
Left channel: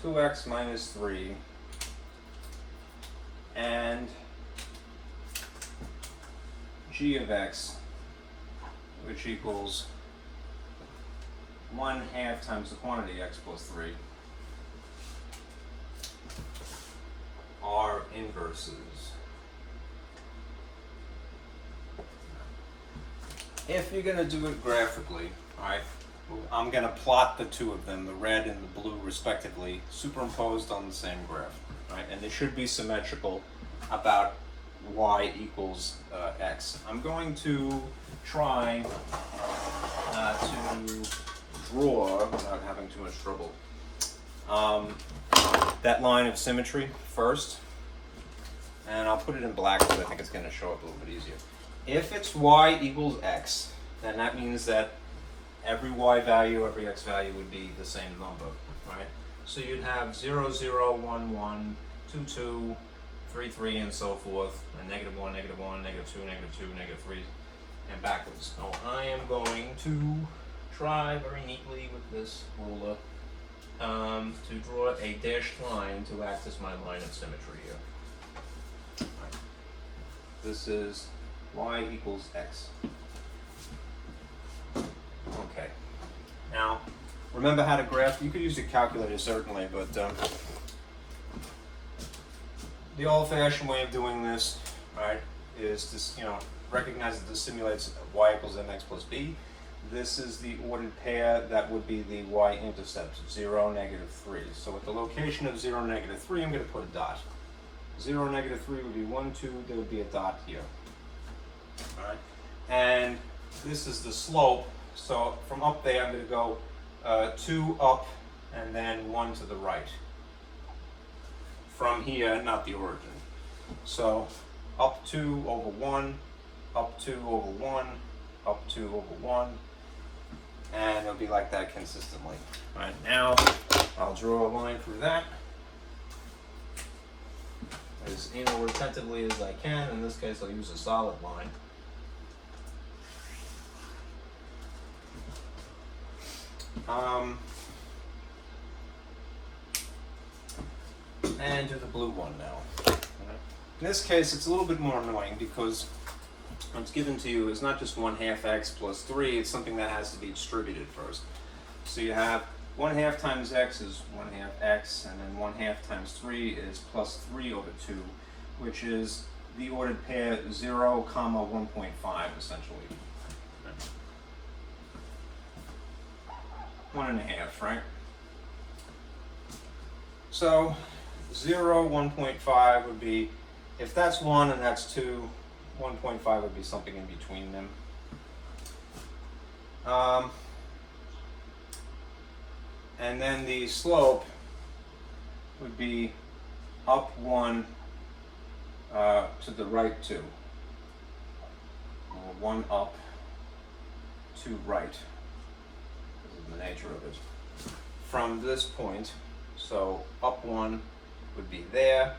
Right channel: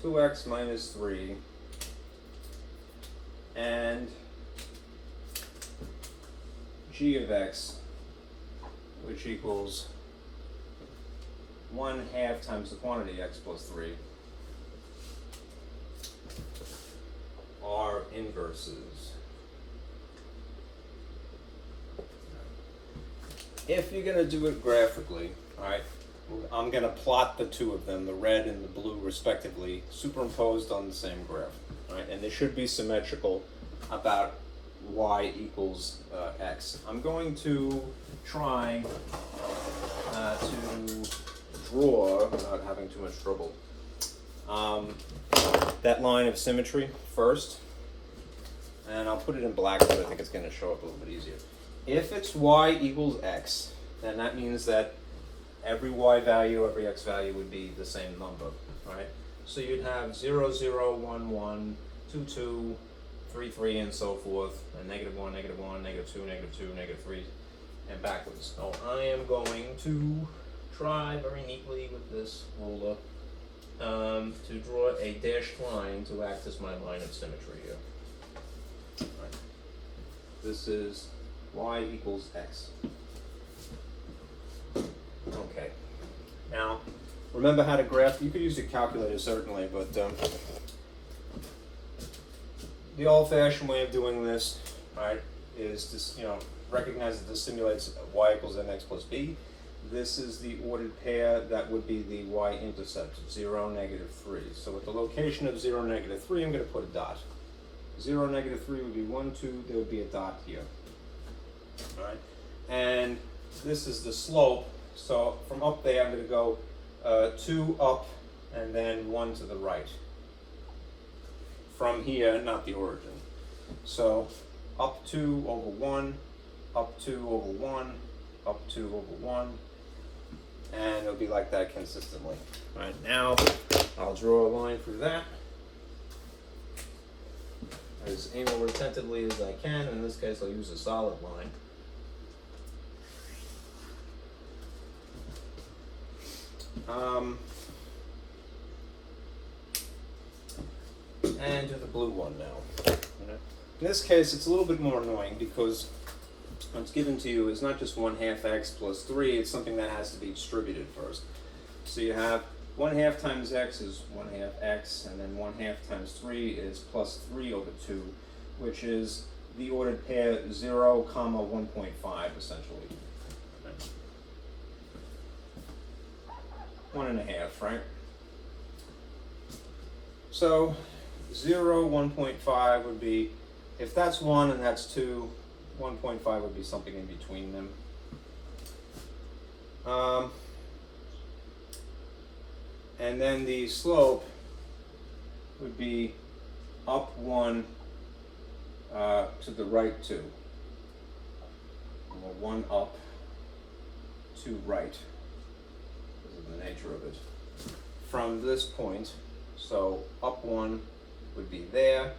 2x minus 3, and g of x, which equals 1/2 times the quantity x plus 3, are inverses. If you're going to do it graphically, all right, I'm going to plot the two of them, the red and the blue respectively, superimposed on the same graph. Right, and they should be symmetrical about y equals x. I'm going to try to draw, without having too much trouble, that line of symmetry first, and I'll put it in black because I think it's going to show up a little bit easier. If it's y equals x, then that means that every y value, every x value would be the same number, right? So you'd have 0, 0, 1, 1, 2, 2, 3, 3, and so forth, and -1, -1, -2, -2, -3, and backwards. So I am going to try very neatly with this ruler to draw a dashed line to act as my line of symmetry here. Right. This is y equals x. Okay. Now, remember how to graph. You could use a calculator certainly, but the old-fashioned way of doing this, right, is to recognize that this simulates y equals mx plus b. This is the ordered pair that would be the y-intercept, 0, -3. So at the location of 0, -3, I'm going to put a dot. 0, -3 would be 1, 2, there would be a dot here. All right, and this is the slope. So from up there, I'm going to go 2 up and then 1 to the right. From here, not the origin. So up 2 over 1, up 2 over 1, up 2 over 1, and it'll be like that consistently. All right, now I'll draw a line through that as anal retentively as I can. In this case, I'll use a solid line. And do the blue one now. In this case, it's a little bit more annoying because what's given to you is not just 1/2 x plus 3, it's something that has to be distributed first. So you have 1/2 times x is 1/2 x, and then 1/2 times 3 is plus 3 over 2, which is the ordered pair 0, 1.5 essentially. 1.5, right? So 0, 1.5 would be, if that's 1 and that's 2, 1.5 would be something in between them. And then the slope would be up 1 to the right 2. Or 1 up, 2 right. This is the nature of it. From this point, so up 1 would be there,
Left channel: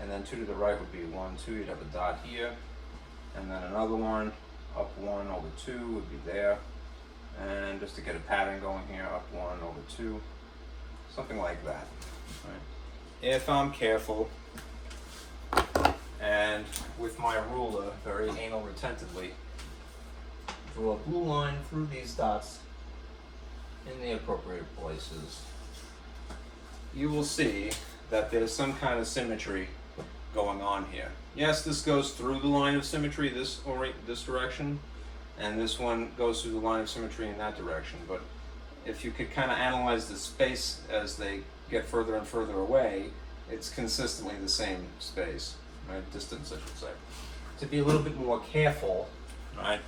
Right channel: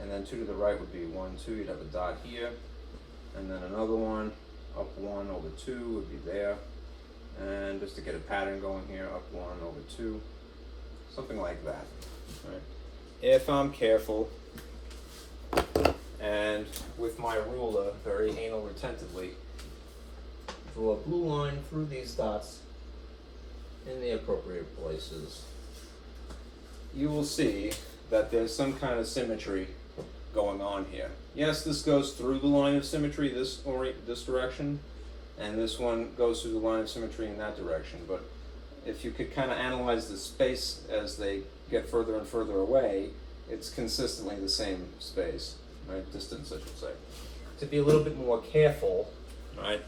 and then 2 to the right would be 1, 2, you'd have a dot here, and then another one, up 1 over 2 would be there, and just to get a pattern going here, up 1 over 2, something like that. Right. If I'm careful, and with my ruler, very anal retentively, draw a blue line through these dots in the appropriate places, you will see that there's some kind of symmetry going on here. Yes, this goes through the line of symmetry this direction, and this one goes through the line of symmetry in that direction. But if you could kind of analyze the space as they get further and further away, it's consistently the same space, right? Distance, I should say. To be a little bit more careful, right?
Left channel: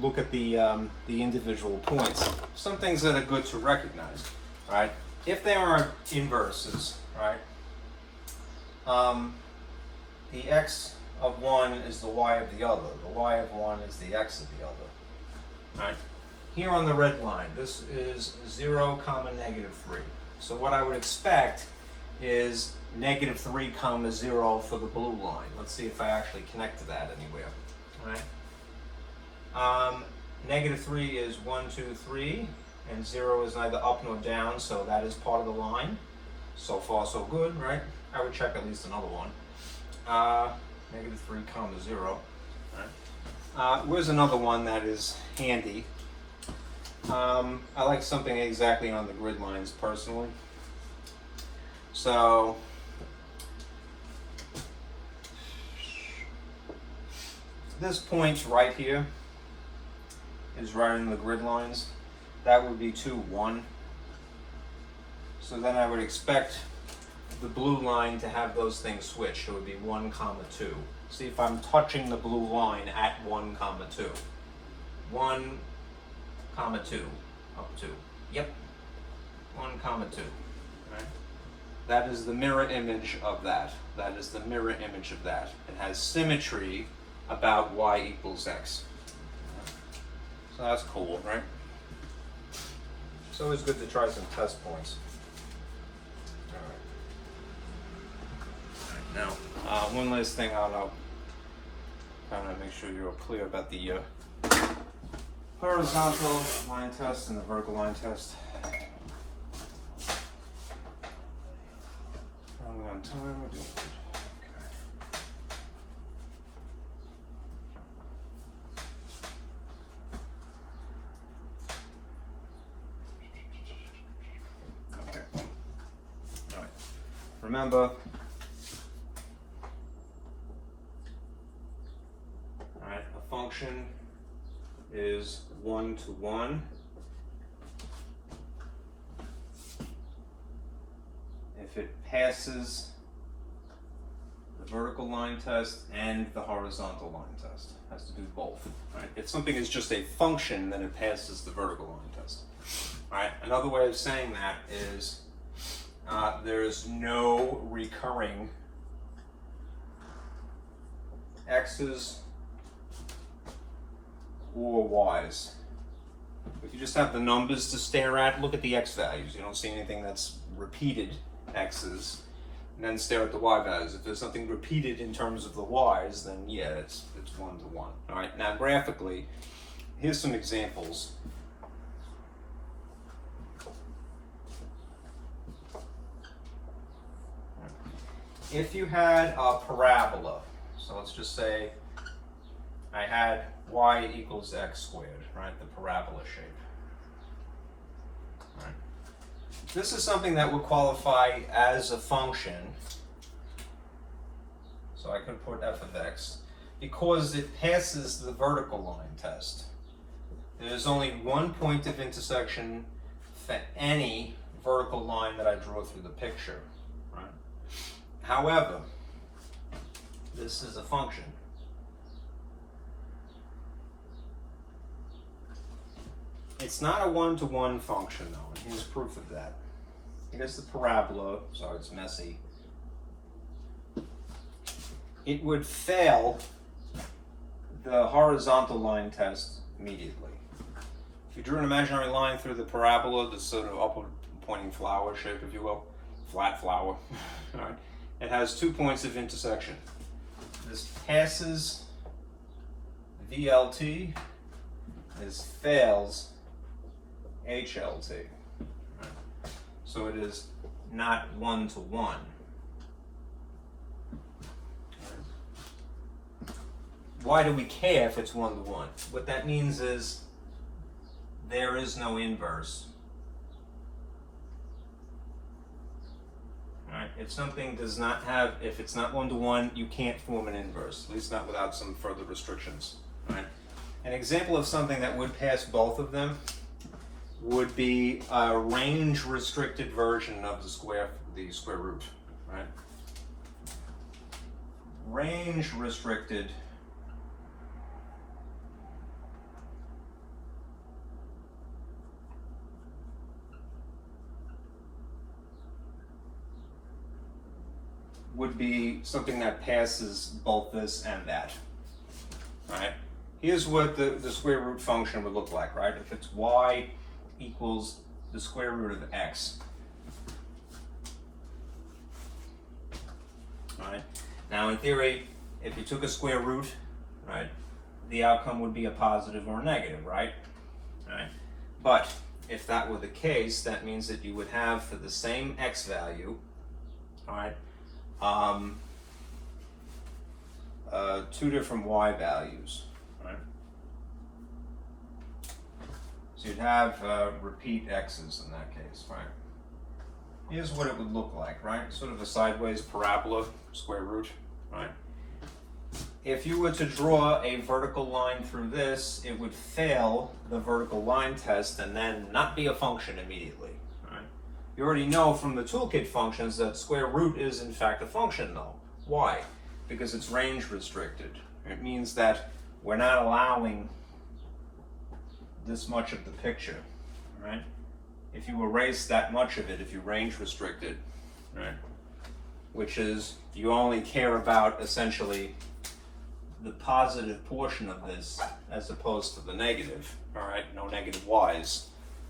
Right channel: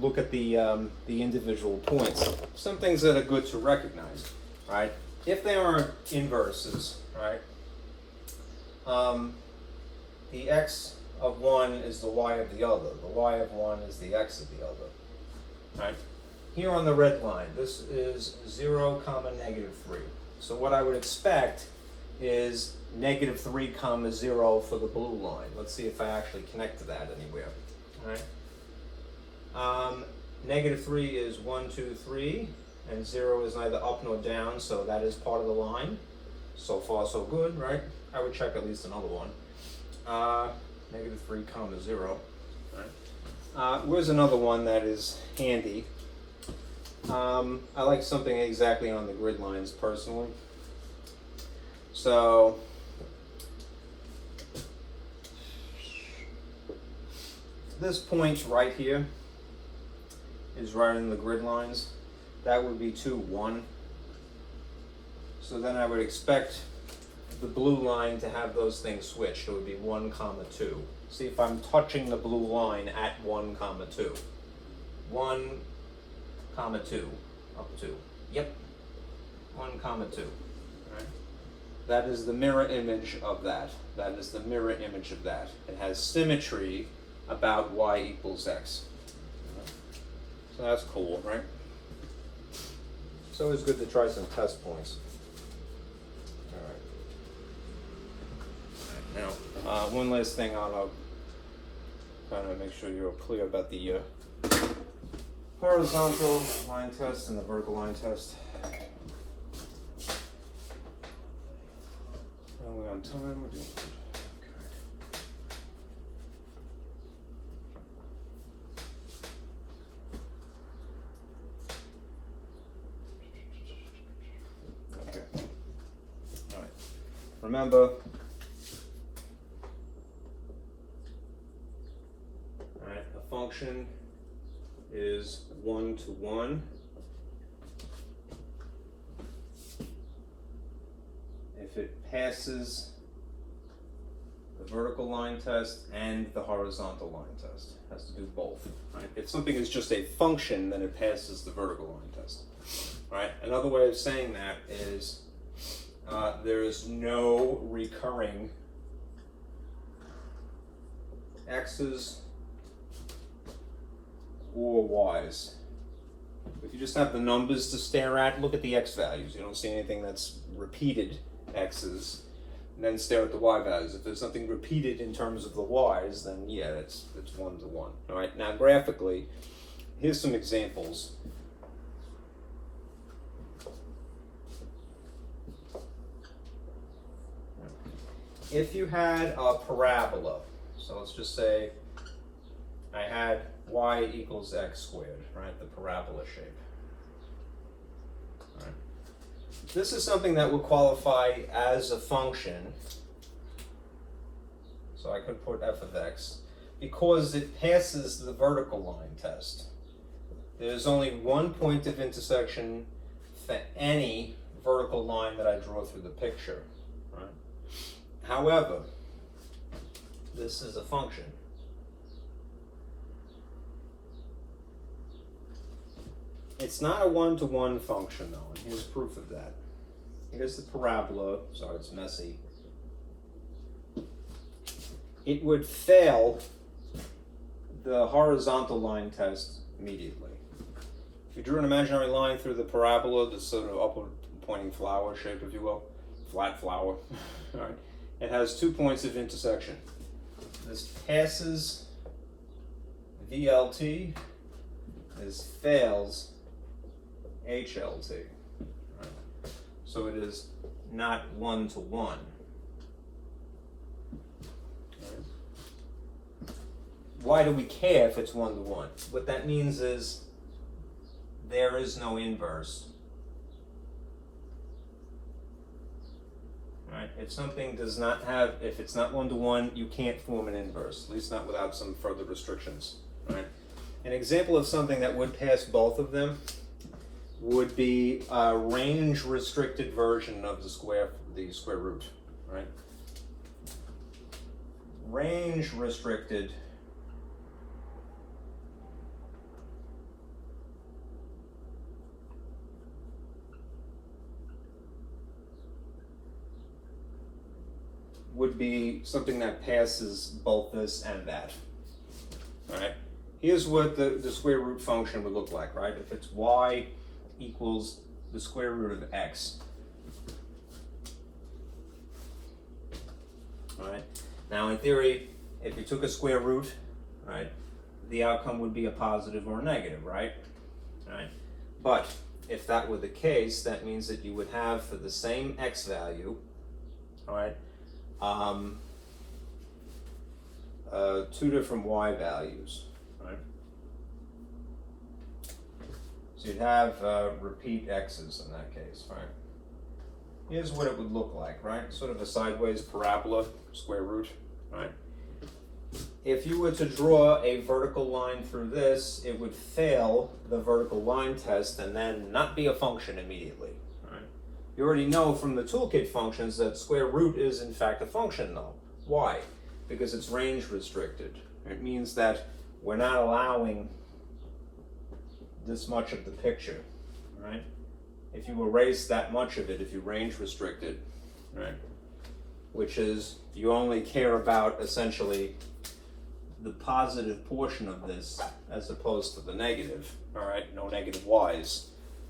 Look at the individual points. Some things that are good to recognize, right? If they aren't inverses, right? The x of one is the y of the other. The y of one is the x of the other, right? Here on the red line, this is 0, -3. So what I would expect is -3, 0 for the blue line. Let's see if I actually connect to that anywhere, right? -3 is 1, 2, 3, and 0 is neither up nor down, so that is part of the line. So far, so good, right? I would check at least another one. -3, 0. Right. Where's another one that is handy? I like something exactly on the grid lines personally. So this point right here is right in the grid lines. That would be 2, 1. So then I would expect the blue line to have those things switch. It would be 1, 2. See if I'm touching the blue line at 1, 2. 1, 2, up 2. Yep. 1, 2. That is the mirror image of that. That is the mirror image of that. It has symmetry about y equals x. So that's cool, right? It's always good to try some test points. All right. Now, one last thing I'll kind of make sure you're clear about the horizontal line test and the vertical line test. Are we on time? We're doing good. Okay. All right. Remember, all right, a function is 1 to 1 if it passes the vertical line test and the horizontal line test. It has to do both. Right? If something is just a function, then it passes the vertical line test. Right? Another way of saying that is there is no recurring x's or y's. If you just have the numbers to stare at, look at the x values. You don't see anything that's repeated x's, and then stare at the y values. If there's something repeated in terms of the y's, then yeah, it's 1 to 1. All right, now graphically, here's some examples. If you had a parabola, so let's just say I had y equals x squared, right? The parabola shape. Right. This is something that would qualify as a function. So I could put f of x because it passes the vertical line test. There's only one point of intersection for any vertical line that I draw through the picture. Right? However, this is a function. It's not a 1-to-1 function though, and here's proof of that. Here's the parabola, so it's messy. It would fail the horizontal line test immediately. If you drew an imaginary line through the parabola, the sort of upward pointing flower shape, if you will, flat flower, right? It has 2 points of intersection. This passes VLT, this fails HLT. Right? So it is not 1 to 1. Why do we care if it's 1 to 1? What that means is there is no inverse. Right? If something does not have, if it's not 1 to 1, you can't form an inverse, at least not without some further restrictions. Right? An example of something that would pass both of them would be a range-restricted version of the square root. Right? Range-restricted would be something that passes both this and that. Right? Here's what the square root function would look like, right? If it's y equals the square root of x. Right? Now in theory, if you took a square root, right, the outcome would be a positive or a negative, right? Right? But if that were the case, that means that you would have for the same x value, all right, 2 different y values, right? So you'd have repeat x's in that case, right? Here's what it would look like, right? Sort of a sideways parabola, square root, right? If you were to draw a vertical line through this, it would fail the vertical line test and then not be a function immediately, right? You already know from the Toolkit functions that square root is in fact a function though. Why? Because it's range restricted. It means that we're not allowing this much of the picture, right? If you erase that much of it, if you range restrict it, right? Which is, you only care about essentially the positive portion of this as opposed to the negative, all right? No negative y's,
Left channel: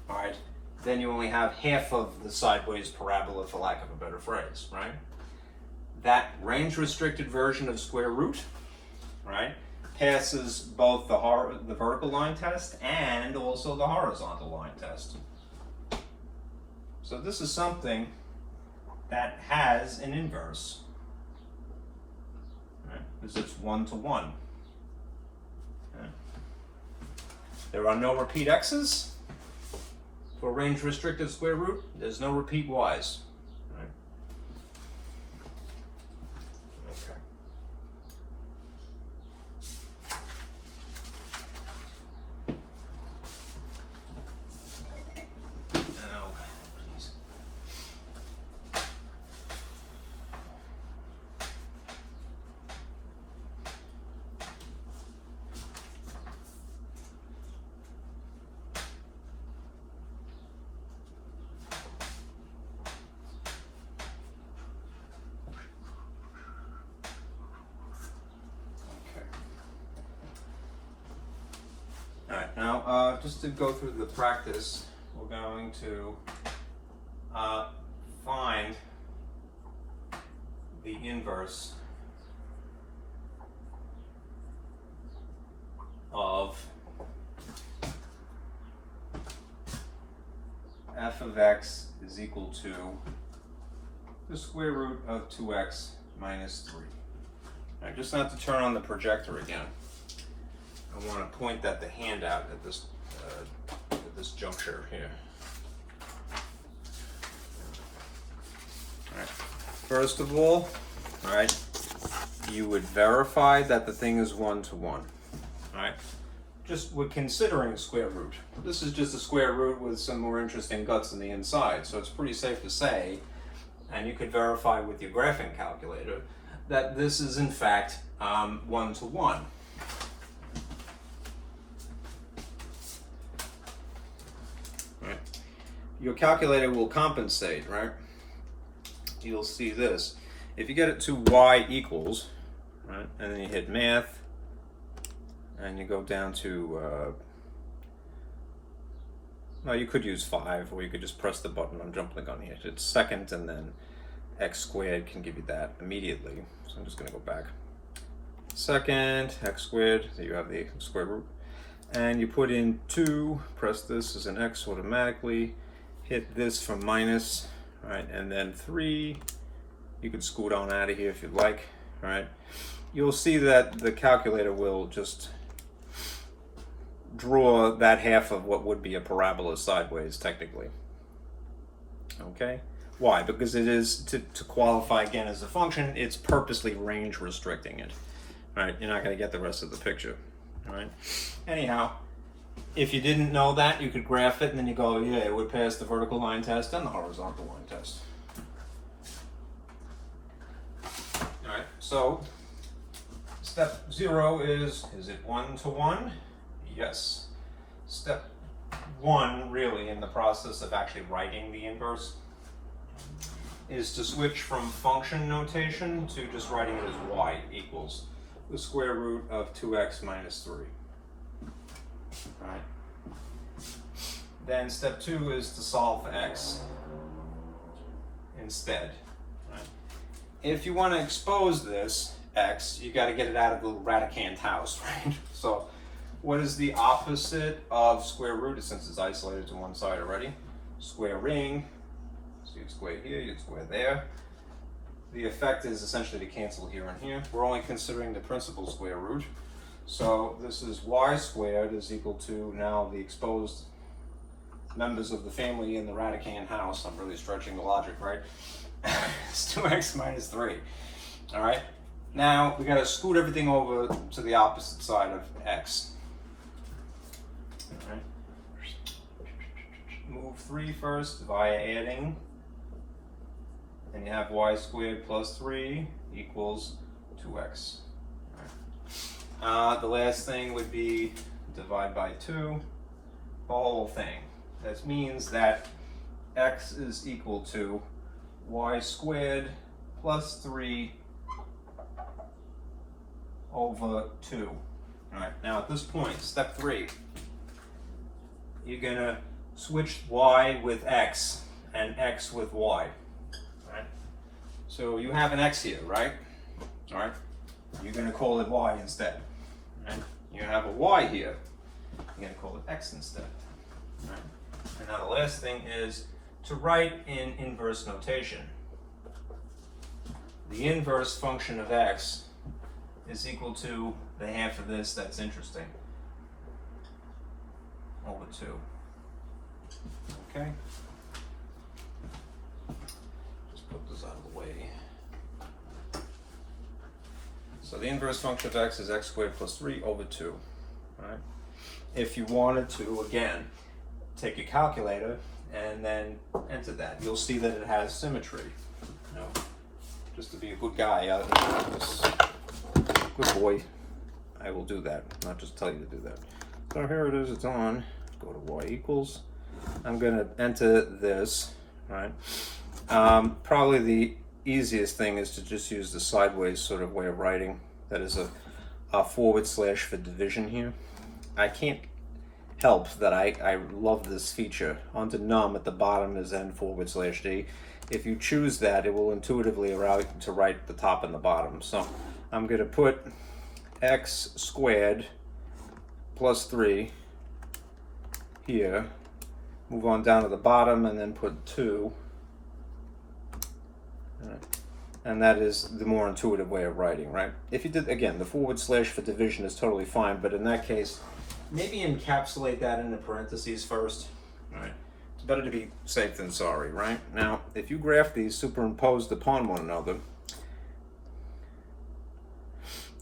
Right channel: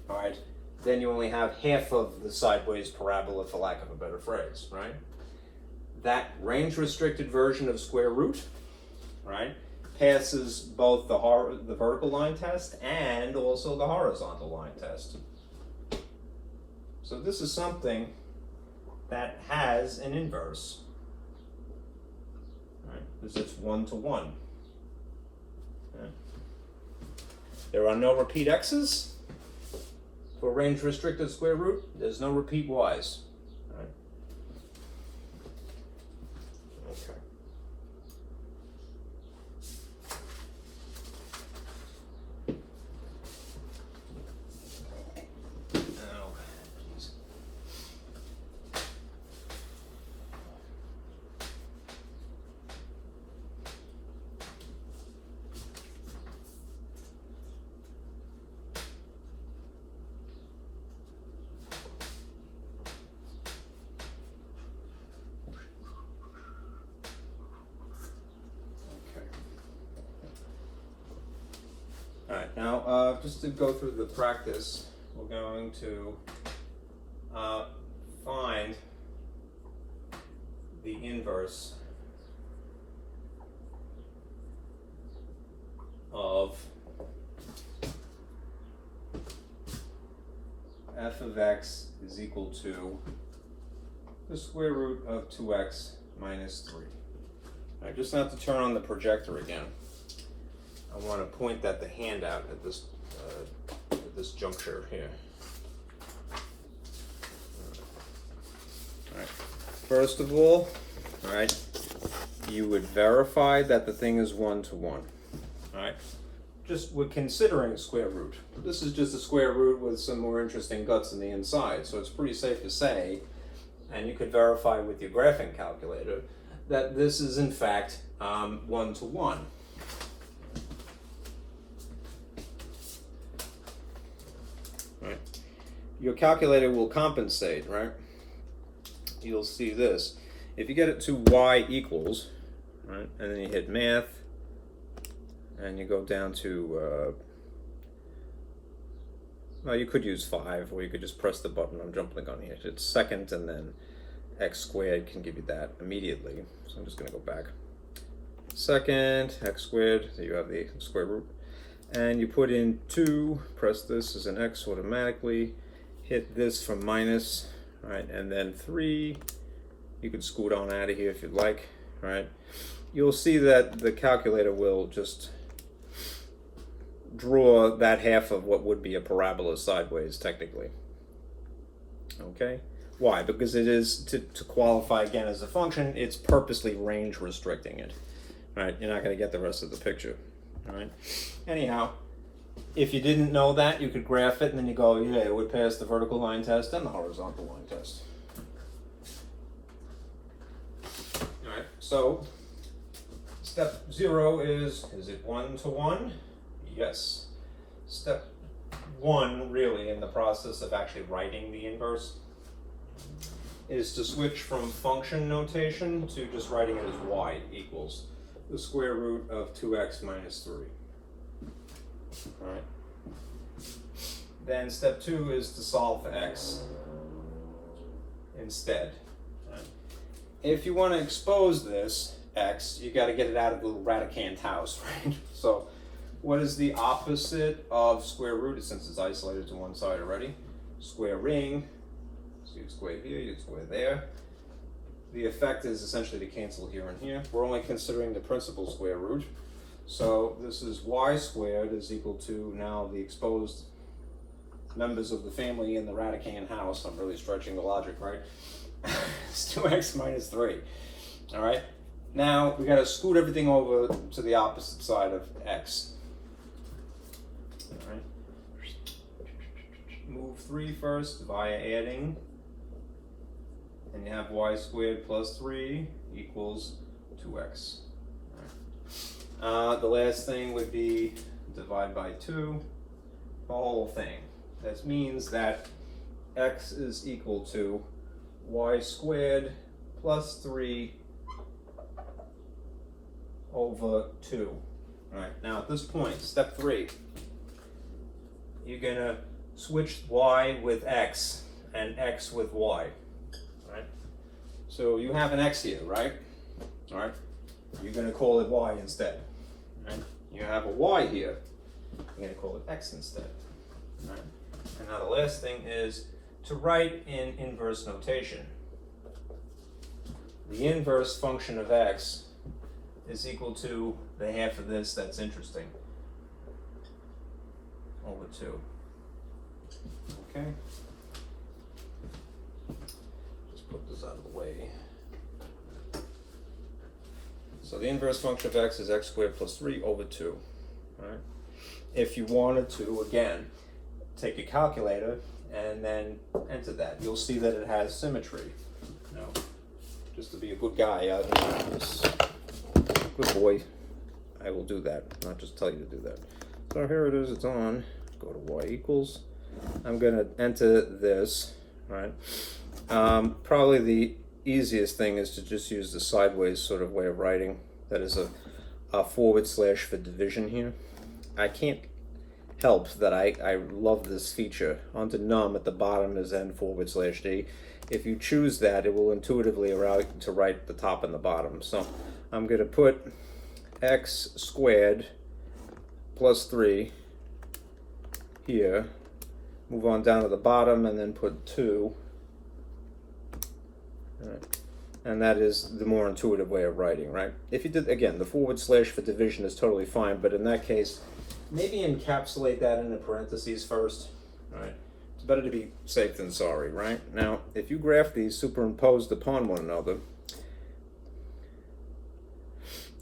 all right? Then you only have half of the sideways parabola, for lack of a better phrase, right? That range-restricted version of square root, right, passes both the vertical line test and also the horizontal line test. So this is something that has an inverse, right, because it's 1 to 1. Okay. There are no repeat x's for range-restricted square root. There's no repeat y's. Right? Okay. Alright, now just to go through the practice, we're going to find the inverse of f of x is equal to the square root of 2x minus 3. All right, just not to turn on the projector again. I want to point at the handout at this juncture here. All right. First of all right, you would verify that the thing is 1 to 1. All right. Just we're considering a square root. This is just a square root with some more interesting guts on the inside, so it's pretty safe to say, and you could verify with your graphing calculator, that this is in fact 1 to 1. Right. Your calculator will compensate, right? You'll see this. If you get it to y equals, right, and then you hit math, and you go down to, well, you could use 5, or you could just press the button on jumping on the edge. It's second, and then x squared can give you that immediately. So I'm just going to go back. Second, x squared, so you have the square root. And you put in 2, press this as an x automatically, hit this for minus, right, and then 3. You could scoot on out of here if you'd like, right? You'll see that the calculator will just draw that half of what would be a parabola sideways, technically. Okay? Why? Because it is, to qualify again as a function, it's purposely range restricting it. Right? You're not going to get the rest of the picture. All right? Anyhow, if you didn't know that, you could graph it, and then you go, yeah, it would pass the vertical line test and the horizontal line test. All right, so step 0 is it 1 to 1? Yes. Step 1, really, in the process of actually writing the inverse, is to switch from function notation to just writing it as y equals the square root of 2x minus 3. All right. Then step 2 is to solve for x instead. Right. If you want to expose this x, you got to get it out of the radicand house, right? So what is the opposite of square root, since it's isolated to one side already? Squaring. So you square here, you square there. The effect is essentially to cancel here and here. We're only considering the principal square root. So this is y squared is equal to now the exposed members of the family in the radicand house. I'm really stretching the logic, right? It's 2x minus 3. All right. Now we got to scoot everything over to the opposite side of x. All right. Move 3 first via adding. And you have y squared plus 3 equals 2x. All right. The last thing would be divide by 2, the whole thing. That means that x is equal to y squared plus 3 over 2. All right, now at this point, step 3, you're gonna switch y with x and x with y. All right, so you have an x here, right? All right, you're gonna call it y instead. All right, you have a y here, you're gonna call it x instead. All right, and now the last thing is to write in inverse notation. The inverse function of x is equal to the half of this that's interesting over 2. Okay? Just put this out of the way. So the inverse function of x is x squared plus 3 over 2. All right? If you wanted to, again, take a calculator and then enter that, you'll see that it has symmetry. Now, just to be a good guy, good boy, I will do that, not just tell you to do that. So here it is, it's on. Go to y equals. I'm going to enter this, right? Probably the easiest thing is to just use the sideways sort of way of writing. That is a forward slash for division here. I can't help that I love this feature. Onto num at the bottom is n forward slash d. If you choose that, it will intuitively allow you to write the top and the bottom. So I'm going to put x squared plus 3 here, move on down to the bottom, and then put 2. And that is the more intuitive way of writing, right? If you did, again, the forward slash for division is totally fine, but in that case, maybe encapsulate that in the parentheses first, right? It's better to be safe than sorry, right? Now, if you graph these superimposed upon one another,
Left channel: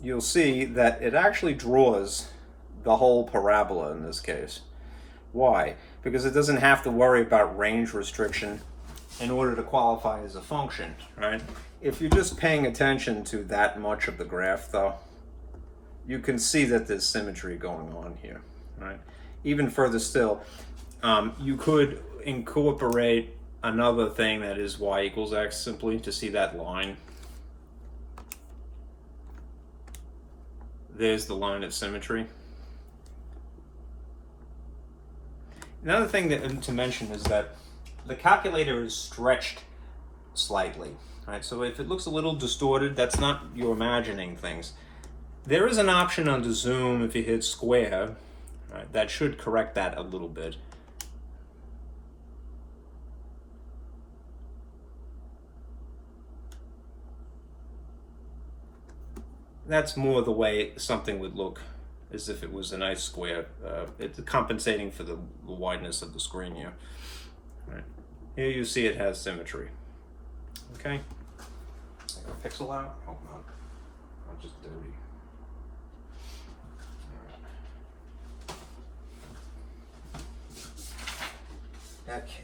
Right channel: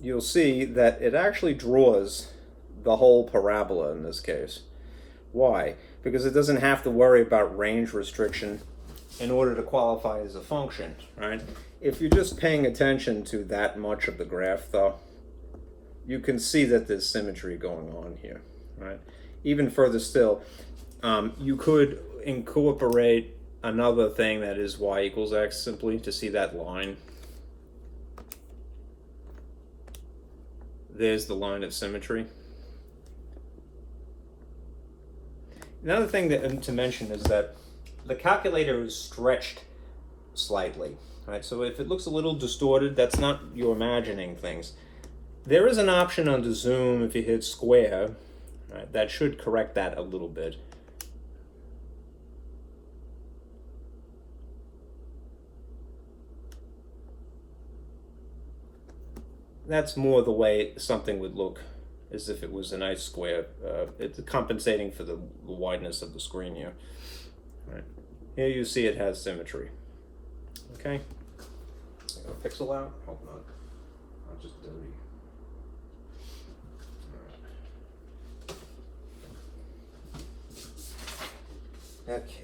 you'll see that it actually draws the whole parabola in this case. Why? Because it doesn't have to worry about range restriction in order to qualify as a function, right? If you're just paying attention to that much of the graph, though, you can see that there's symmetry going on here, right? Even further still, you could incorporate another thing that is y equals x simply to see that line. There's the line of symmetry. Another thing to mention is that the calculator is stretched slightly, right? So if it looks a little distorted, that's not you imagining things. There is an option under zoom if you hit square, right, that should correct that a little bit. That's more the way something would look as if it was a nice square. It's compensating for the wideness of the screen here. Right. Here you see it has symmetry. Okay. I got a pixel out? Hope not. I'm just dirty. All right. Okay.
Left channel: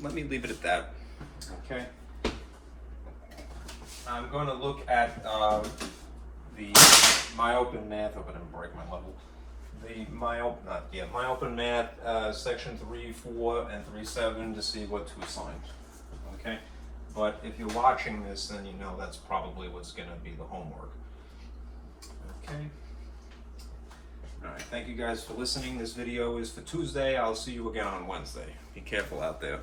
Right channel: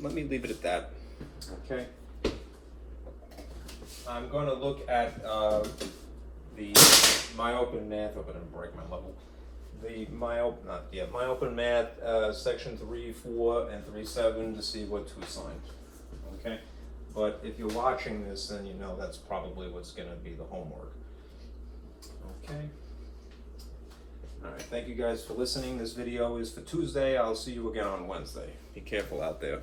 Let me leave it at that. Okay. I'm going to look at my open math. Hope I didn't break my level. My open math section 3, 4, and 3.7 to see what to assign. Okay. But if you're watching this, then you know that's probably what's going to be the homework. Okay. All right, thank you guys for listening. This video is for Tuesday. I'll see you again on Wednesday. Be careful out there.